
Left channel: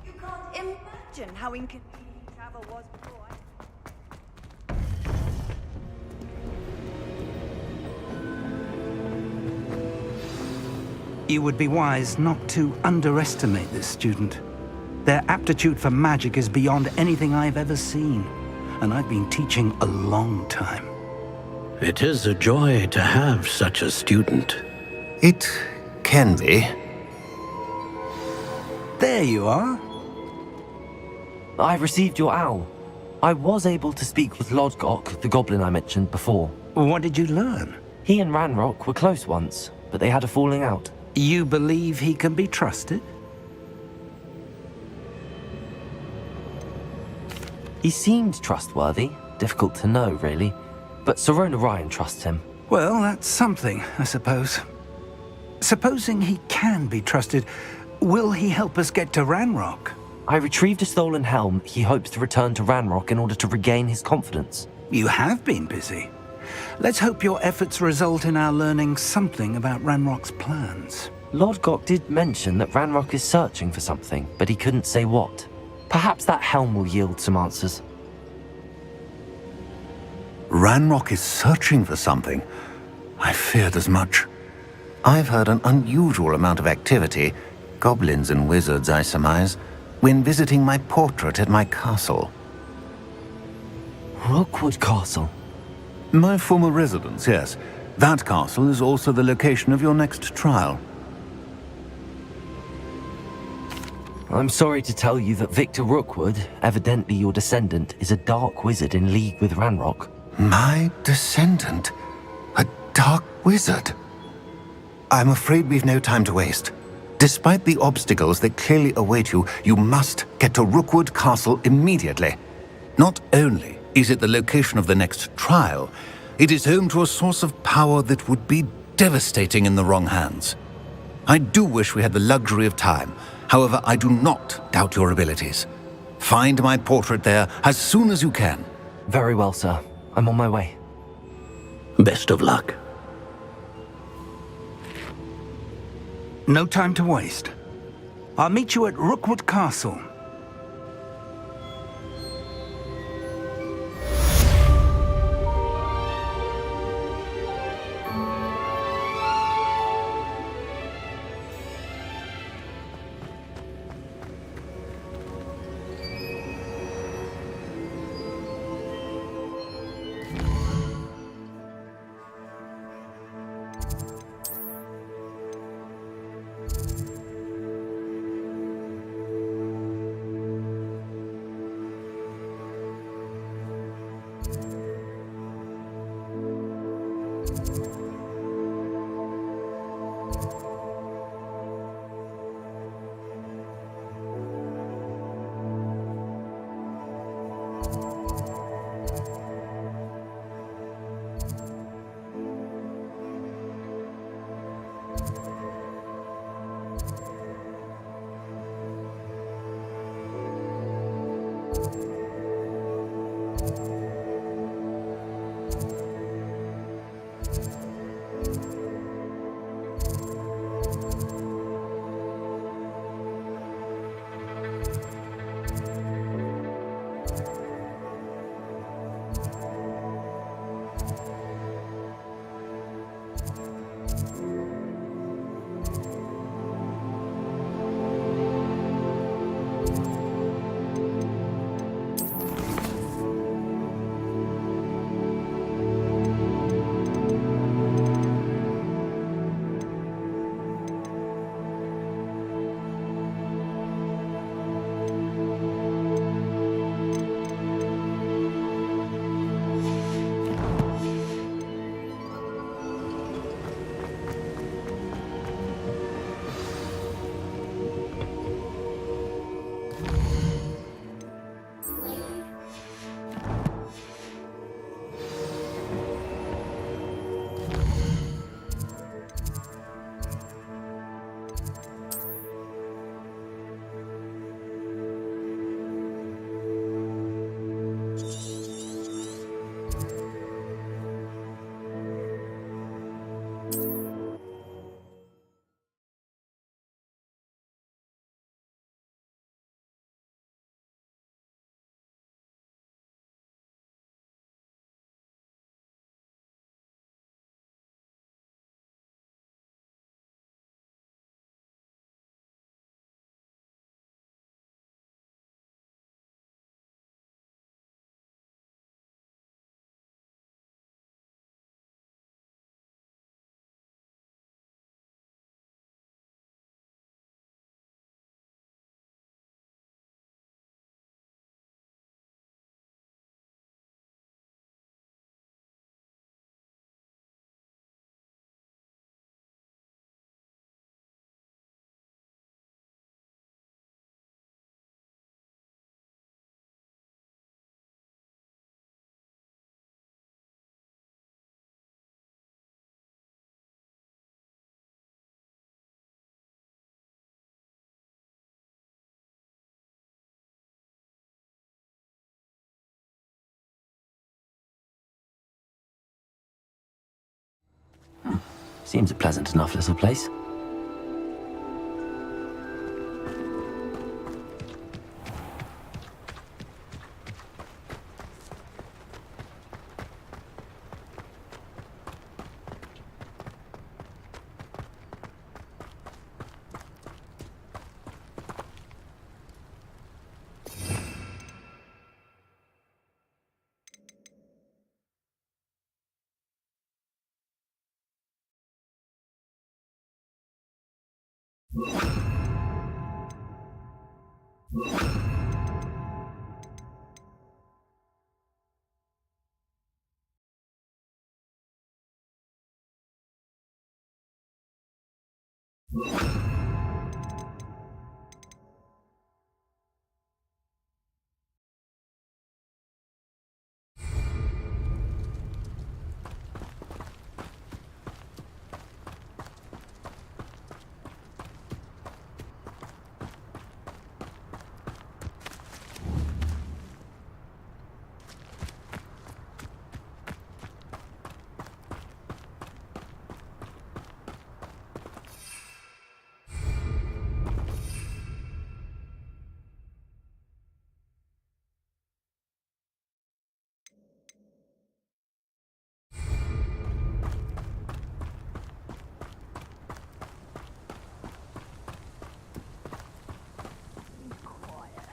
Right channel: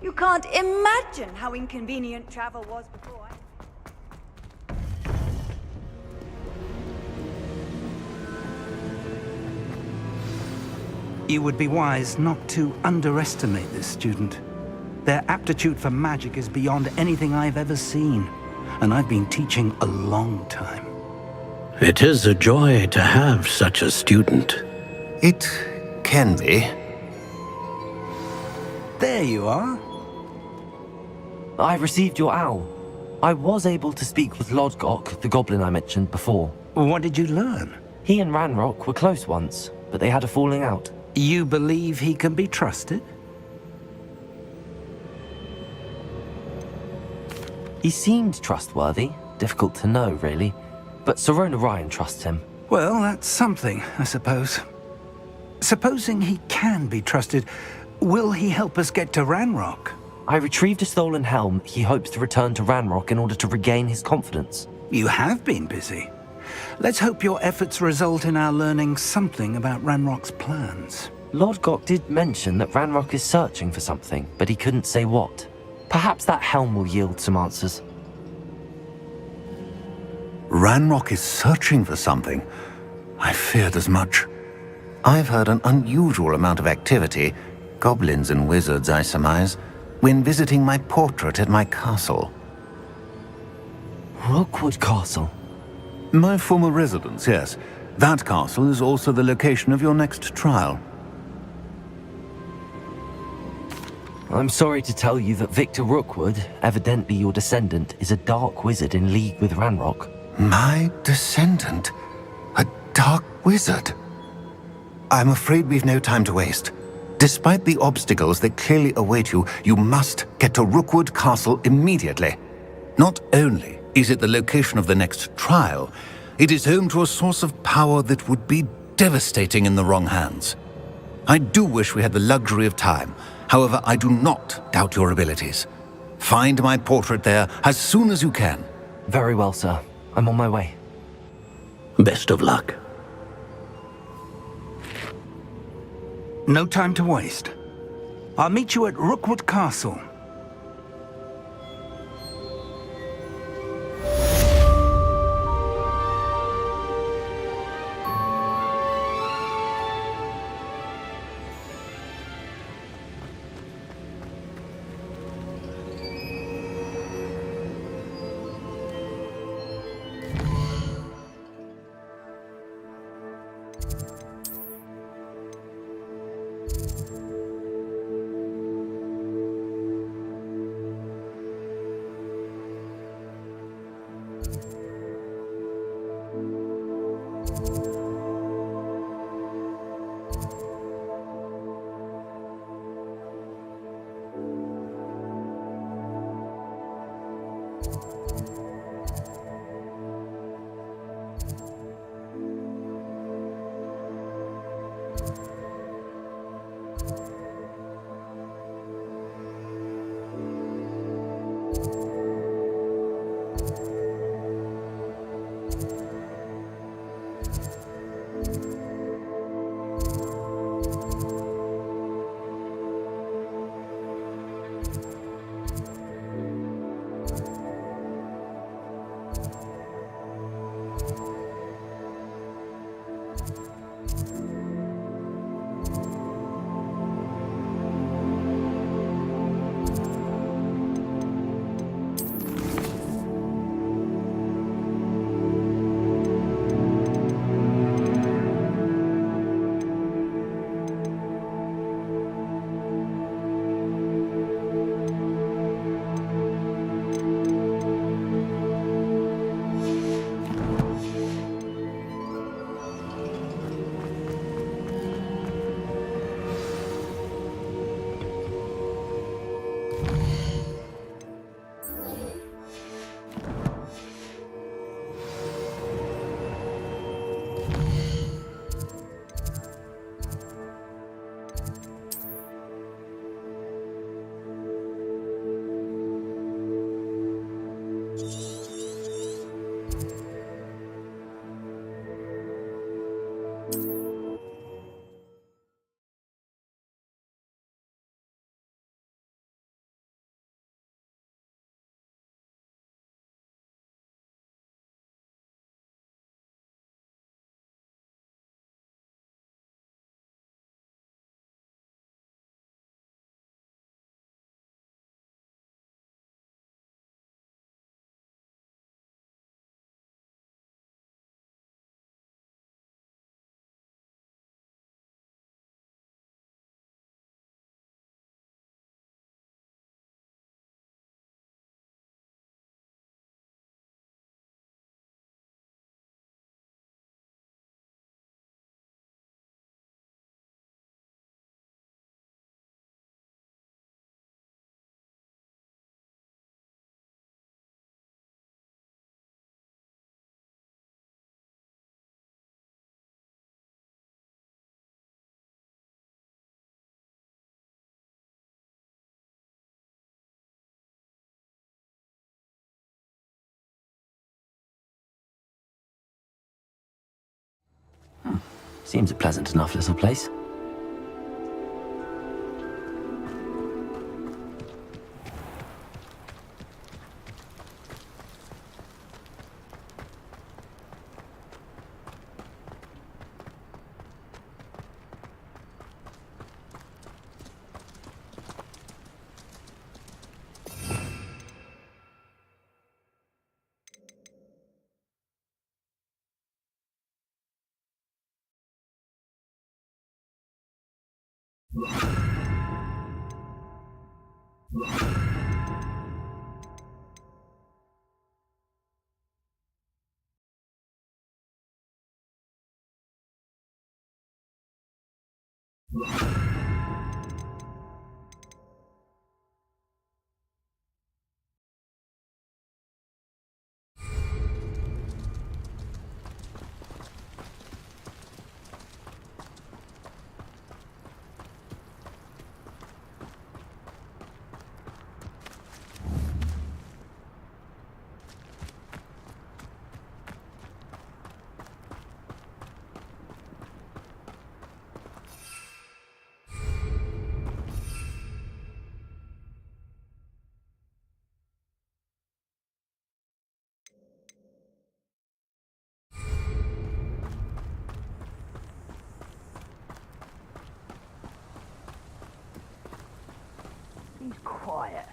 You can't imagine how inconvenient travel was before. You would be wise not to underestimate this student. Their aptitude for magic is beyond anything I've ever seen, and I've been teaching a long time. It is a joy to have such a student. It can be. There you are. I received your owl. I was able to speak with Lodgok, the goblin I mentioned before. What did you learn? He and Ranrock were close once, but they had a falling out. You believe he can be trusted? He seemed trustworthy. Difficult to know, really. But Sirona Ryan trusts him. Well, that's something, I suppose. Supposing he can be trusted, will he help us get to Ranrock? I retrieved a stolen helm he hopes to return to Ranrock in order to regain his confidence. You have been busy. Let's hope your efforts result in our learning something about Ranrock's plans. Lodgok did mention that Ranrock is searching for something, but he couldn't say what. Perhaps that helm will yield some answers. Ranrock is searching for something. I feared as much. I've heard an unusual amount of activity, goblins and wizards, I surmise, when visiting my portrait at my castle. Rookwood Castle? My former residence, yes. That castle is also the location of your next trial. I'm sorry to tell you that Victor Rookwood, evidently your descendant, is a dark wizard in league with Ranrock. My descendant? A dark wizard? I'm afraid we've no time to waste. Despite the obstacles that clearly await you, you must get to Rookwood Castle immediately. Not only is it the location of the next trial, it is home to a source of power that would be devastating in the wrong hands. I do wish we had the luxury of time. However, I do not doubt your abilities. Find my portrait there as soon as you can. Very well, sir. I'm on my way. Best of luck. No time to waste. I'll meet you at Rookwood Castle. Seems a pleasant enough little place. He's quiet.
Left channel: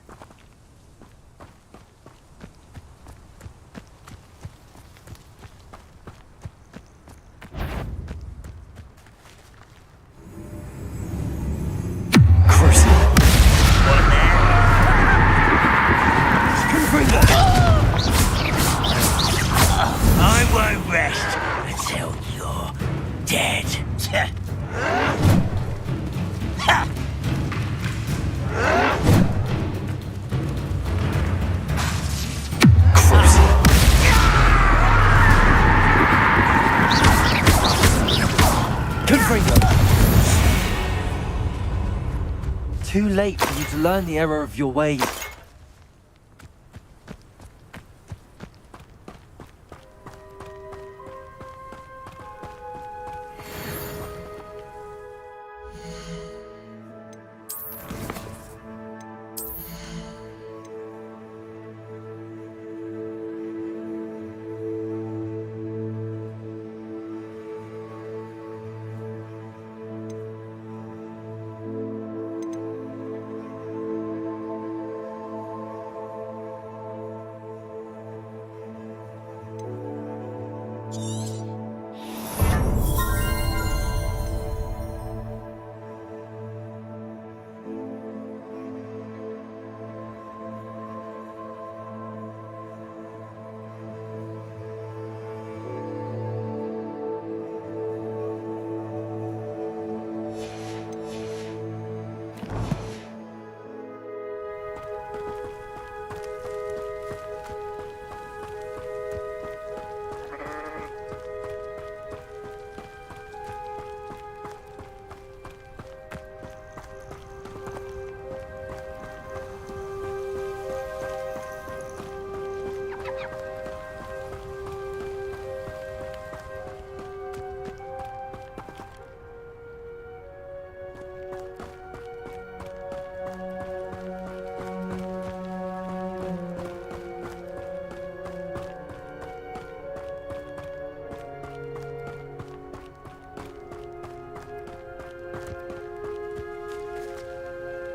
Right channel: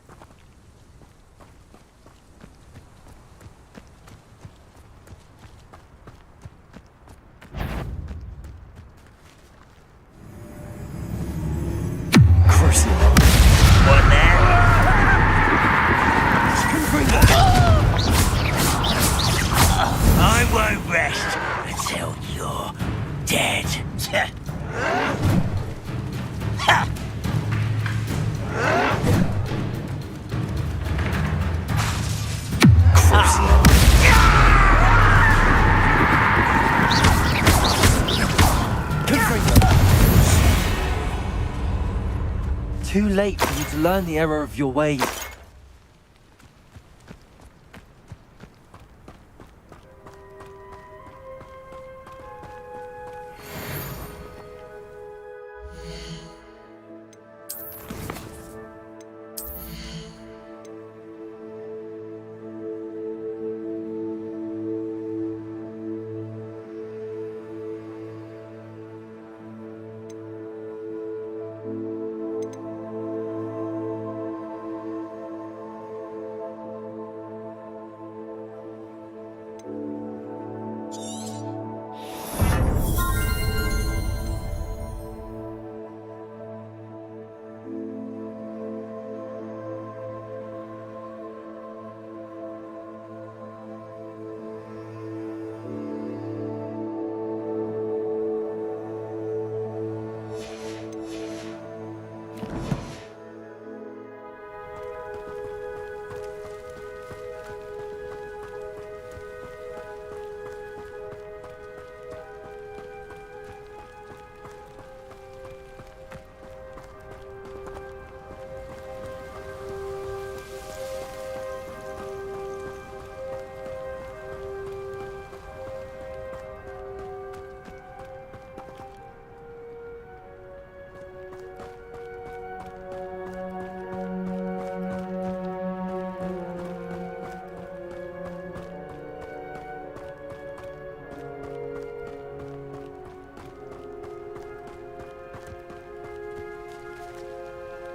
I won't rest until you're dead. Too late for you to learn the error of your ways.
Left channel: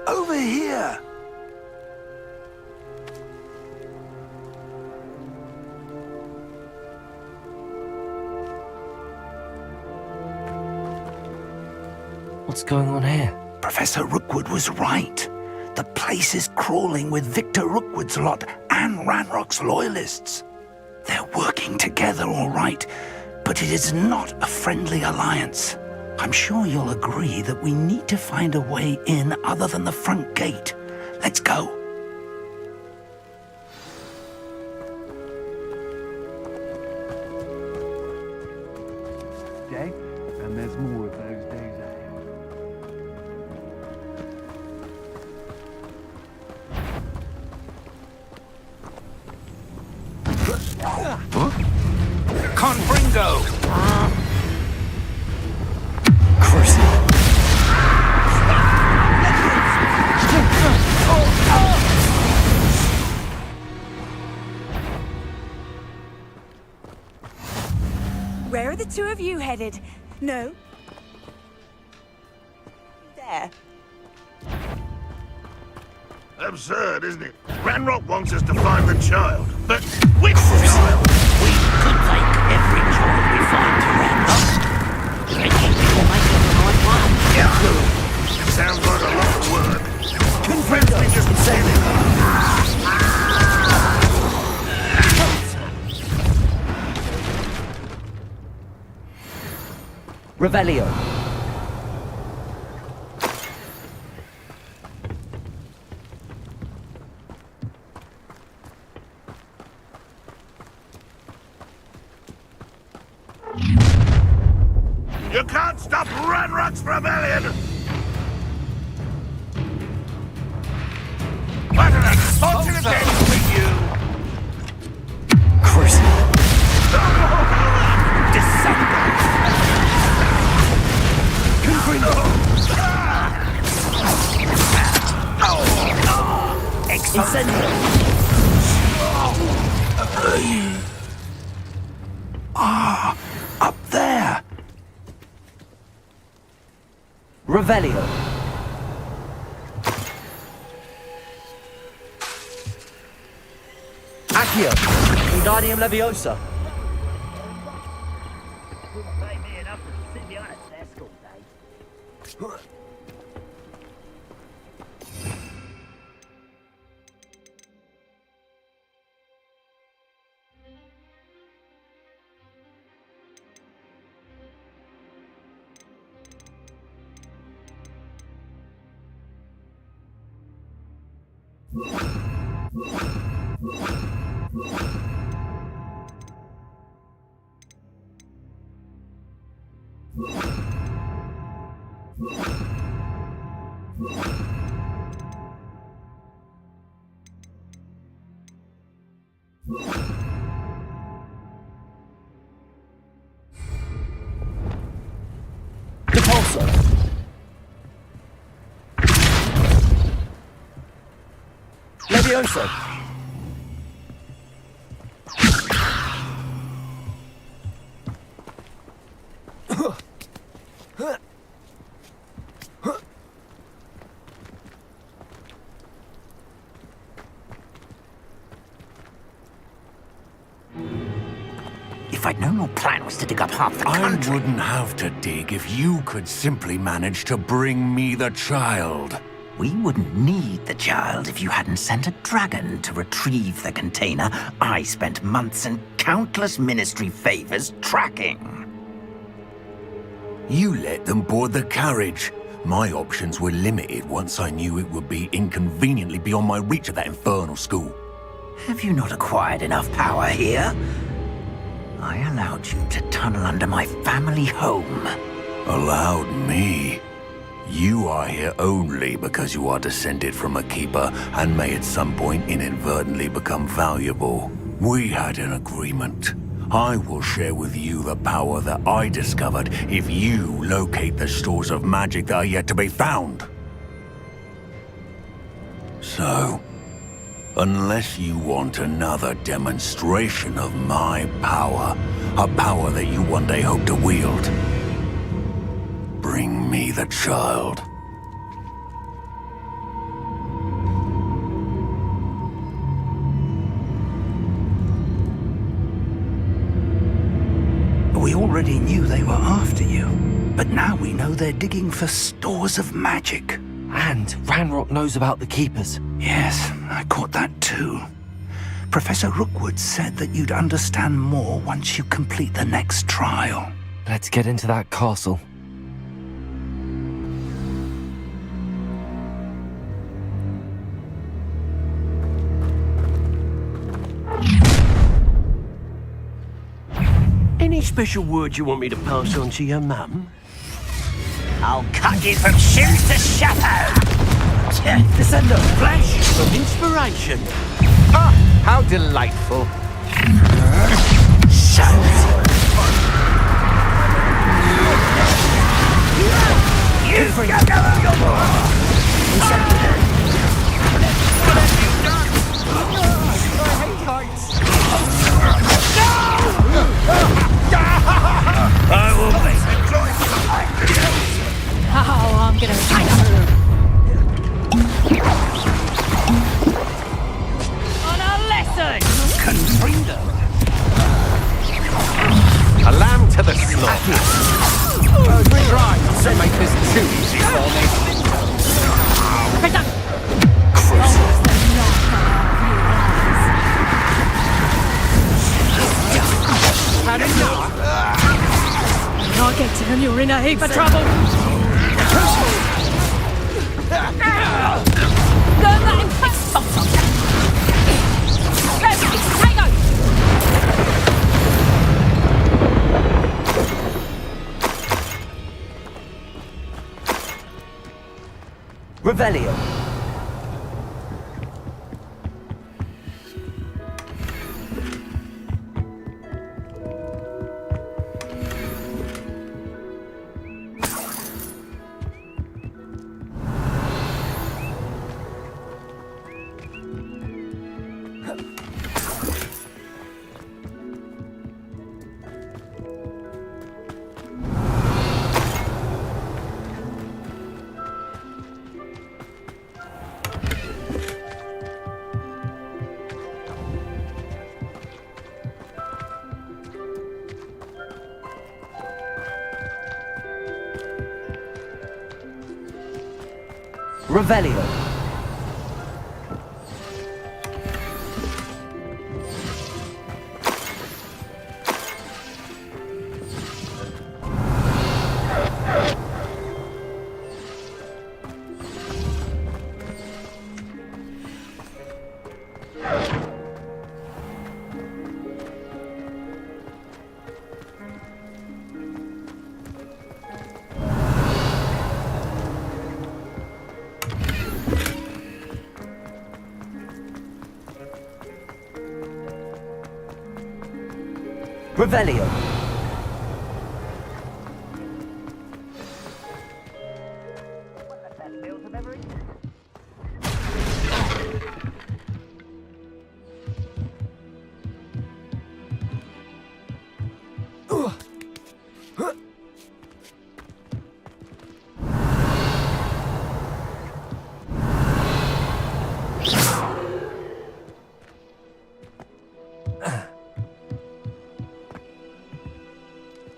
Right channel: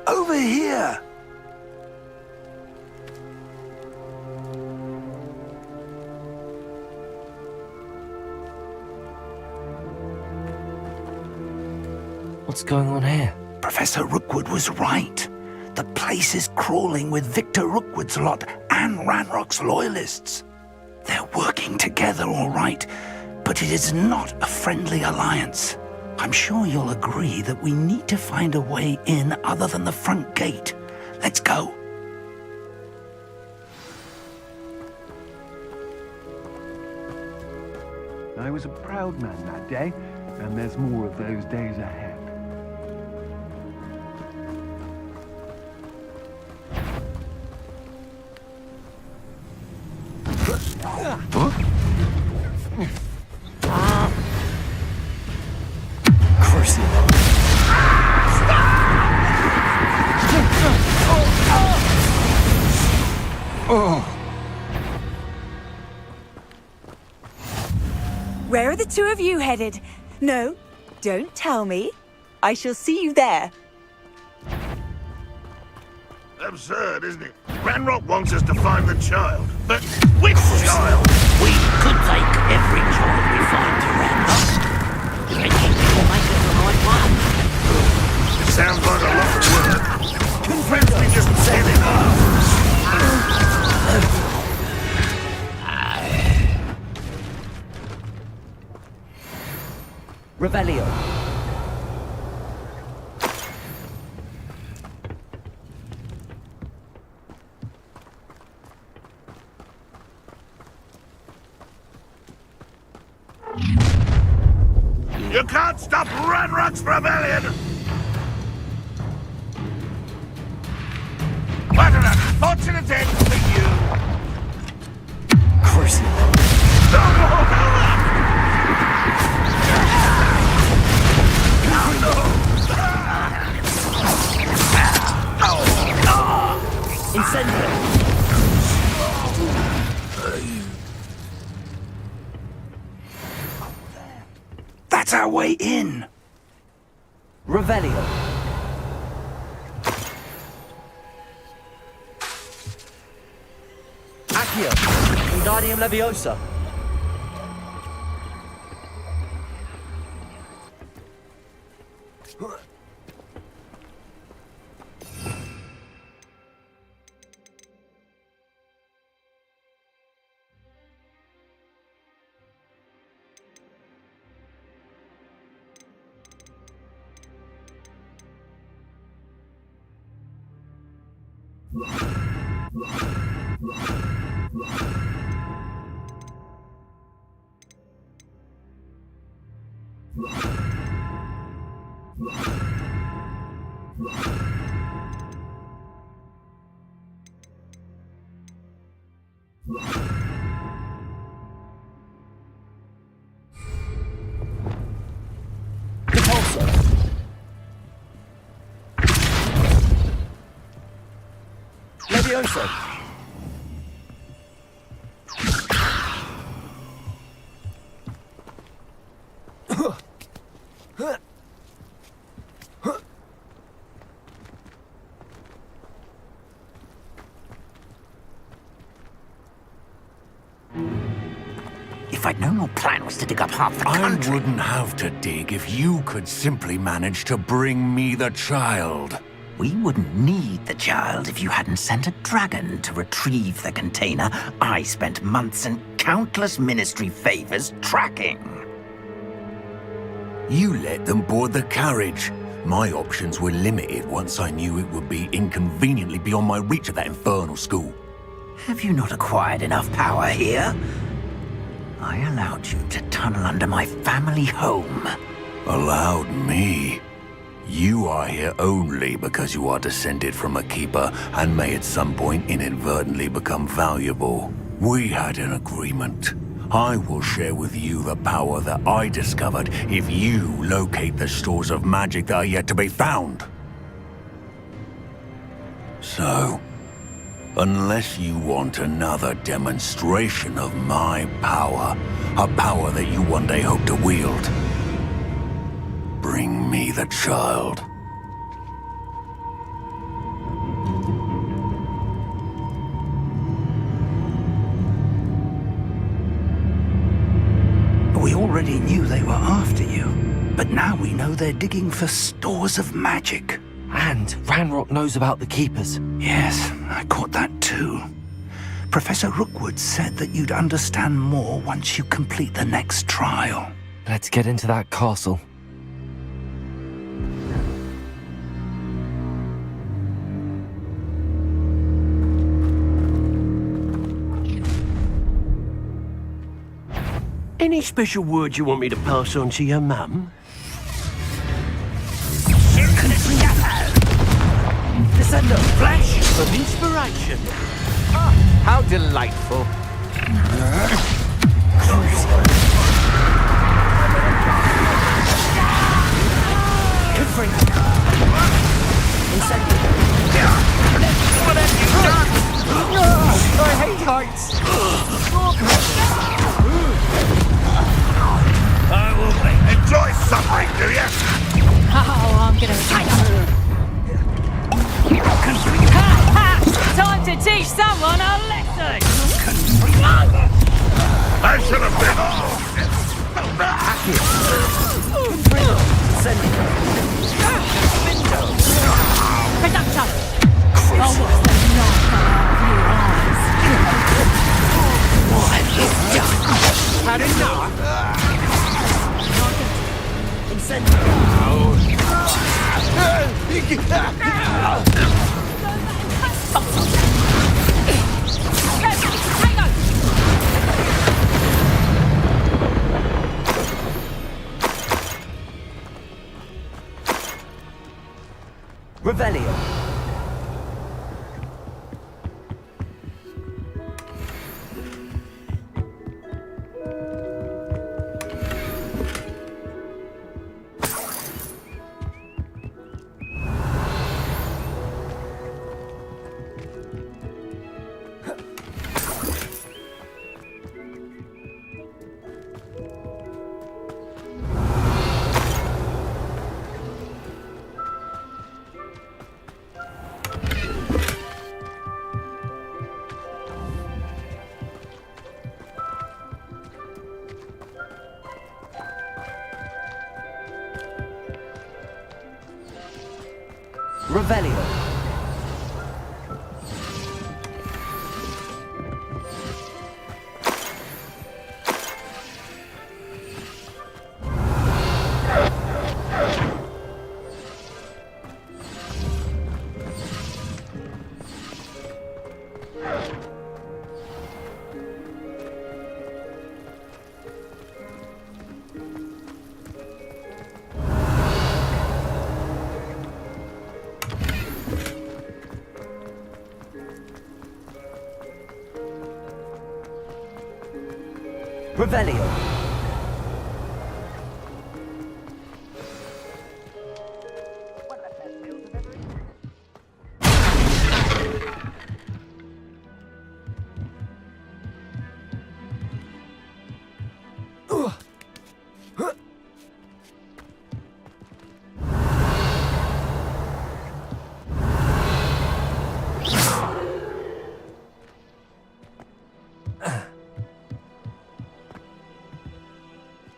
Over here! What's going on here? Professor Rookwood was right. The place is crawling with Victor Rookwood's lot and Ranrock's loyalists. They're working together, all right, but it is not a friendly alliance. I'm sure you'll agree that we need to find a way in other than the front gate. Let's go. I was a proud man that day, and there's more of those days ahead. Confringo! Where are the two of you headed? No, don't tell me. I shall see you there. Absurd, isn't it? Ranrock wants us to find the child, but which child? We could take every child we find to Ranrock. Maybe we'll make it the right one. It sounds like a lot of work. Perhaps we just send Revelio. You can't stop Ranrock's rebellion! What an unfortunate end for you! Cursing. Ah, up there. That's our way in. Revelio. Accio. Wingardium Leviosa. Repulsor. Levioso. If I'd known your plan was to dig up half the country... I wouldn't have to dig if you could simply manage to bring me the child. We wouldn't need the child if you hadn't sent a dragon to retrieve the container I spent months and countless ministry favors tracking. You let them board the carriage. My options were limited once I knew it would be inconveniently beyond my reach at that infernal school. Have you not acquired enough power here? I allowed you to tunnel under my family home. Allowed me? You are here only because you are descended from a keeper and may at some point inadvertently become valuable. We had an agreement. I will share with you the power that I discovered if you locate the stores of magic that are yet to be found. So, unless you want another demonstration of my power, a power that you one day hope to wield, bring me the child. We already knew they were after you, but now we know they're digging for stores of magic. And Ranrock knows about the Keepers. Yes, I caught that too. Professor Rookwood said that you'd understand more once you complete the next trial. Let's get into that castle. Any special words you want me to pass on to your mum? I'll cut you from shoot to shadow! Descendo, flash from inspiration. Ah, how delightful. I hate heights. I will enjoy suffering, do you? Oh, I'm gonna time to teach someone a lesson! I should have A lamb to the slaughter. Send my fist to. Protect Revelio. Revelio.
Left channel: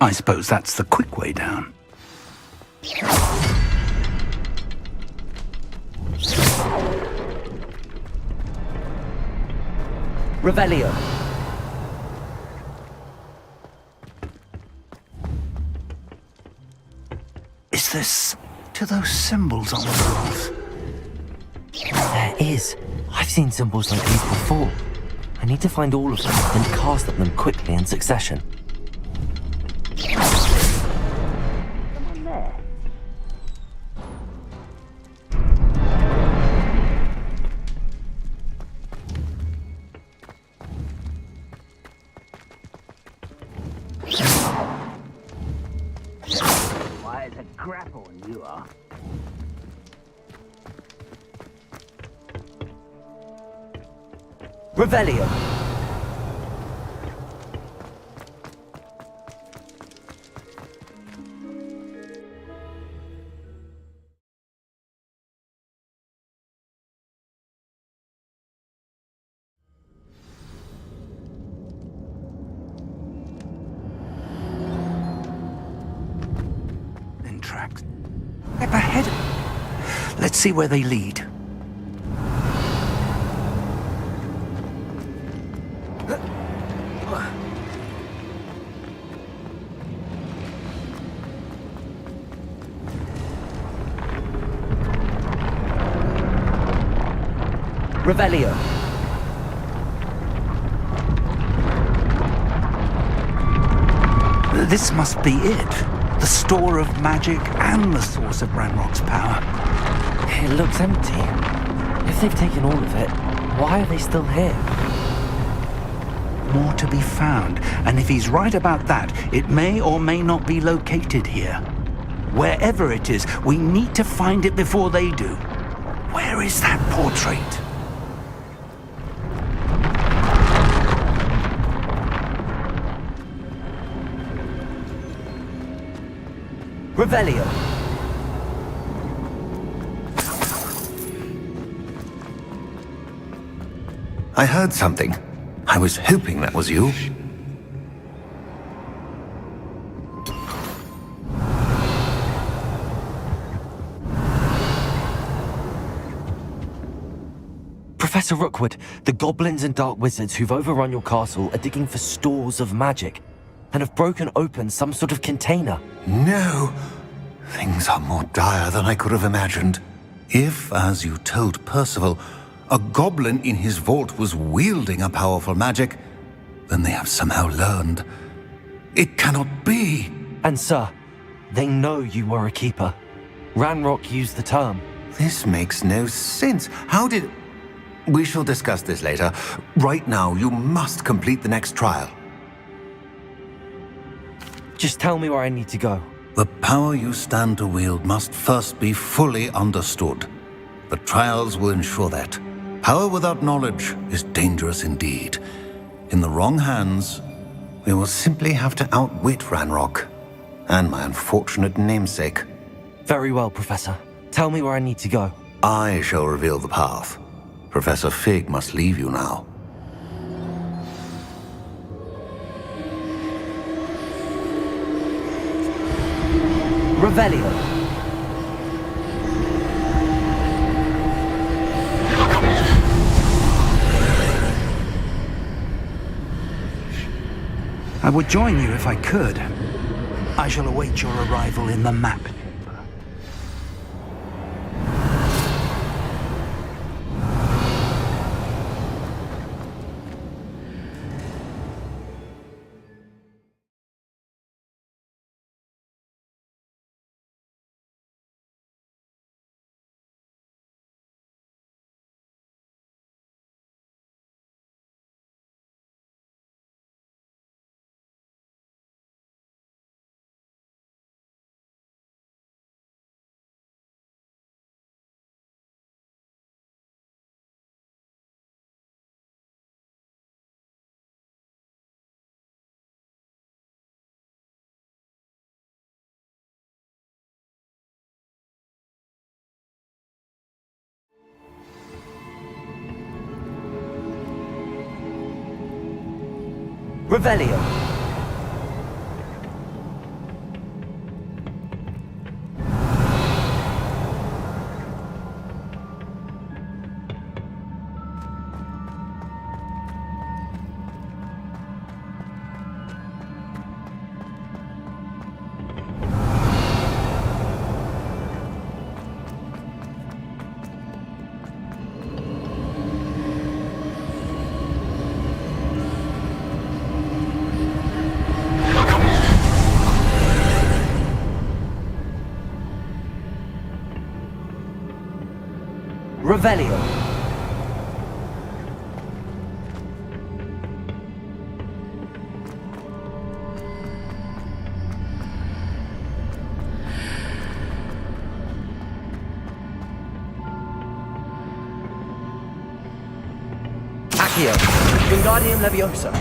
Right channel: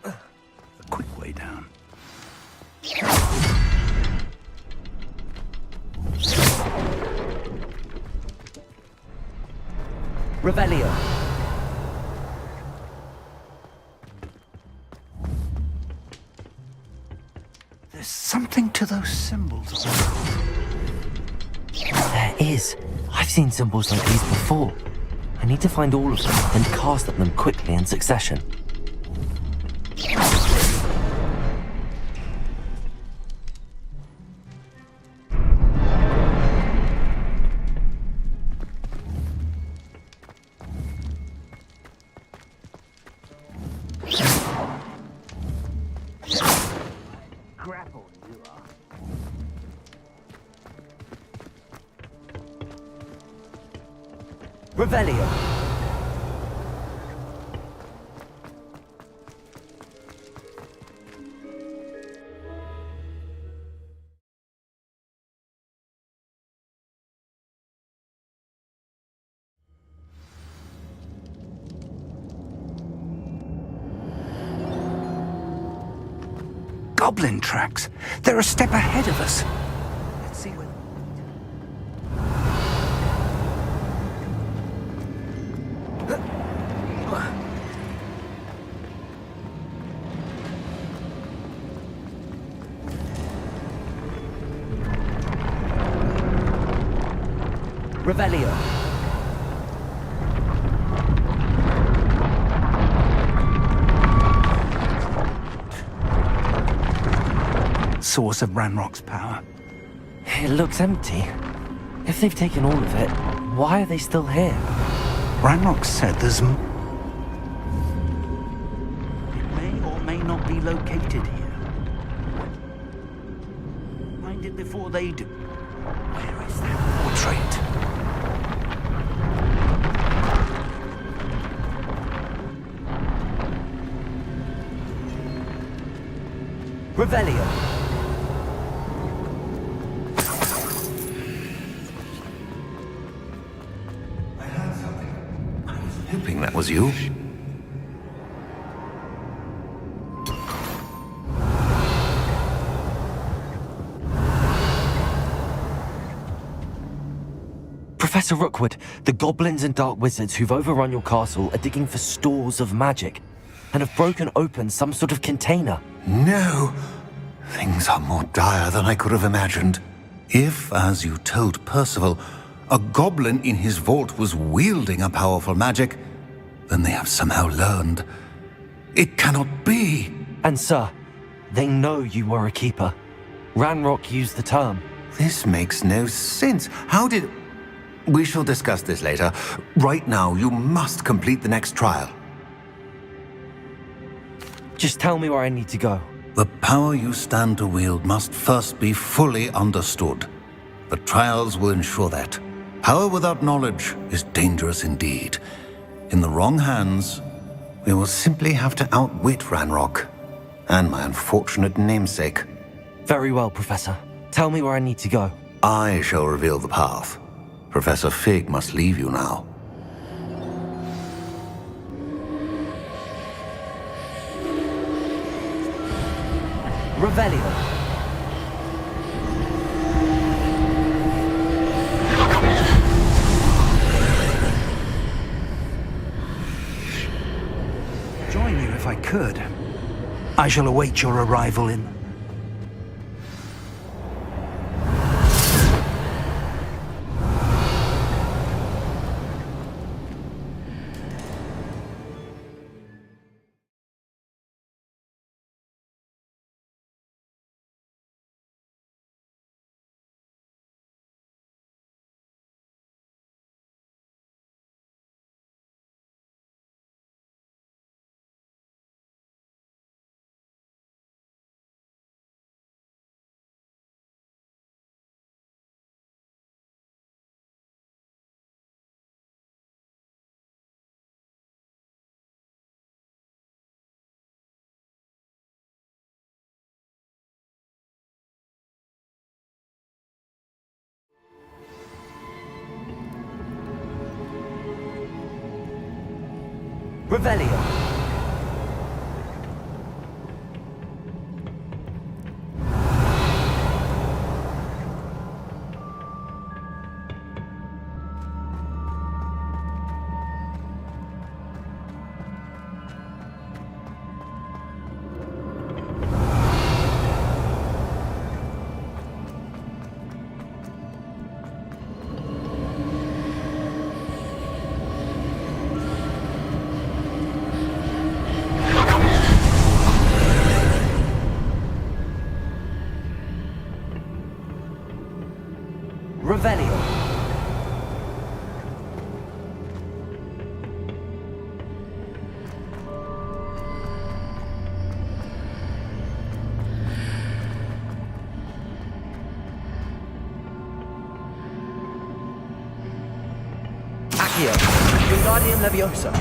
I suppose that's the quick way down. Revelio. Is there something to those symbols on the cloth? There is. I've seen symbols like these before. I need to find all of them and cast at them quickly in succession. Why, it's a grapple you are. Revelio. Goblin tracks. They're a step ahead of us. Let's see where they lead. Revelio. This must be it. The store of magic and the source of Ranrock's power. It looks empty. If they've taken all of it, why are they still here? Ranrock said there's more to be found, and if he's right about that, it may or may not be located here. Wherever it is, we need to find it before they do. Where is that portrait? Revelio. I heard something. I was hoping that was you. Professor Rookwood, the goblins and dark wizards who've overrun your castle are digging for stores of magic and have broken open some sort of container. No! Things are more dire than I could have imagined. If, as you told Percival, a goblin in his vault was wielding a powerful magic, then they have somehow learned. It cannot be! And sir, they know you were a keeper. Ranrock used the term. This makes no sense. How did... We shall discuss this later. Right now, you must complete the next trial. Just tell me where I need to go. The power you stand to wield must first be fully understood. The trials will ensure that. Power without knowledge is dangerous indeed. In the wrong hands, we will simply have to outwit Ranrock and my unfortunate namesake. Very well, Professor. Tell me where I need to go. I shall reveal the path. Professor Fig must leave you now. Revelio. would join you if I could. I shall await your arrival in the map. Revelio. Revelio. Accio. Wingardium Leviosa.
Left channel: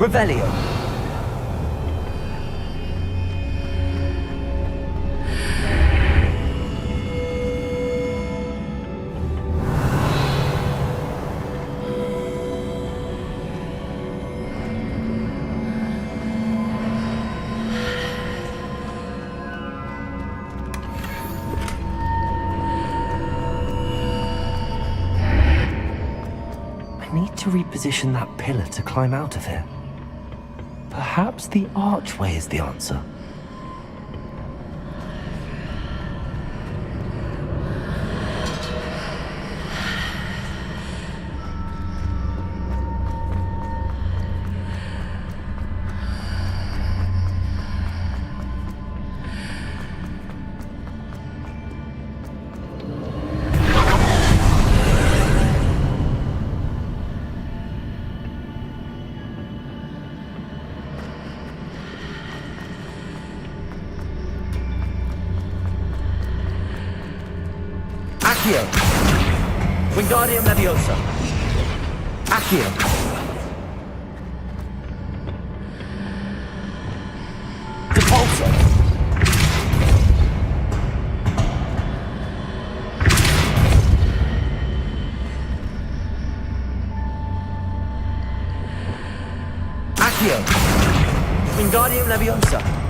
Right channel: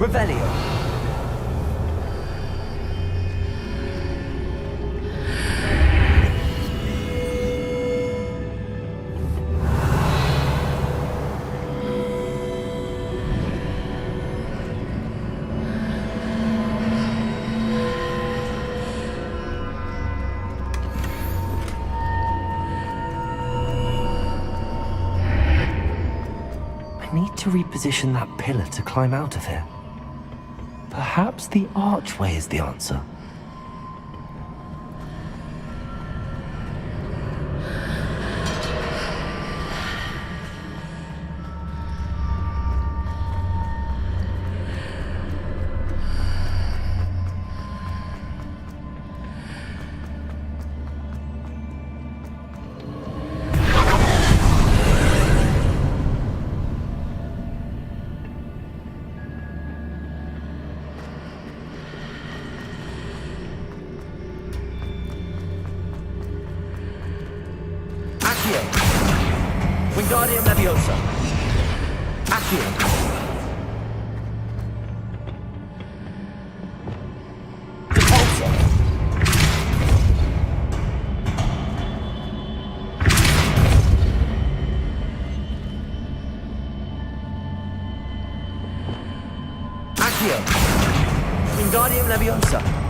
Revelio. I need to reposition that pillar to climb out of here. Perhaps the archway is the answer. Accio. Wingardium Leviosa. Accio. Depulso. Accio. Wingardium Leviosa.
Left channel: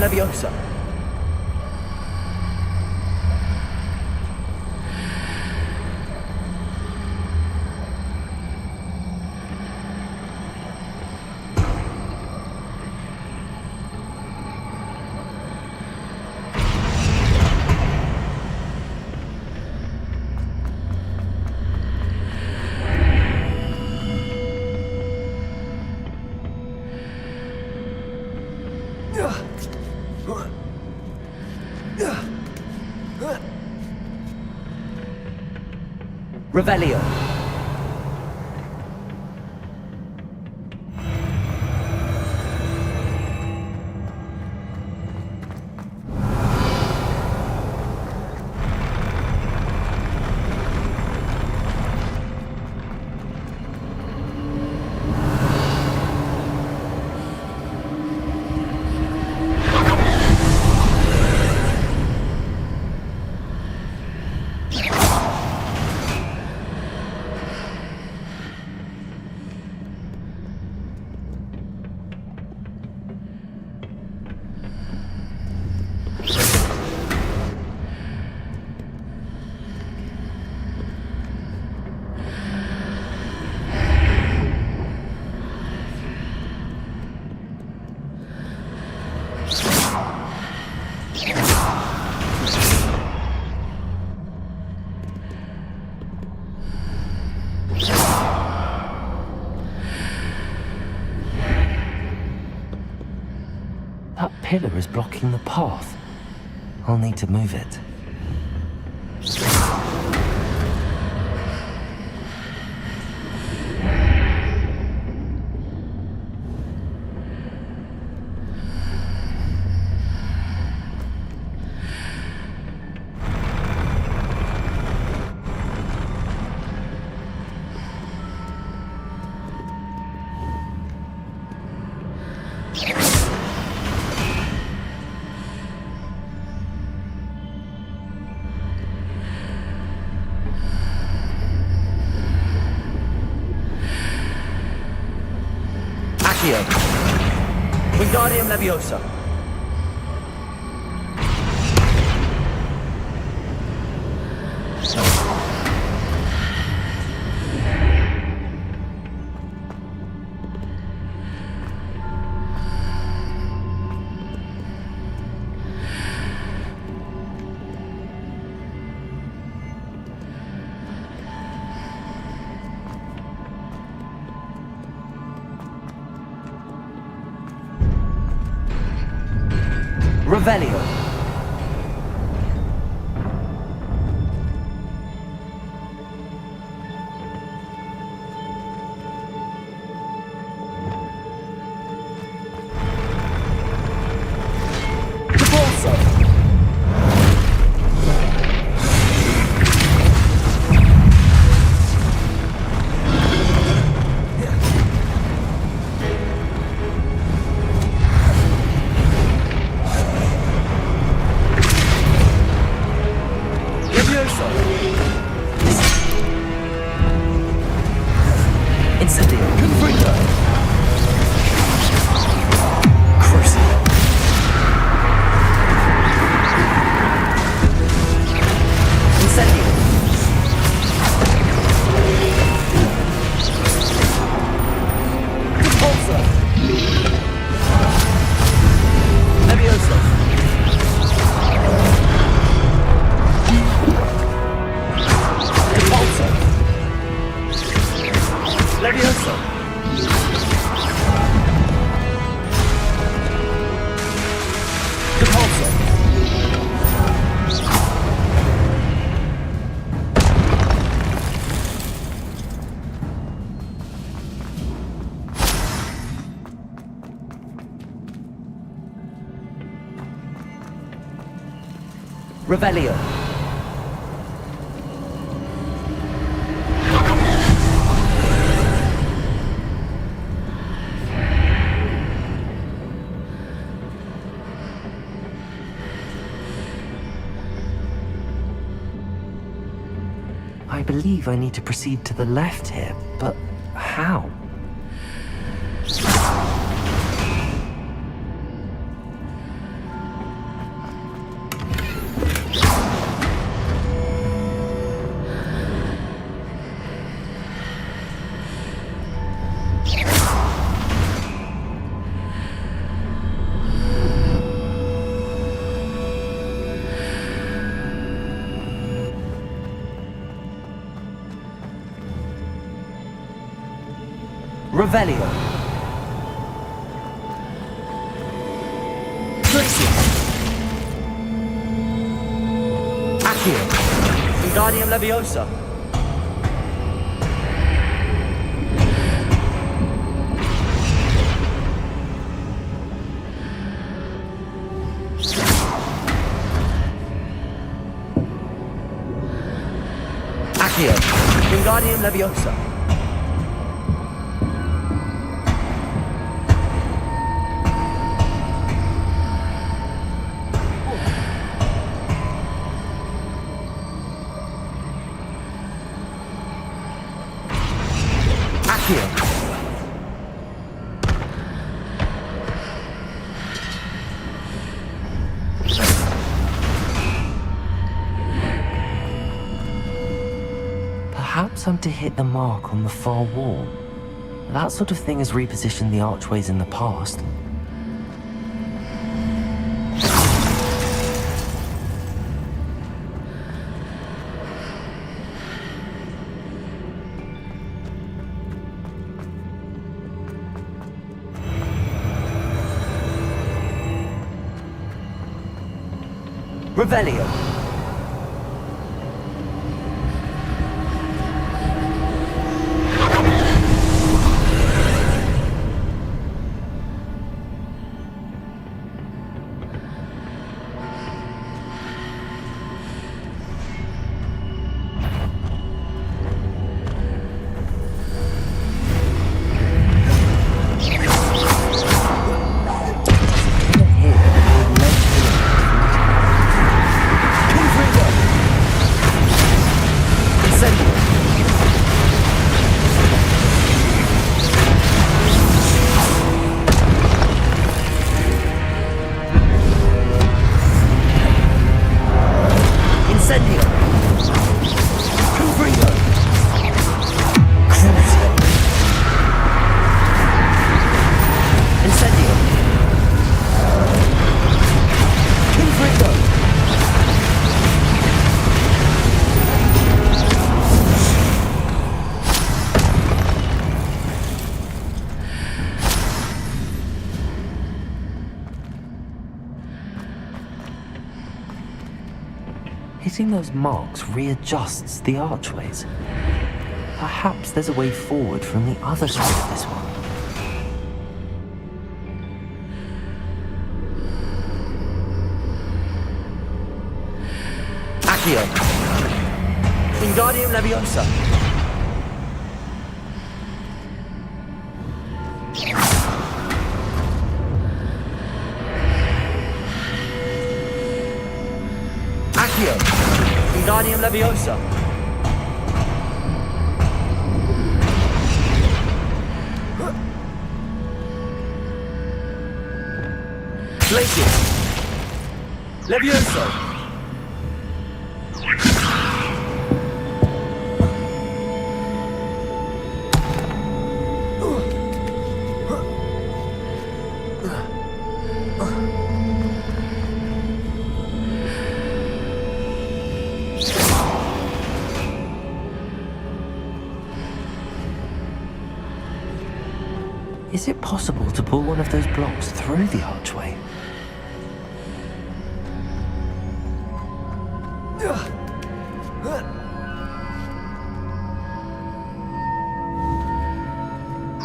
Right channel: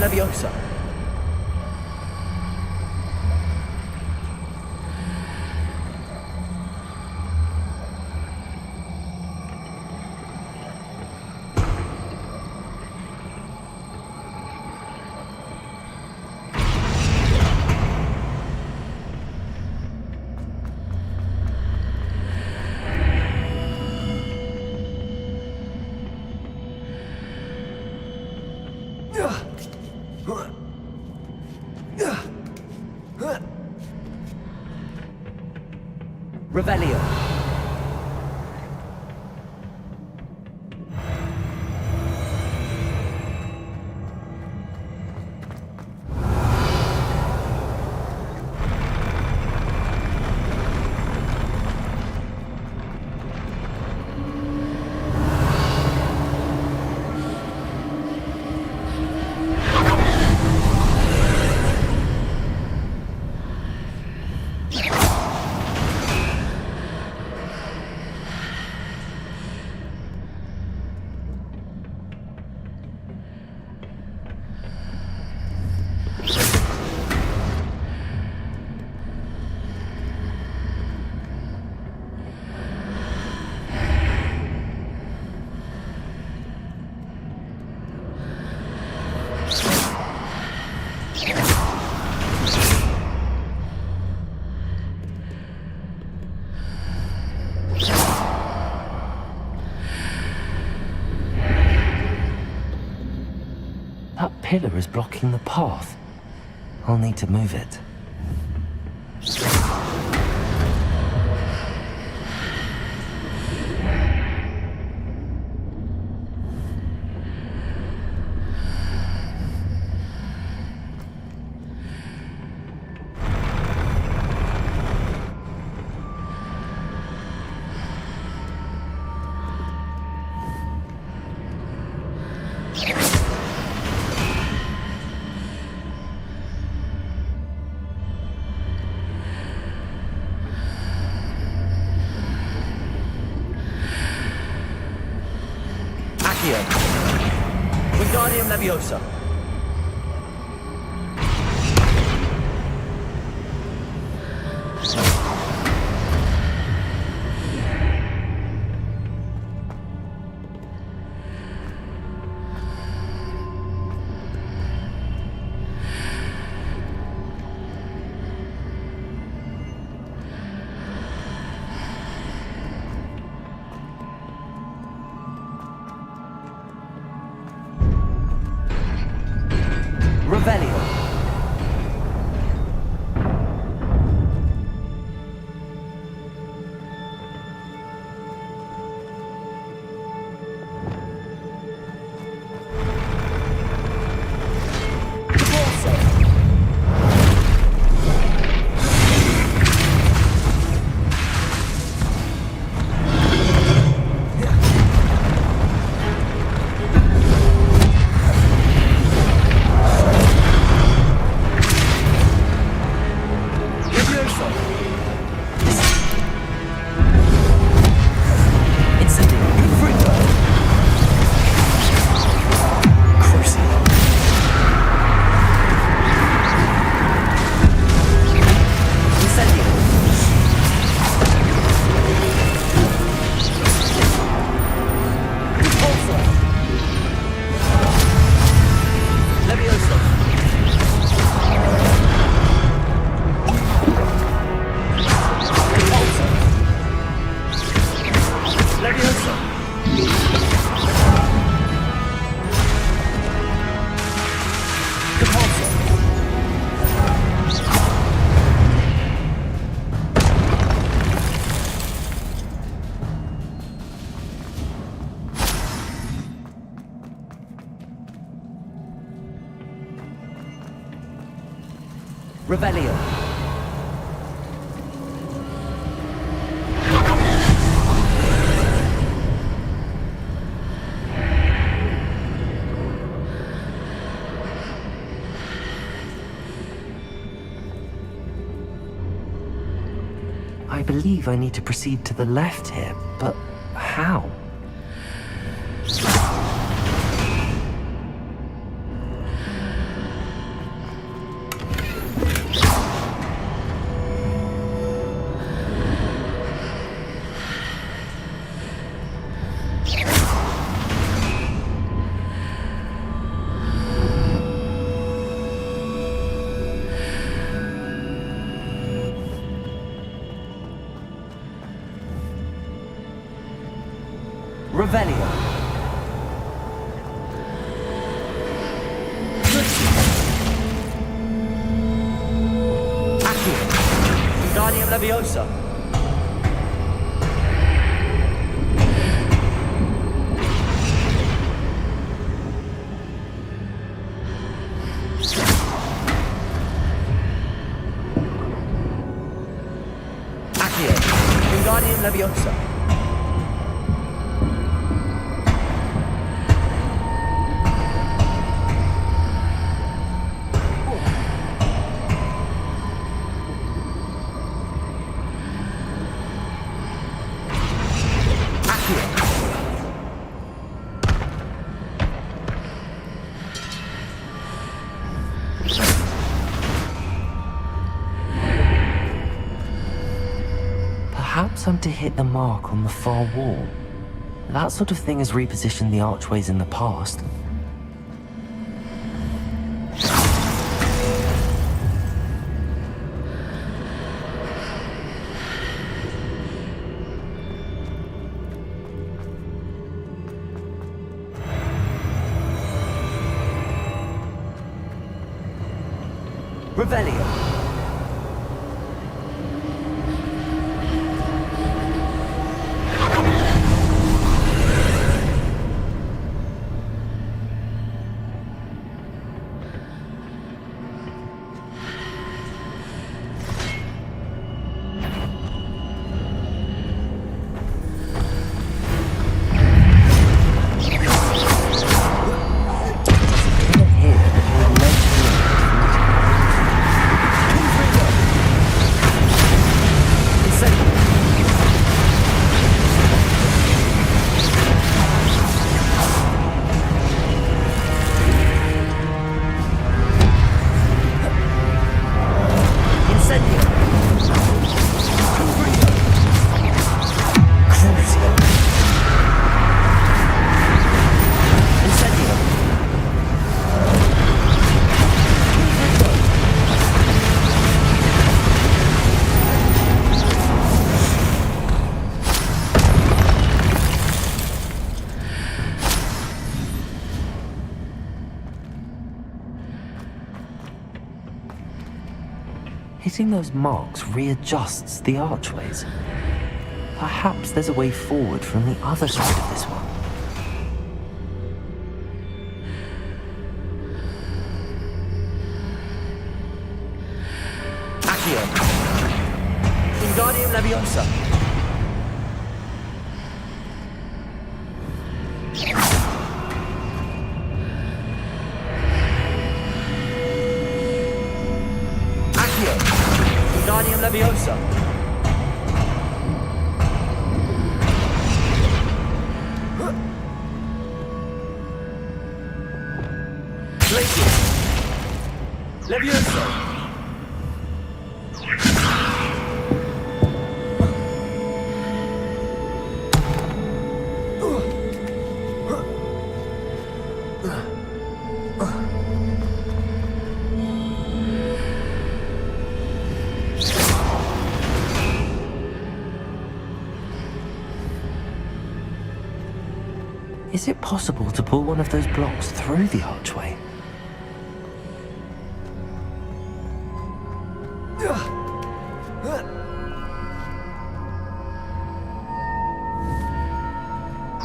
Leviosa. Revelio. That pillar is blocking the path. I'll need to move it. Wingardium Leviosa. Revelio. Revelio. I believe I need to proceed to the left here, but how? Revelio. Accio. Wingardium Leviosa. Accio. Wingardium Leviosa. Perhaps I'm to hit the mark on the far wall. That sort of thing has repositioned the archways in the past. Revelio. Hitting those marks readjusts the archways. Perhaps there's a way forward from the other side of this one. Accio. Wingardium Leviosa. Wingardium Leviosa. Glacius. Leviosa. Is it possible to pull one of those blocks through the archway?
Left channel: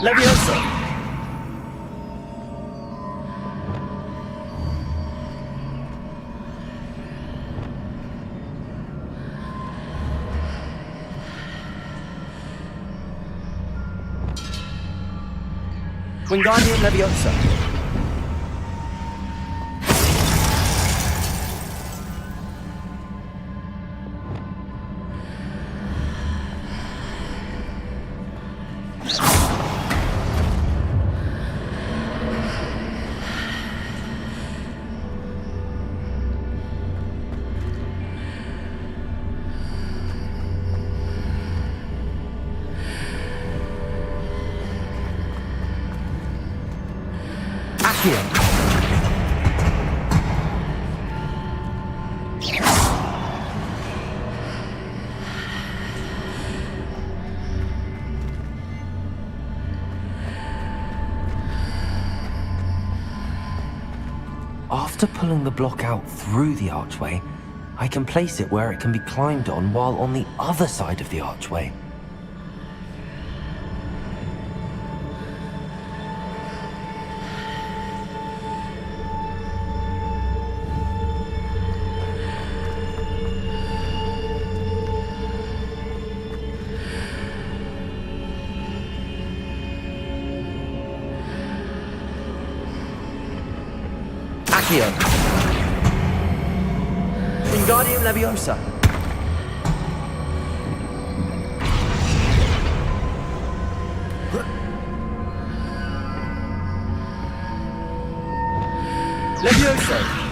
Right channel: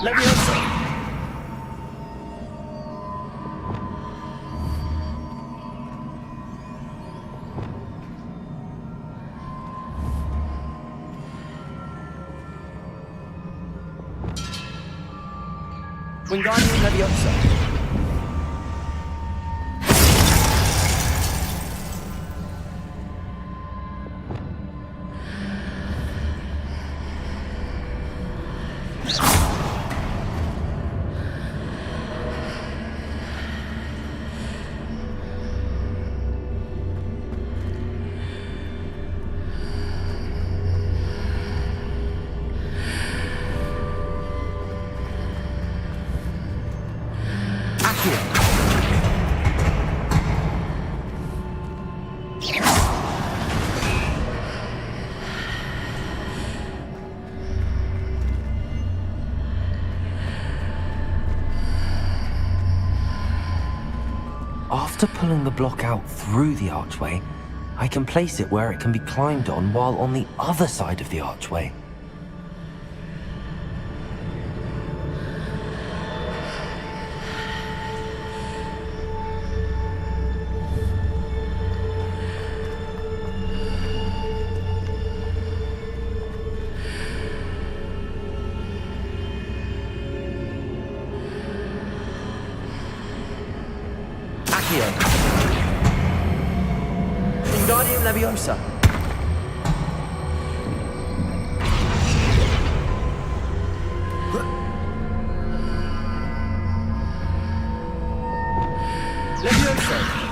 Leviosa! Wingardium Leviosa. Accio. After pulling the block out through the archway, I can place it where it can be climbed on while on the other side of the archway. Accio. Wingardium Leviosa. Leviosa.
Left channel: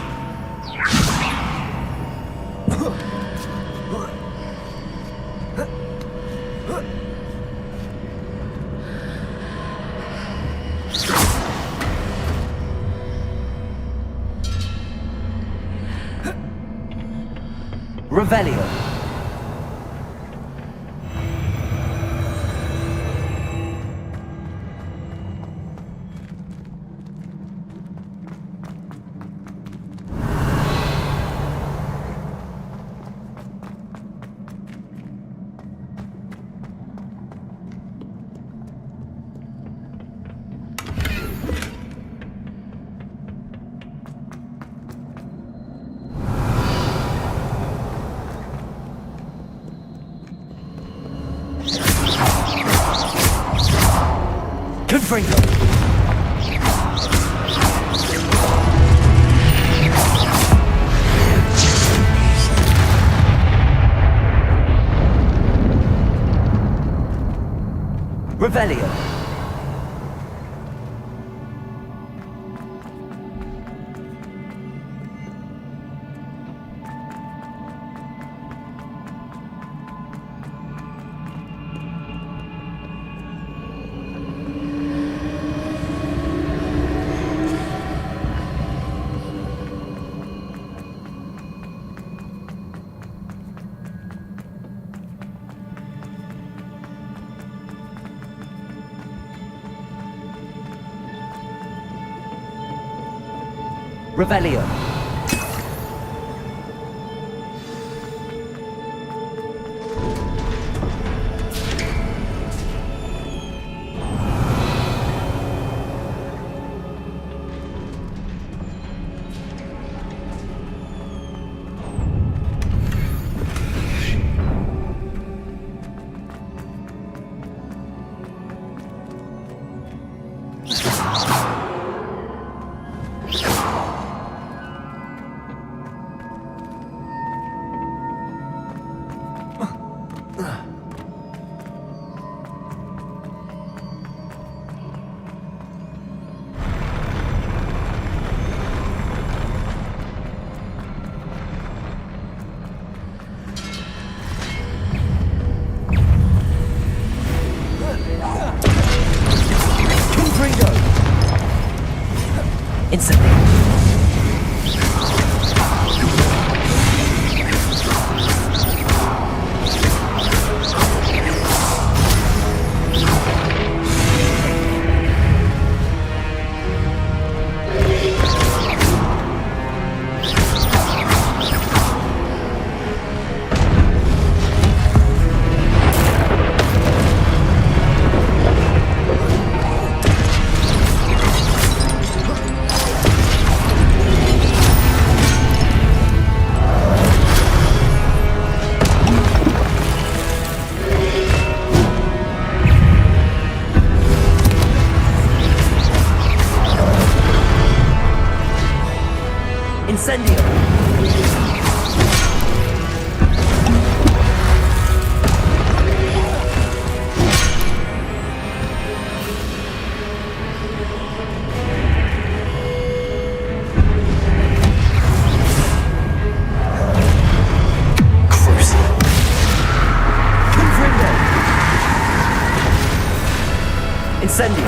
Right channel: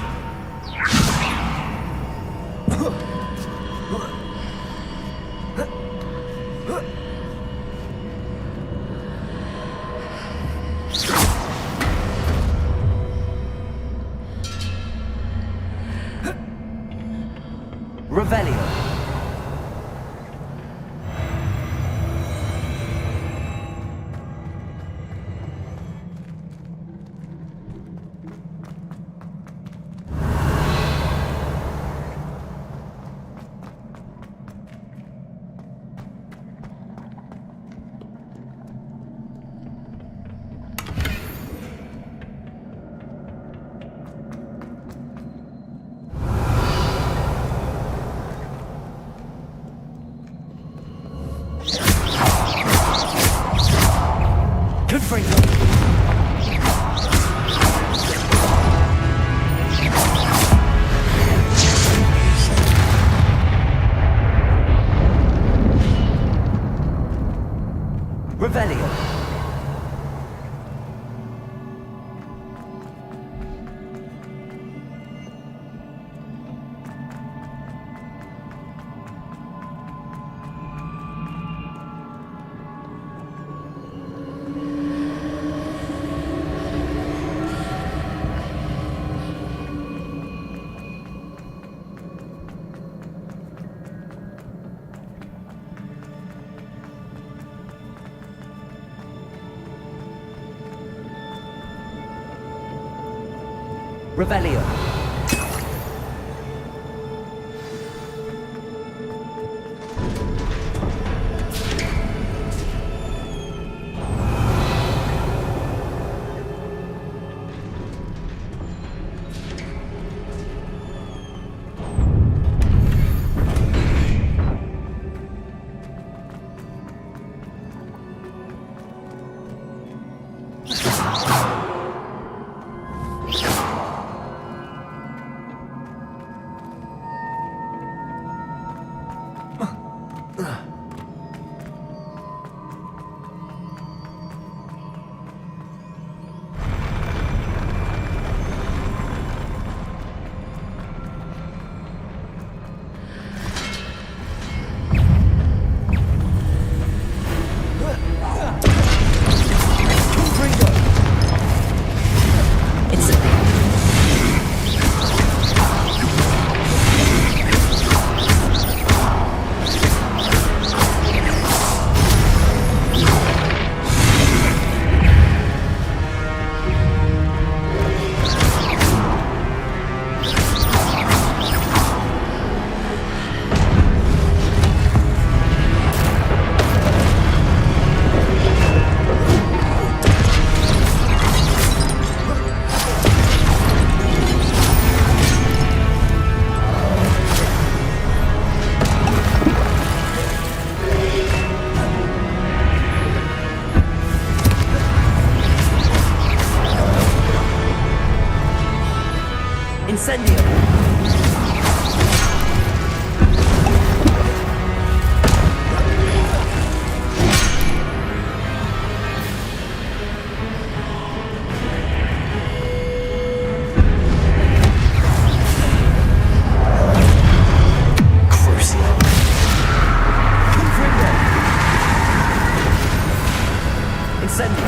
Revelio. Confringo. Revelio. Revelio. Incendio. Incendio.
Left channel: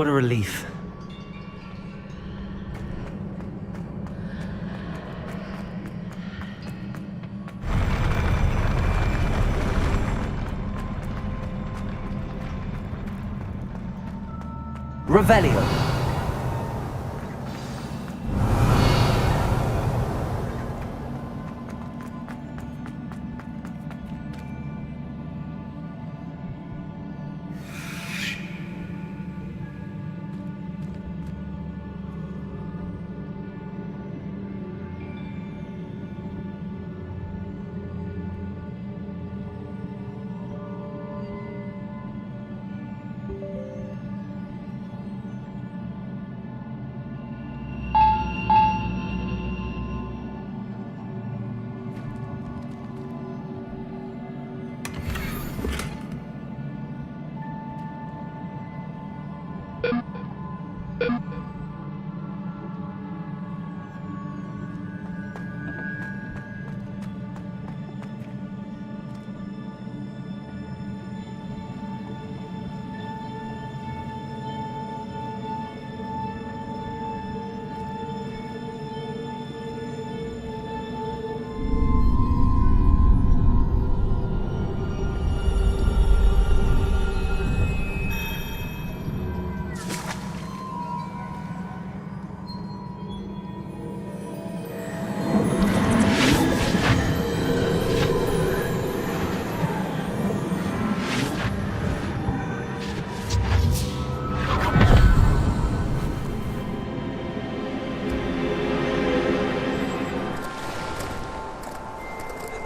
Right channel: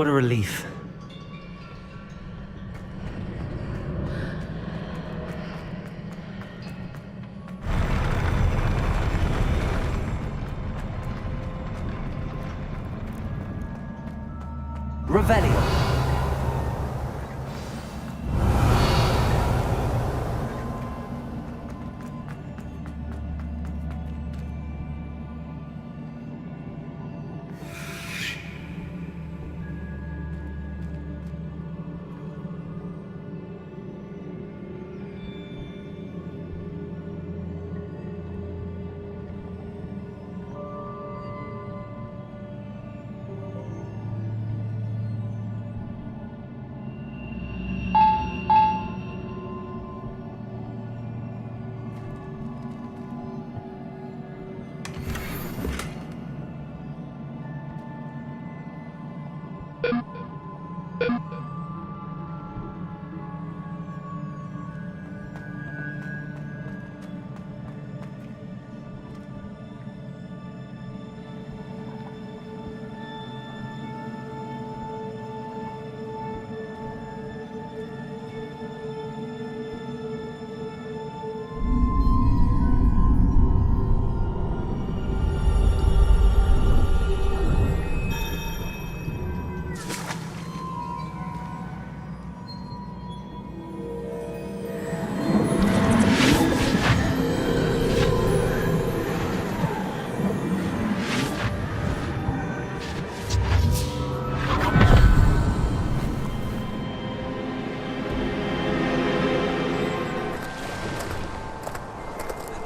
What a relief. Revelio.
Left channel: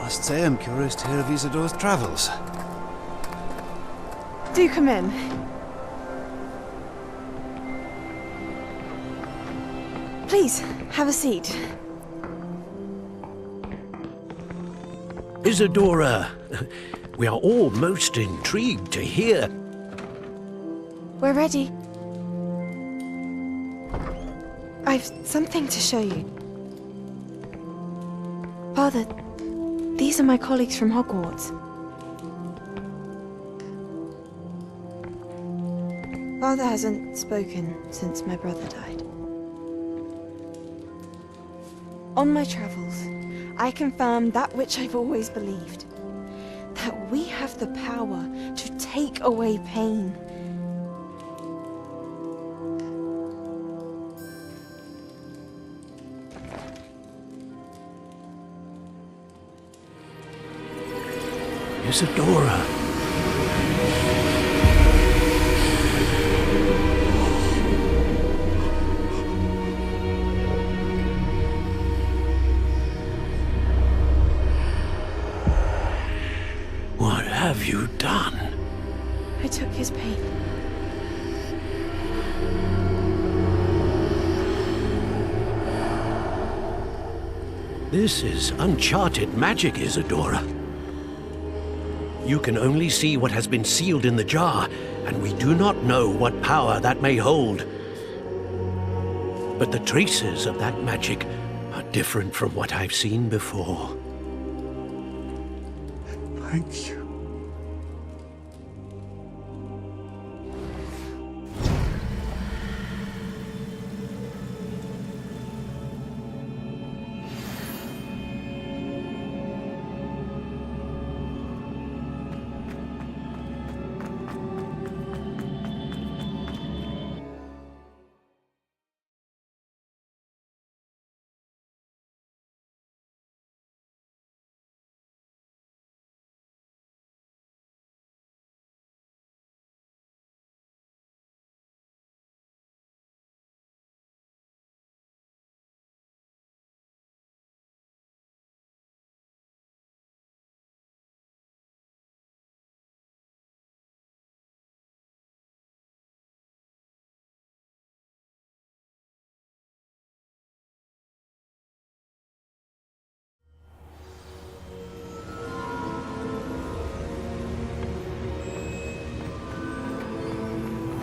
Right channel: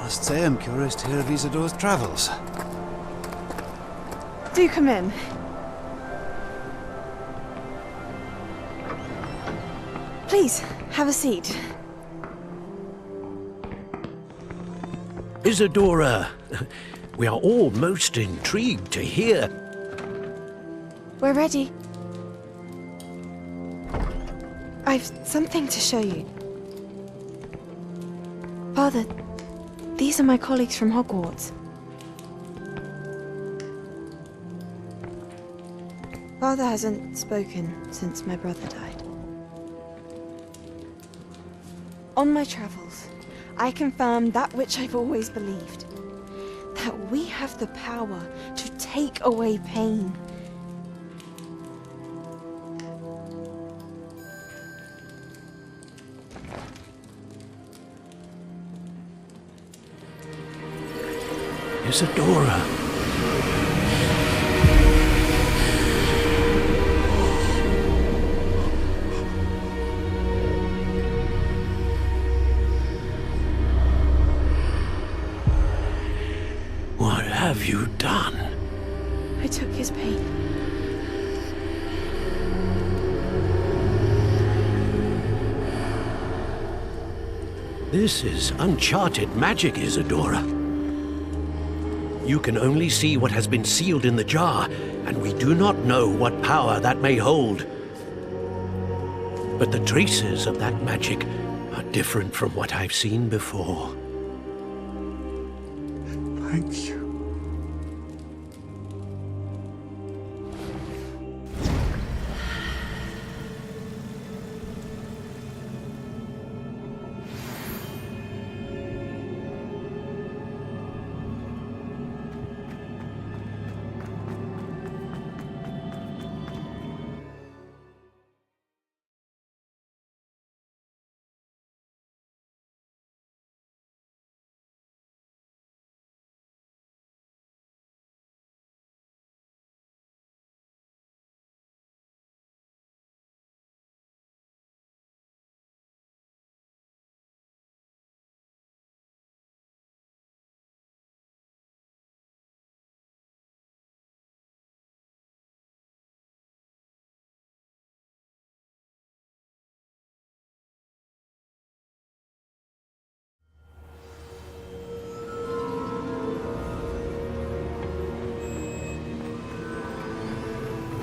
I must say I'm curious to hear of Isadore's travels. Do come in. Please, have a seat. Isadora, we are all most intrigued to hear. We're ready. I've something to show you. Father, these are my colleagues from Hogwarts. Father hasn't spoken since my brother died. On my travels, I confirmed that which I've always believed. That we have the power to take away pain. Isadora. What have you done? I took his pain. This is uncharted magic, Isadora. You can only see what has been sealed in the jar, and we do not know what power that may hold. But the traces of that magic are different from what I've seen before. Thank you.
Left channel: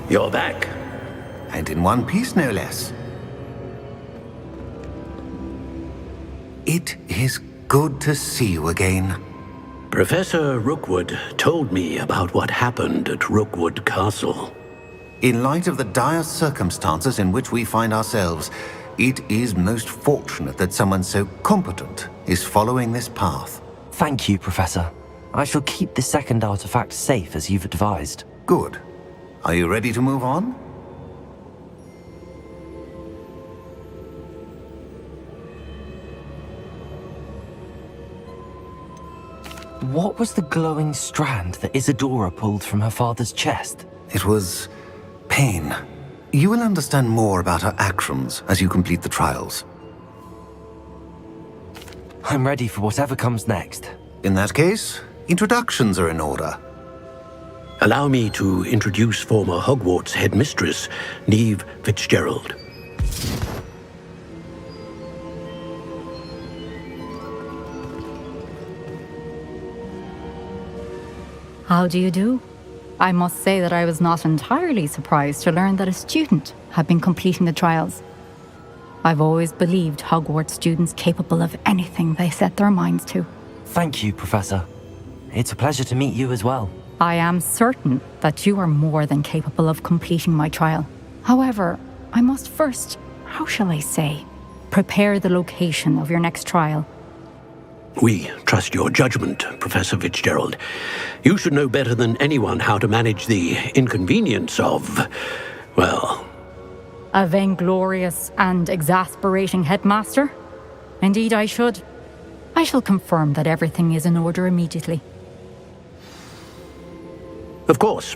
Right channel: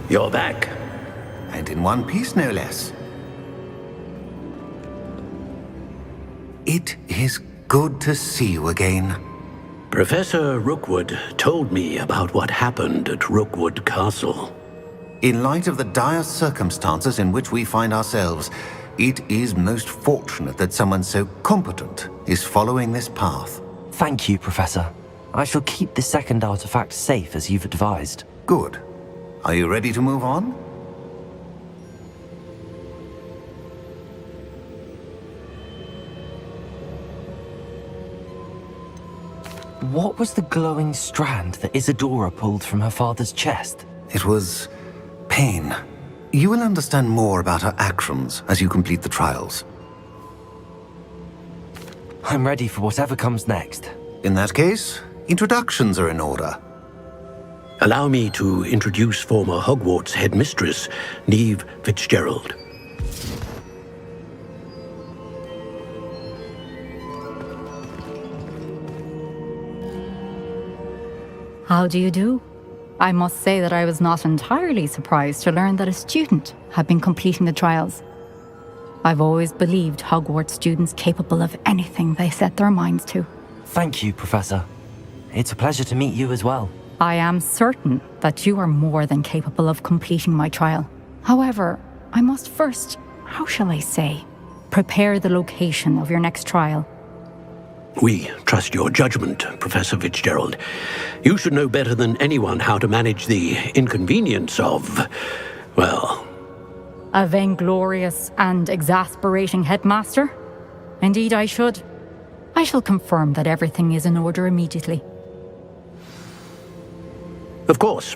You're back. And in one piece, no less. It is good to see you again. Professor Rookwood told me about what happened at Rookwood Castle. In light of the dire circumstances in which we find ourselves, it is most fortunate that someone so competent is following this path. Thank you, Professor. I shall keep the second artifact safe as you've advised. Good. Are you ready to move on? What was the glowing strand that Isadora pulled from her father's chest? It was pain. You will understand more about her actions as you complete the trials. I'm ready for whatever comes next. In that case, introductions are in order. Allow me to introduce former Hogwarts headmistress, Neve Fitzgerald. How do you do? I must say that I was not entirely surprised to learn that a student had been completing the trials. I've always believed Hogwarts students capable of anything they set their minds to. Thank you, Professor. It's a pleasure to meet you as well. I am certain that you are more than capable of completing my trial. However, I must first, how shall I say, prepare the location of your next trial. We trust your judgment, Professor Fitzgerald. You should know better than anyone how to manage the inconvenience of, well... A vainglorious and exasperating headmaster? Indeed I should. I shall confirm that everything is in order immediately. Of course.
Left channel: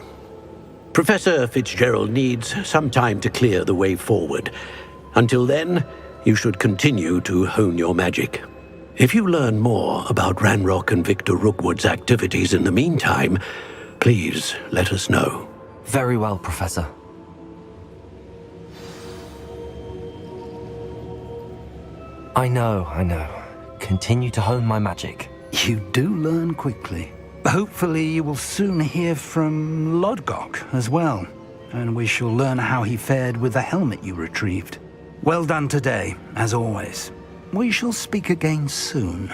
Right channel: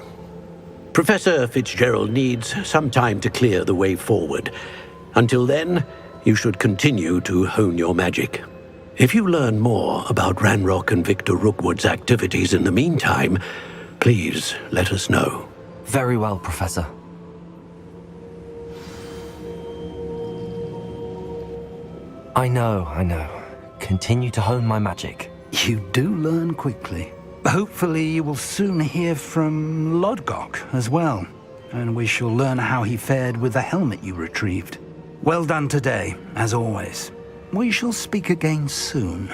Professor Fitzgerald needs some time to clear the way forward. Until then, you should continue to hone your magic. If you learn more about Ranrock and Victor Rookwood's activities in the meantime, please let us know. Very well, Professor. I know. Continue to hone my magic. You do learn quickly. Hopefully you will soon hear from Lodgok as well, and we shall learn how he fared with the helmet you retrieved. Well done today, as always. We shall speak again soon.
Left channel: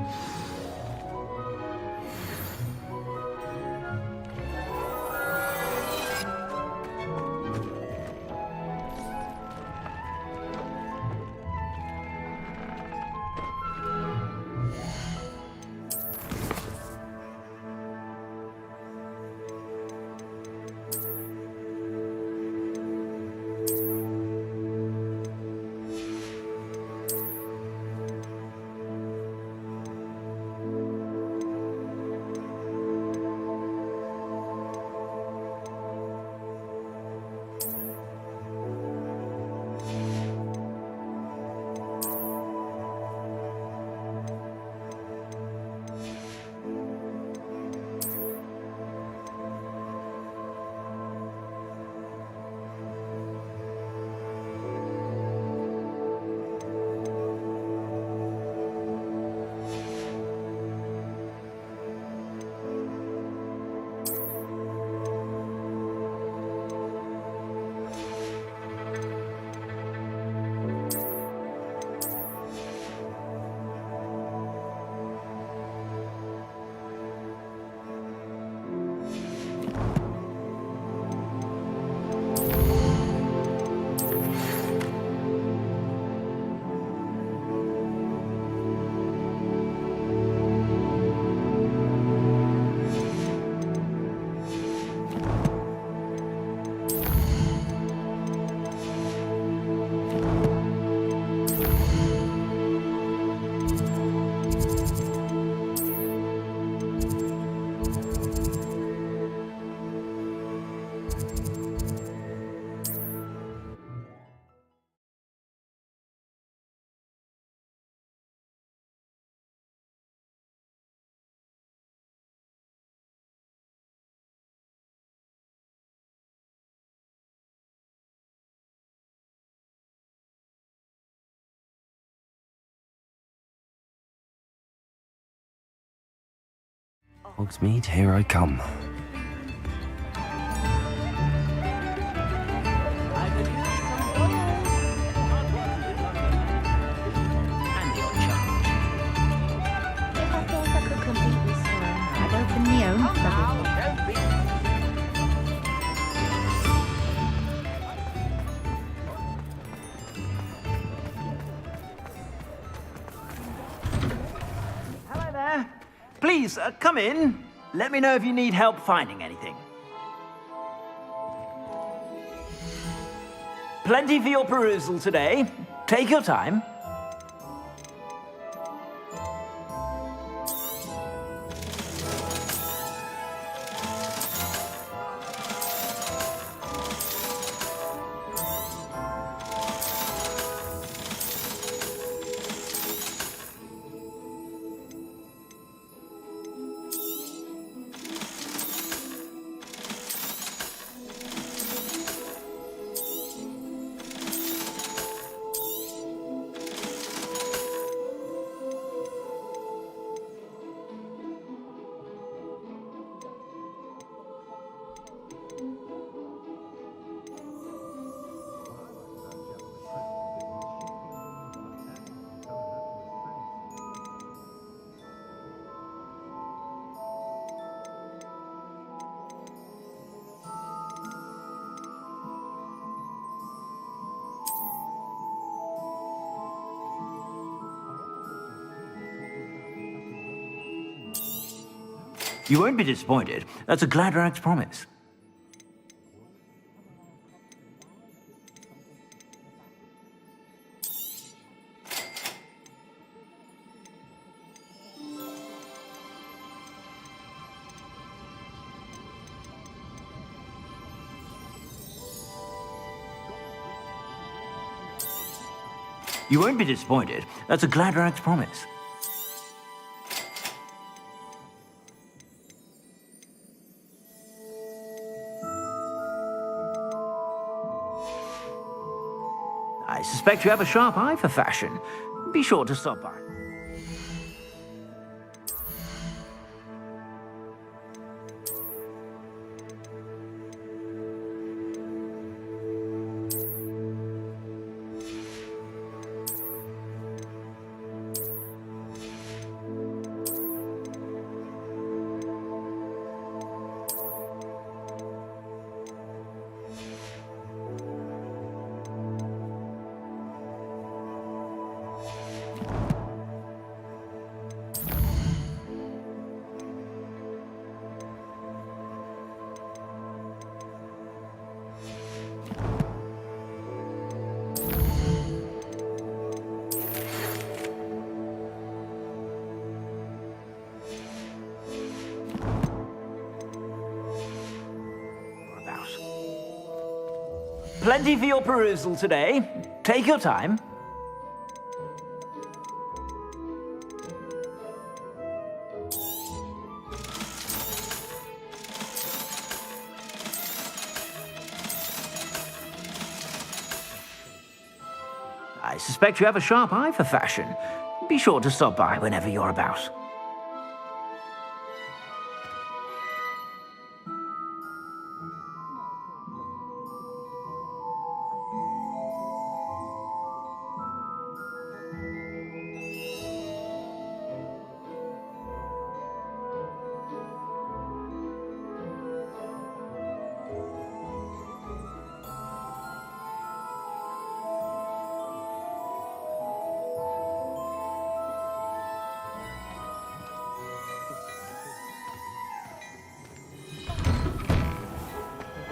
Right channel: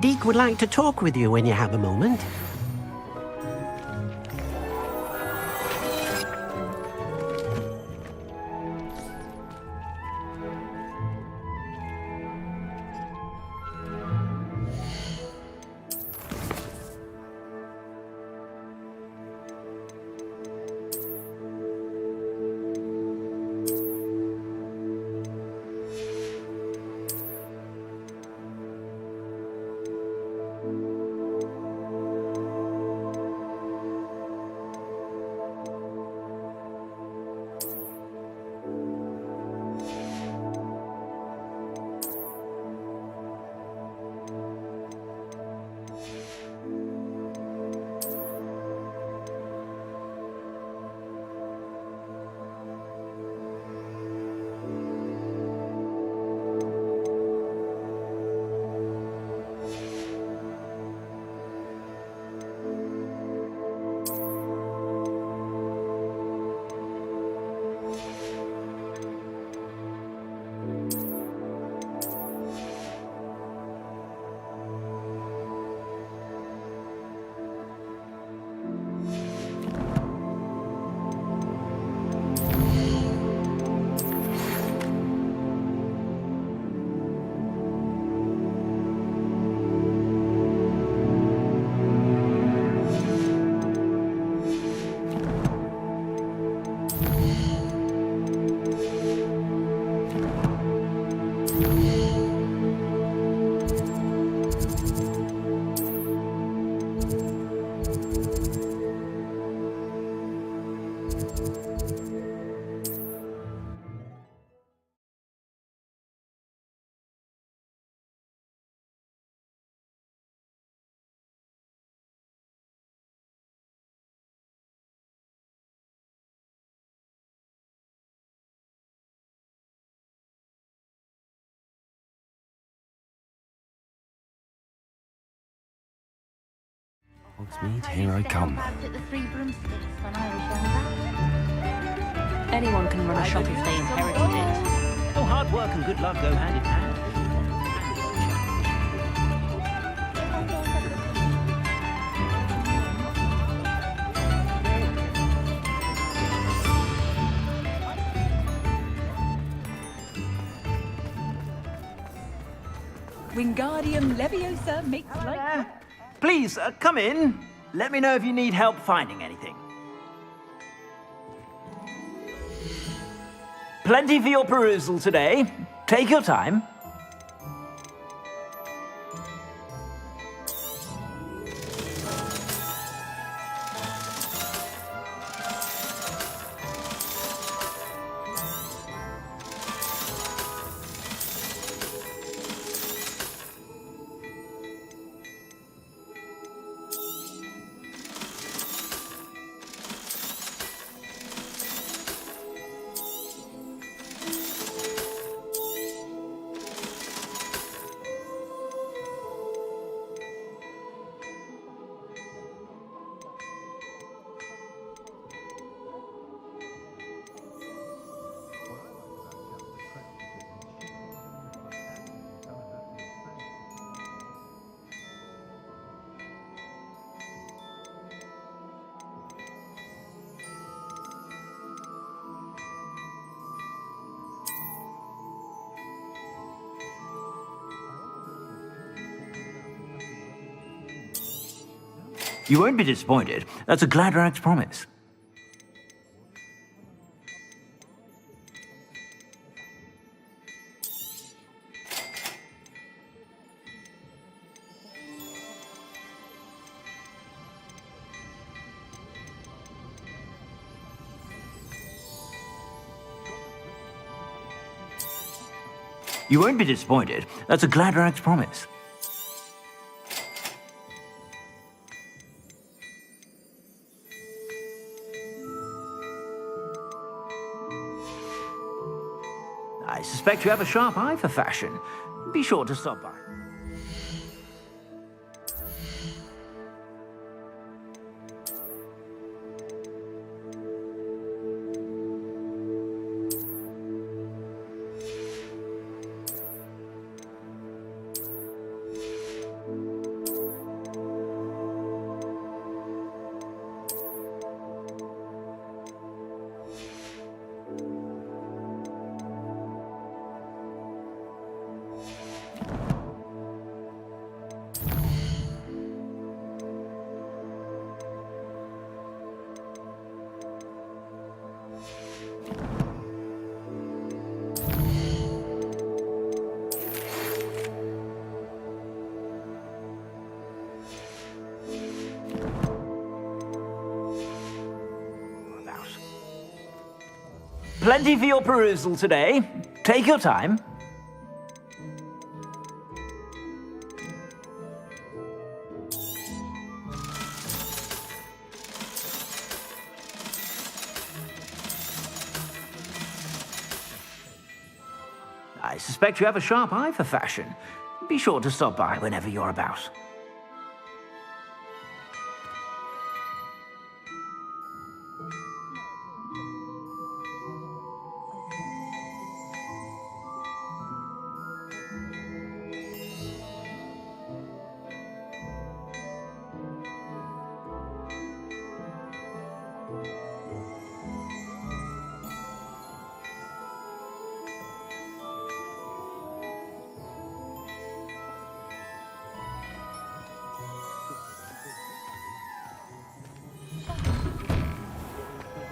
Deke would like to talk with you when you have a moment. Hogsmeade, here I come. Anyone can run a shopping lane. Oh, hard work and good luck go hand in hand. And the odd challenge. If I feel like a cookies, I open my own Wingardium Leviosa makes Hello there. Please, come in. Let me know if you need help finding anything. Plenty for your perusal today. Take your time. You won't be disappointed. That's a Gladrag's promise. You won't be disappointed. That's a Gladrag's promise. I suspect you have a sharp eye for fashion. Be sure to stop by. Plenty for your perusal today. Take your time. I suspect you have a sharp eye for fashion. Be sure to stop by whenever you're about.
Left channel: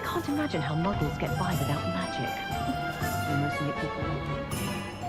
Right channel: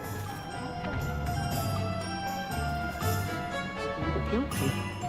Can't imagine how models get by without magic. Most manipulative people would kill you.